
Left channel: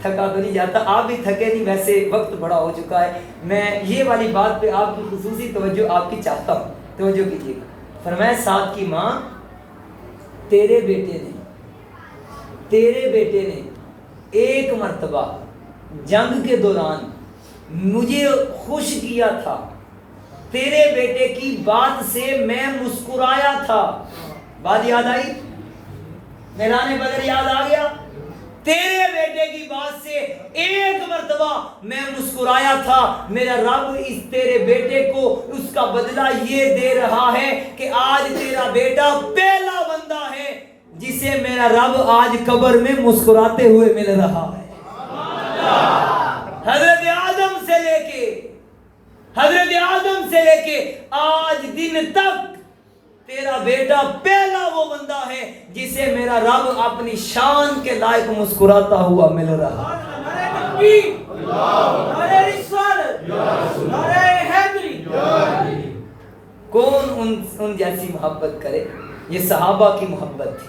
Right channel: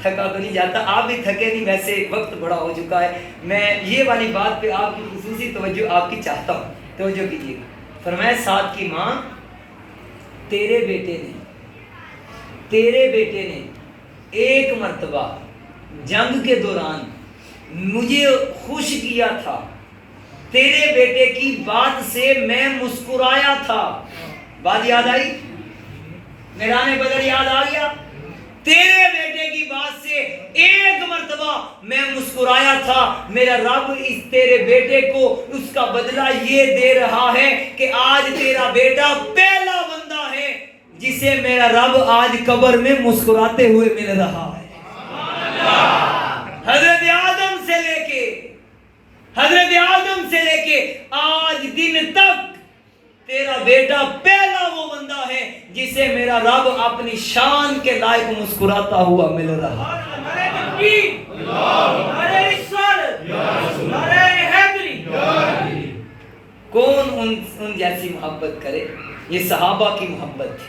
تھکا تو نہیں جاتا. آپ بھی تھکے نہیں, ویسے وقت بڑا ہو چکا ہے. میں یہ والی بات پہ آپ کی خصوصی توجہ آپ کی چاہتا ہوں, توجہ کیجیے گا. فرمایا سعد کی ماں تیرے بیٹے نے ایک مرتبہ جنگ کے دوران مجھے خوش کیا تھا, تیرے بیٹے کی بات سے میں مسکرایا تھا. بات یاد آئی؟ میدان بدر یاد آ گیا؟ تیرے بیٹے کی بات سے ایک مرتبہ میں مسکرایا تھا. میرا رب اس تیرے بیٹے کو اس کا بدلہ یہ دے رہا ہے کہ آج تیرا بیٹا پہلا بندہ ہے جسے میرا رب آج قبر میں مسکراتے ہوئے مل رہا ہے. حضرت آدم سے لے کے آج دن تک تیرا بیٹا پہلا وہ بندہ ہے جسے میرا رب اپنی شان کے لائق مسکراتا ہوا مل رہا ہے. کون ان جیسی محبت کرے؟ یہ صحابہ کی محبت تھی.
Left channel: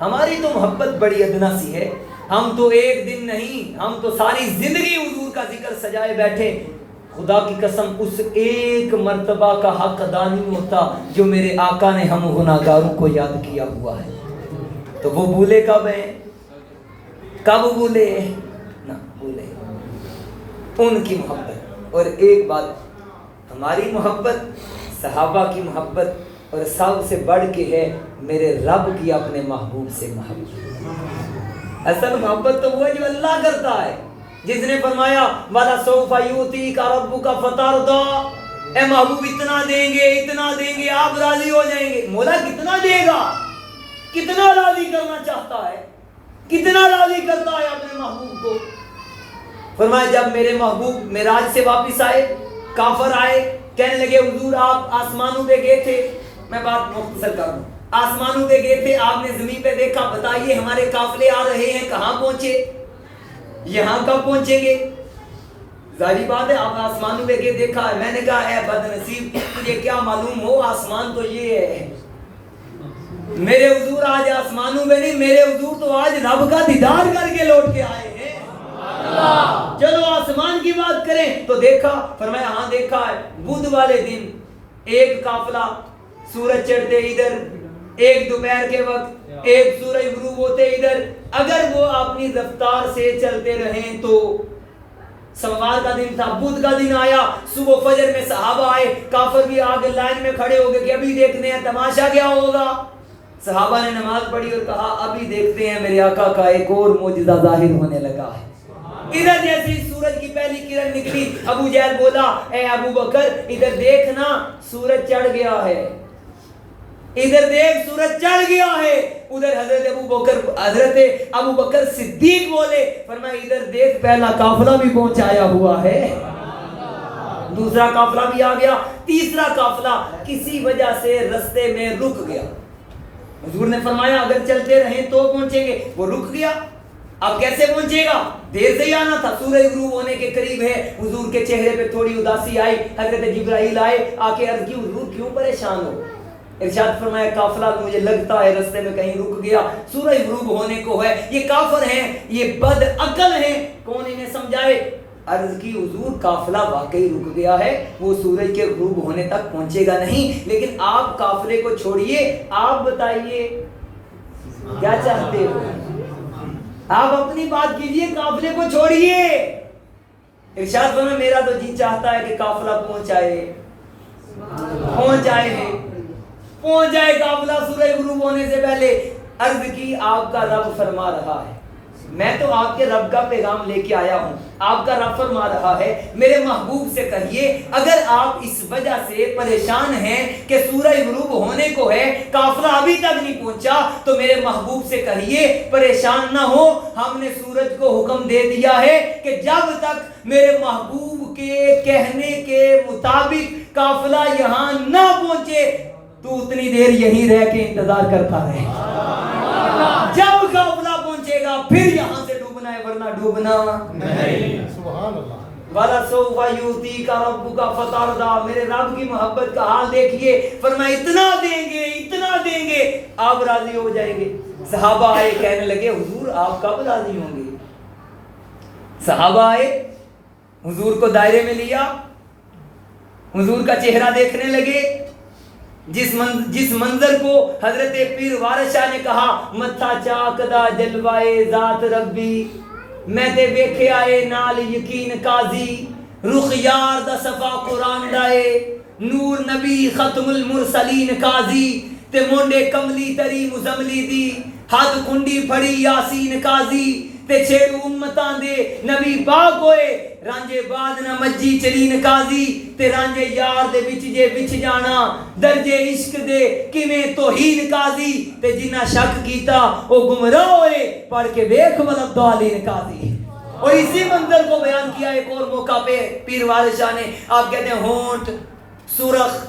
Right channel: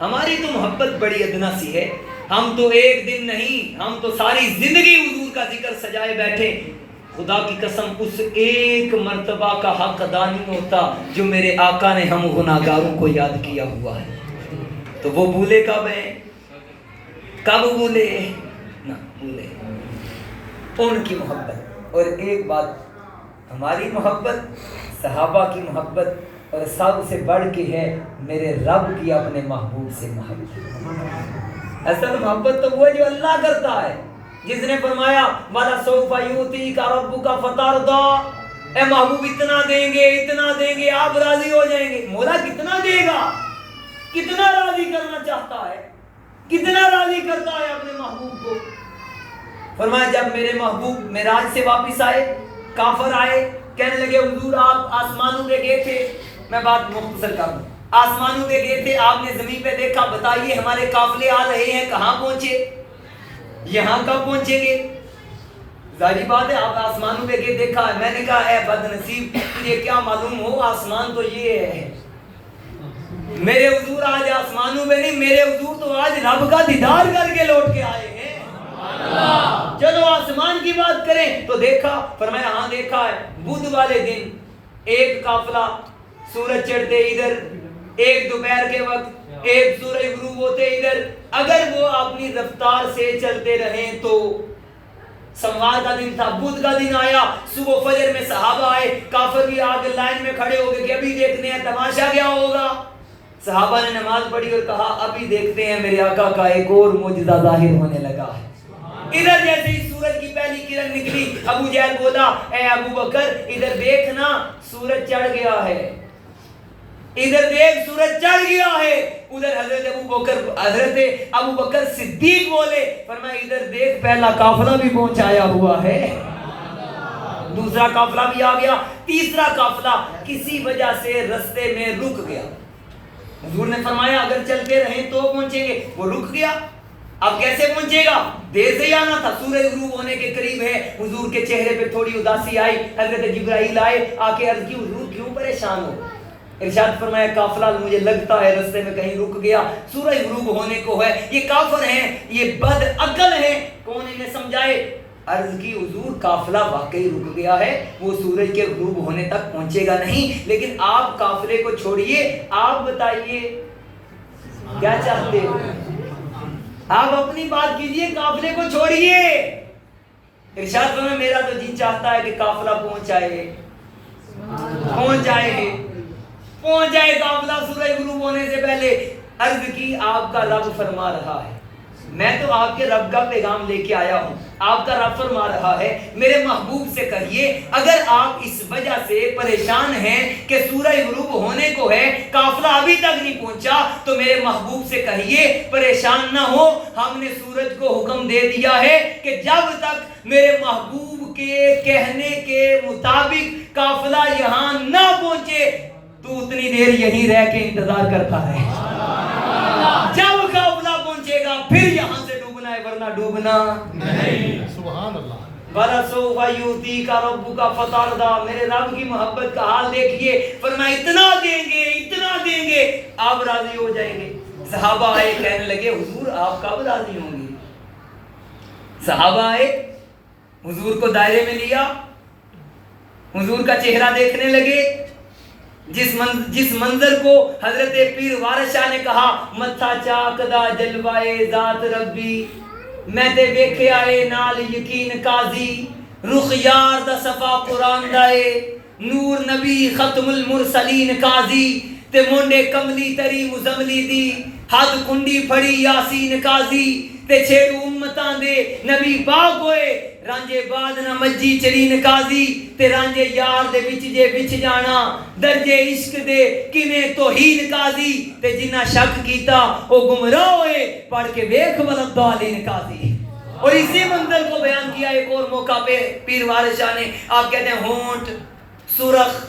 ہماری تو محبت بڑی ادنا سی ہے. ہم تو ایک دن نہیں, ہم تو ساری زندگی حضور کا ذکر سجائے بیٹھے. خدا کی قسم اس ایک مرتبہ کا حق ادا نہیں ہوتا جو میرے آقا نے ہم گناہگاروں کو یاد کیا ہوا ہے. تو وہ بھولے کب ہیں؟ کب بھولے؟ نہ بھولے ان کی محبت. اور ایک بات, ہماری محبت صحابہ کی محبت اور سب سے بڑھ کے ہے میرے رب کی اپنے محبوب سے محبت. اصل محبت تو وہ جو اللہ کرتا ہے, جس نے فرمایا وَلَسَوْفَ يُؤْتِيكَ رَبُّكَ فَتَرْضَىٰ, اے محبوب اتنا دیں گے آپ راضی ہو جائیں گے. مولا کتنا دے گا؟ کتنا راضی کرنا چاہتا ہے, کتنا راضی کرتا ہے اپنے محبوب کو. فرمایا جب میرے محبوب معراج سے واپس آئے, کافر آئے, کہنے لگے حضور آپ آسمانوں پہ گئے تھے. میں بات مختصر کر دوں, آسمانوں پہ گئے تھے، آپ نے زمین پہ دیکھا، بتائیے ہمارے قافلے آ رہے ہیں، کہاں پہنچے؟ یہاں کب پہنچیں گے؟ ظاہری بات ہے، آپ آسمانوں پہ گئے دیکھا ہے۔ میں نے کہا اے بد نصیب، تجھے کیا معلوم ہو آسمان تو یہ ہے۔ میرے حضور آج آسمانوں پہ نہیں، میرے حضور تو آج رب کا دیدار کر کے لوٹ کے آئے ہیں۔ چلو آسمان کی بات کریں تو دیکھا، فرمایا ہاں دیکھا ہے، بدھ والے دن ایک قافلہ سورج چڑھتے ادھر، ایک دوپہر کے وقت ایک سورج غروب ہوتے ادھر۔ اگر وہ اپنی رفتار سے چلتے رہیں تو سوموار کا دن تھا، بدھ کا دن آیا، صبح فجر میں صحابہ آئے، کافر بھی آگے لائن میں کھڑے ہو گئے کہ ابھی دیکھتے ہیں تماشا کیا ہوگا۔ صحابہ نے نماز پڑھی اور کہا ابھی دیکھتے ہیں میرے آقا کا ایک اور معجزہ ظاہر ہونے لگا ہے۔ ادھر جیسے ہی سورج کی پہلی کرن نکلی، ابو جہل بولا اے ابو بکر ادھر دیکھنا سورج چڑھ گیا ہے، ادھر دیکھ سورج چڑھ گیا ہے۔ ادھر حضرت ابو بکر صدیق بولے، فرمایا ادھر دیکھ پہلا قافلہ بھی پہنچایا ہوا ہے، دوسرا قافلہ بھی آ گیا، تیسرا قافلہ کسی وجہ سے رستے میں رک گیا۔ حضور نے فرمایا اگر چلتے رہیں تو پہنچیں گے، وہ رک گیا۔ اب کیسے پہنچے گا؟ دیر سے ہی آنا تھا، سورج غروب ہونے کے قریب ہے۔ حضور کے چہرے پہ تھوڑی اداسی آئی، حضرت جبرائیل آئے، آ کے عرض کی حضور کیوں پریشان ہو؟ ارشاد فرمایا قافلہ مجھے لگتا ہے رستے میں کہیں رک گیا، سورج غروب ہونے کو ہے، یہ کافر ہیں، یہ بد عقل ہیں، کون انہیں سمجھائے؟ عرض کی حضور قافلہ واقعی رک گیا ہے، وہ سورج کے غروب ہونے تک پہنچے گا نہیں، لیکن آپ قافلے کو چھوڑیے، آپ بتائیے کیا چاہتے ہو؟ آپ اپنی بات کیجئے، قافلے کو چھوڑیے۔ ارشاد فرمایا میرا تو جی چاہتا ہے کہ قافلہ پہنچ جائے قافلہ سورج غروب ہونے سے پہلے۔ عرض کی آپ کا رب فرما رہا ہے، میں تو آپ کے رب کا پیغام لے کے آیا ہوں، آپ کا رب فرما رہا ہے میرے محبوب سے کہیے اگر آپ اس وجہ سے پریشان ہیں کہ سورج غروب ہونے کو ہے، قافلہ ابھی تک نہیں پہنچا، تو میرے محبوب سے کہیے پریشان نہ ہو، ہم نے سورج کو حکم دے دیا ہے کہ جب تک میرے محبوب کے کہنے کے مطابق قافلہ یہاں نہ پہنچے تو اتنی دیر یہیں رہ کے انتظار کرتا رہے، جب قافلہ پہنچے گا پھر یہاں سے ڈوبنا ہے ورنہ ڈوبنا نہیں۔ سبحان اللہ۔ وَلَسَوْفَ يُؤْتِيكَ رَبُّكَ فَتَرْضَىٰ، میرے رب کی محبت کا حال دیکھیے، فرمایا اتنا دیں گے آپ راضی ہو جائیں گے۔ صحابہ آئے کہنے لگے حضور آپ کب راضی ہوں گے؟ صحابہ آئے، حضور کو دائرے میں لیا، حضور کا چہرہ دیکھنے لگے، جس منظر کو حضرت پیر وارث شاہ نے کہا متھا چاکدا جلوائے ذات ربی، میں تے ویکھیا اے نال یقین قاضی، رخ یار دا صفا قرآن دائے، نور نبی ختم المرسلین قاضی، تے مونڈے کملی تری مزملی دی، حد کنڈی پھڑی یاسین قاضی، تے چھیڑ امتاں دے نبی پاک ہوئے، رانجے بعد نہ مجی چلین قاضی، تے رانجے یار دے وچ جے وچ جانا، درجے عشق دے کیویں توہین قاضی، تے جنہ شک کیتا او گمراہ ہوئے، پڑھ کے ویکھ ولدالین قاضی۔ اور اسی منظر کو بیان کیا ایک اور موقع پہ پیر وارث شاہ نے، آپ کہتے ہیں ہونٹ سرخ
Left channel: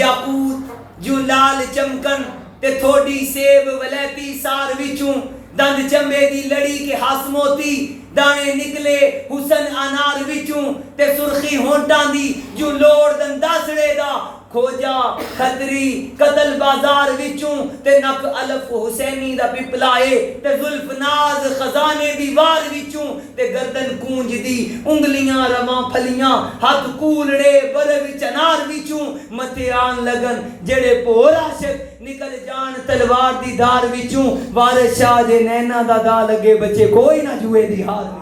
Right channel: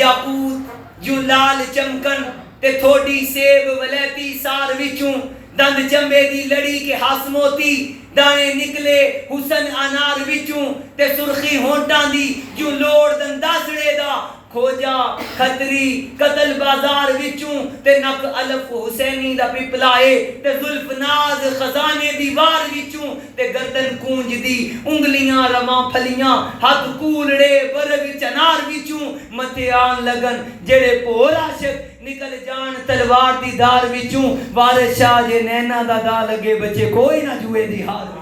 یاقوت جو لال چمکن، تے تھوڑی سیب ولیتی سار وچوں، دند چمبے دی لڑی کے ہاس موتی، دانے نکلے حسن انار وچوں، تے سرخی ہونٹاں دی جو لوڑ دنداسڑے دا، کھوجا خطری قتل بازار وچوں، تے نک الف حسینی دا پپلائے، تے زلف ناز خزانے دیوار وچوں، تے گردن کونج دی انگلیاں رواں پھلیاں، ہاتھ کولڑے برگ چنار وچوں، متھے آن لگن جڑے پور عاشق نکل جان تلوار دی دھار وچوں، وارث شاہ جے نینا دا دا لگے بچے کوئی نہ جوئے دی ہار وچوں۔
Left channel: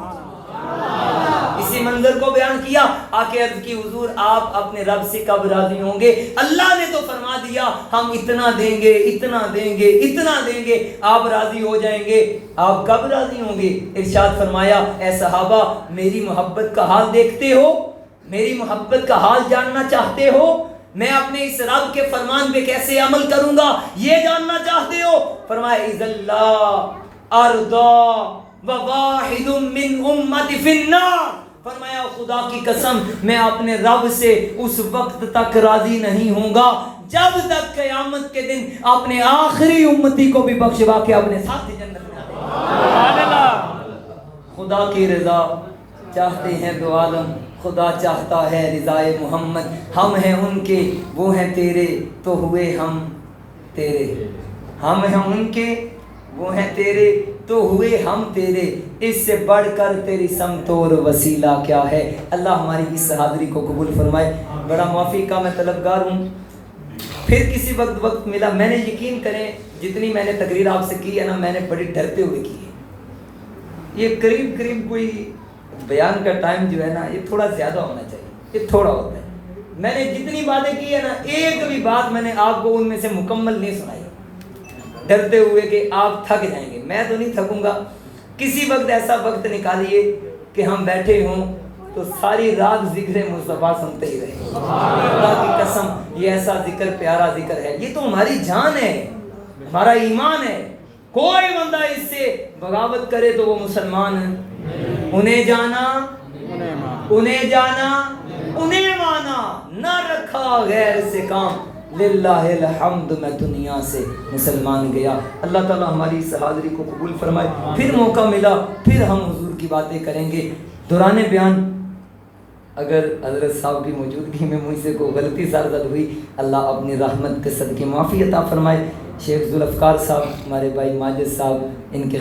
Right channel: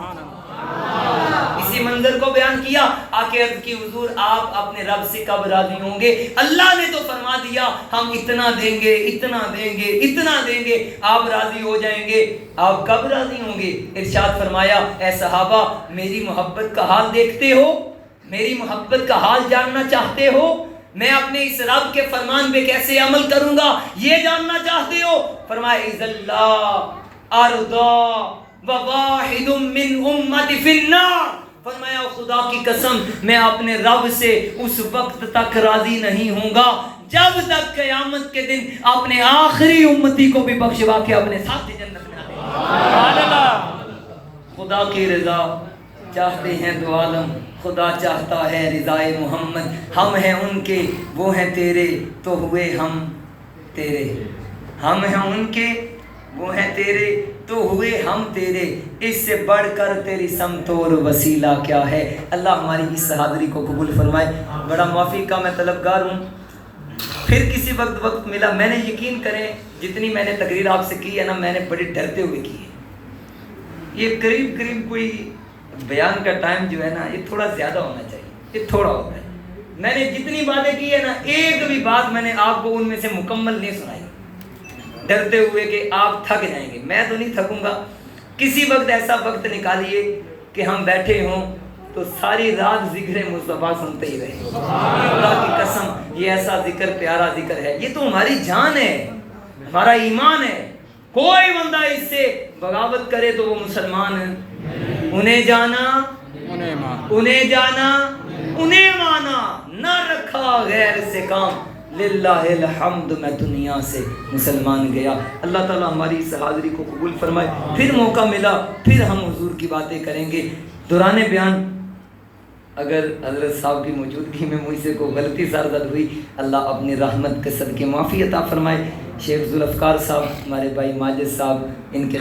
اسی منظر کو بیان کیا، آکے عرض کی حضور آپ اپنے رب سے کب راضی ہوں گے؟ اللہ نے تو فرما دیا ہم اتنا دیں گے، آپ راضی ہو جائیں گے، آپ کب راضی ہوں گے؟ ارشاد فرمایا اے صحابہ میری محبت کا حال دیکھتے ہو، میری محبت کا حال جاننا چاہتے ہو، میں اپنے اس رب کے فرمان پہ کیسے عمل کروں گا یہ جاننا چاہتے ہو؟ فرمایا اذا اللہ ارضا وواحد من امتی فی النار، فرمایا خدا کی قسم میں اپنے رب سے اس وقت تک راضی نہیں ہوں گا جب تک قیامت کے دن اپنے آخری امتی کو بھی بخشوا کے اپنے ساتھ جنت میں دے۔ سبحان اللہ۔ خدا کی رضا چاہتے ہیں دو عالم، خدا چاہتا ہے رضائے محمد، ہم ہیں ان کے وہ ہیں تیرے تو ہوئے ہم تیرے، ہم ہیں ان کے وہ ہیں تیرے تو ہوئے ہم تیرے، اس سے بڑھ کر تیری سمت اور وسیلہ کیا ہے۔ اللہ ہماری اس حاضری کو قبول فرمائے۔ بڑا معافی کا میں طلبگار ہوں، پھر کسی وقت ملا، میں نے یقین کریں جتنی میں نے تقریر آپ سے کی ہے نا، میں نے بڑے ڈرتے ہوئے کی ہے۔ یہ قریب کوئی بیان کا ٹائم جو ہے نا یہ تھوڑا زیادہ ہونا چاہیے، یہ تھوڑا ہوتا ہے۔ میں نے جتنی باتیں کی ہے نا ایک بھی بات میں نے آپ کو ان میں سے مکمل نہیں سنائی، ڈرتے ہوئے کہ آپ تھک جائیں گے۔ میں تو نہیں تھکوں گا۔ کسی وقت ایسا وقت نکالیے کہ ہم بیٹھے ہوں تو ساری رات ذکر مصطفیٰ سنتے ہی رہے۔ خدا کی قسم یہ ایسا ذکر پیارا ذکر ہے، یہ تو ہماری جان ہے، ہمارا ایمان ہے۔ کوئی بندہ اس سے بغاوت کرے تو وہ مسلمان ہے۔ انہیں جانا انہیں مانا، نہ رکھا غیر سے کام، للہ الحمد میں دنیا سے مسلمان گیا۔ اللہ تعالیٰ ہماری اس حاضری کو قبول فرمائے۔ پھر موقع ملا پھر ہم حضور کی باتیں کریں گے۔ دوران بیان اگر حضرت صاحب کی موجودگی میں مجھ سے کوئی غلطی زرزد ہوئی، اللہ اپنی رحمت کے صدقے معافی عطا فرمائے۔ شیخ ذوالفقار صاحب، ہمارے بھائی ماجد صاحب، ان کے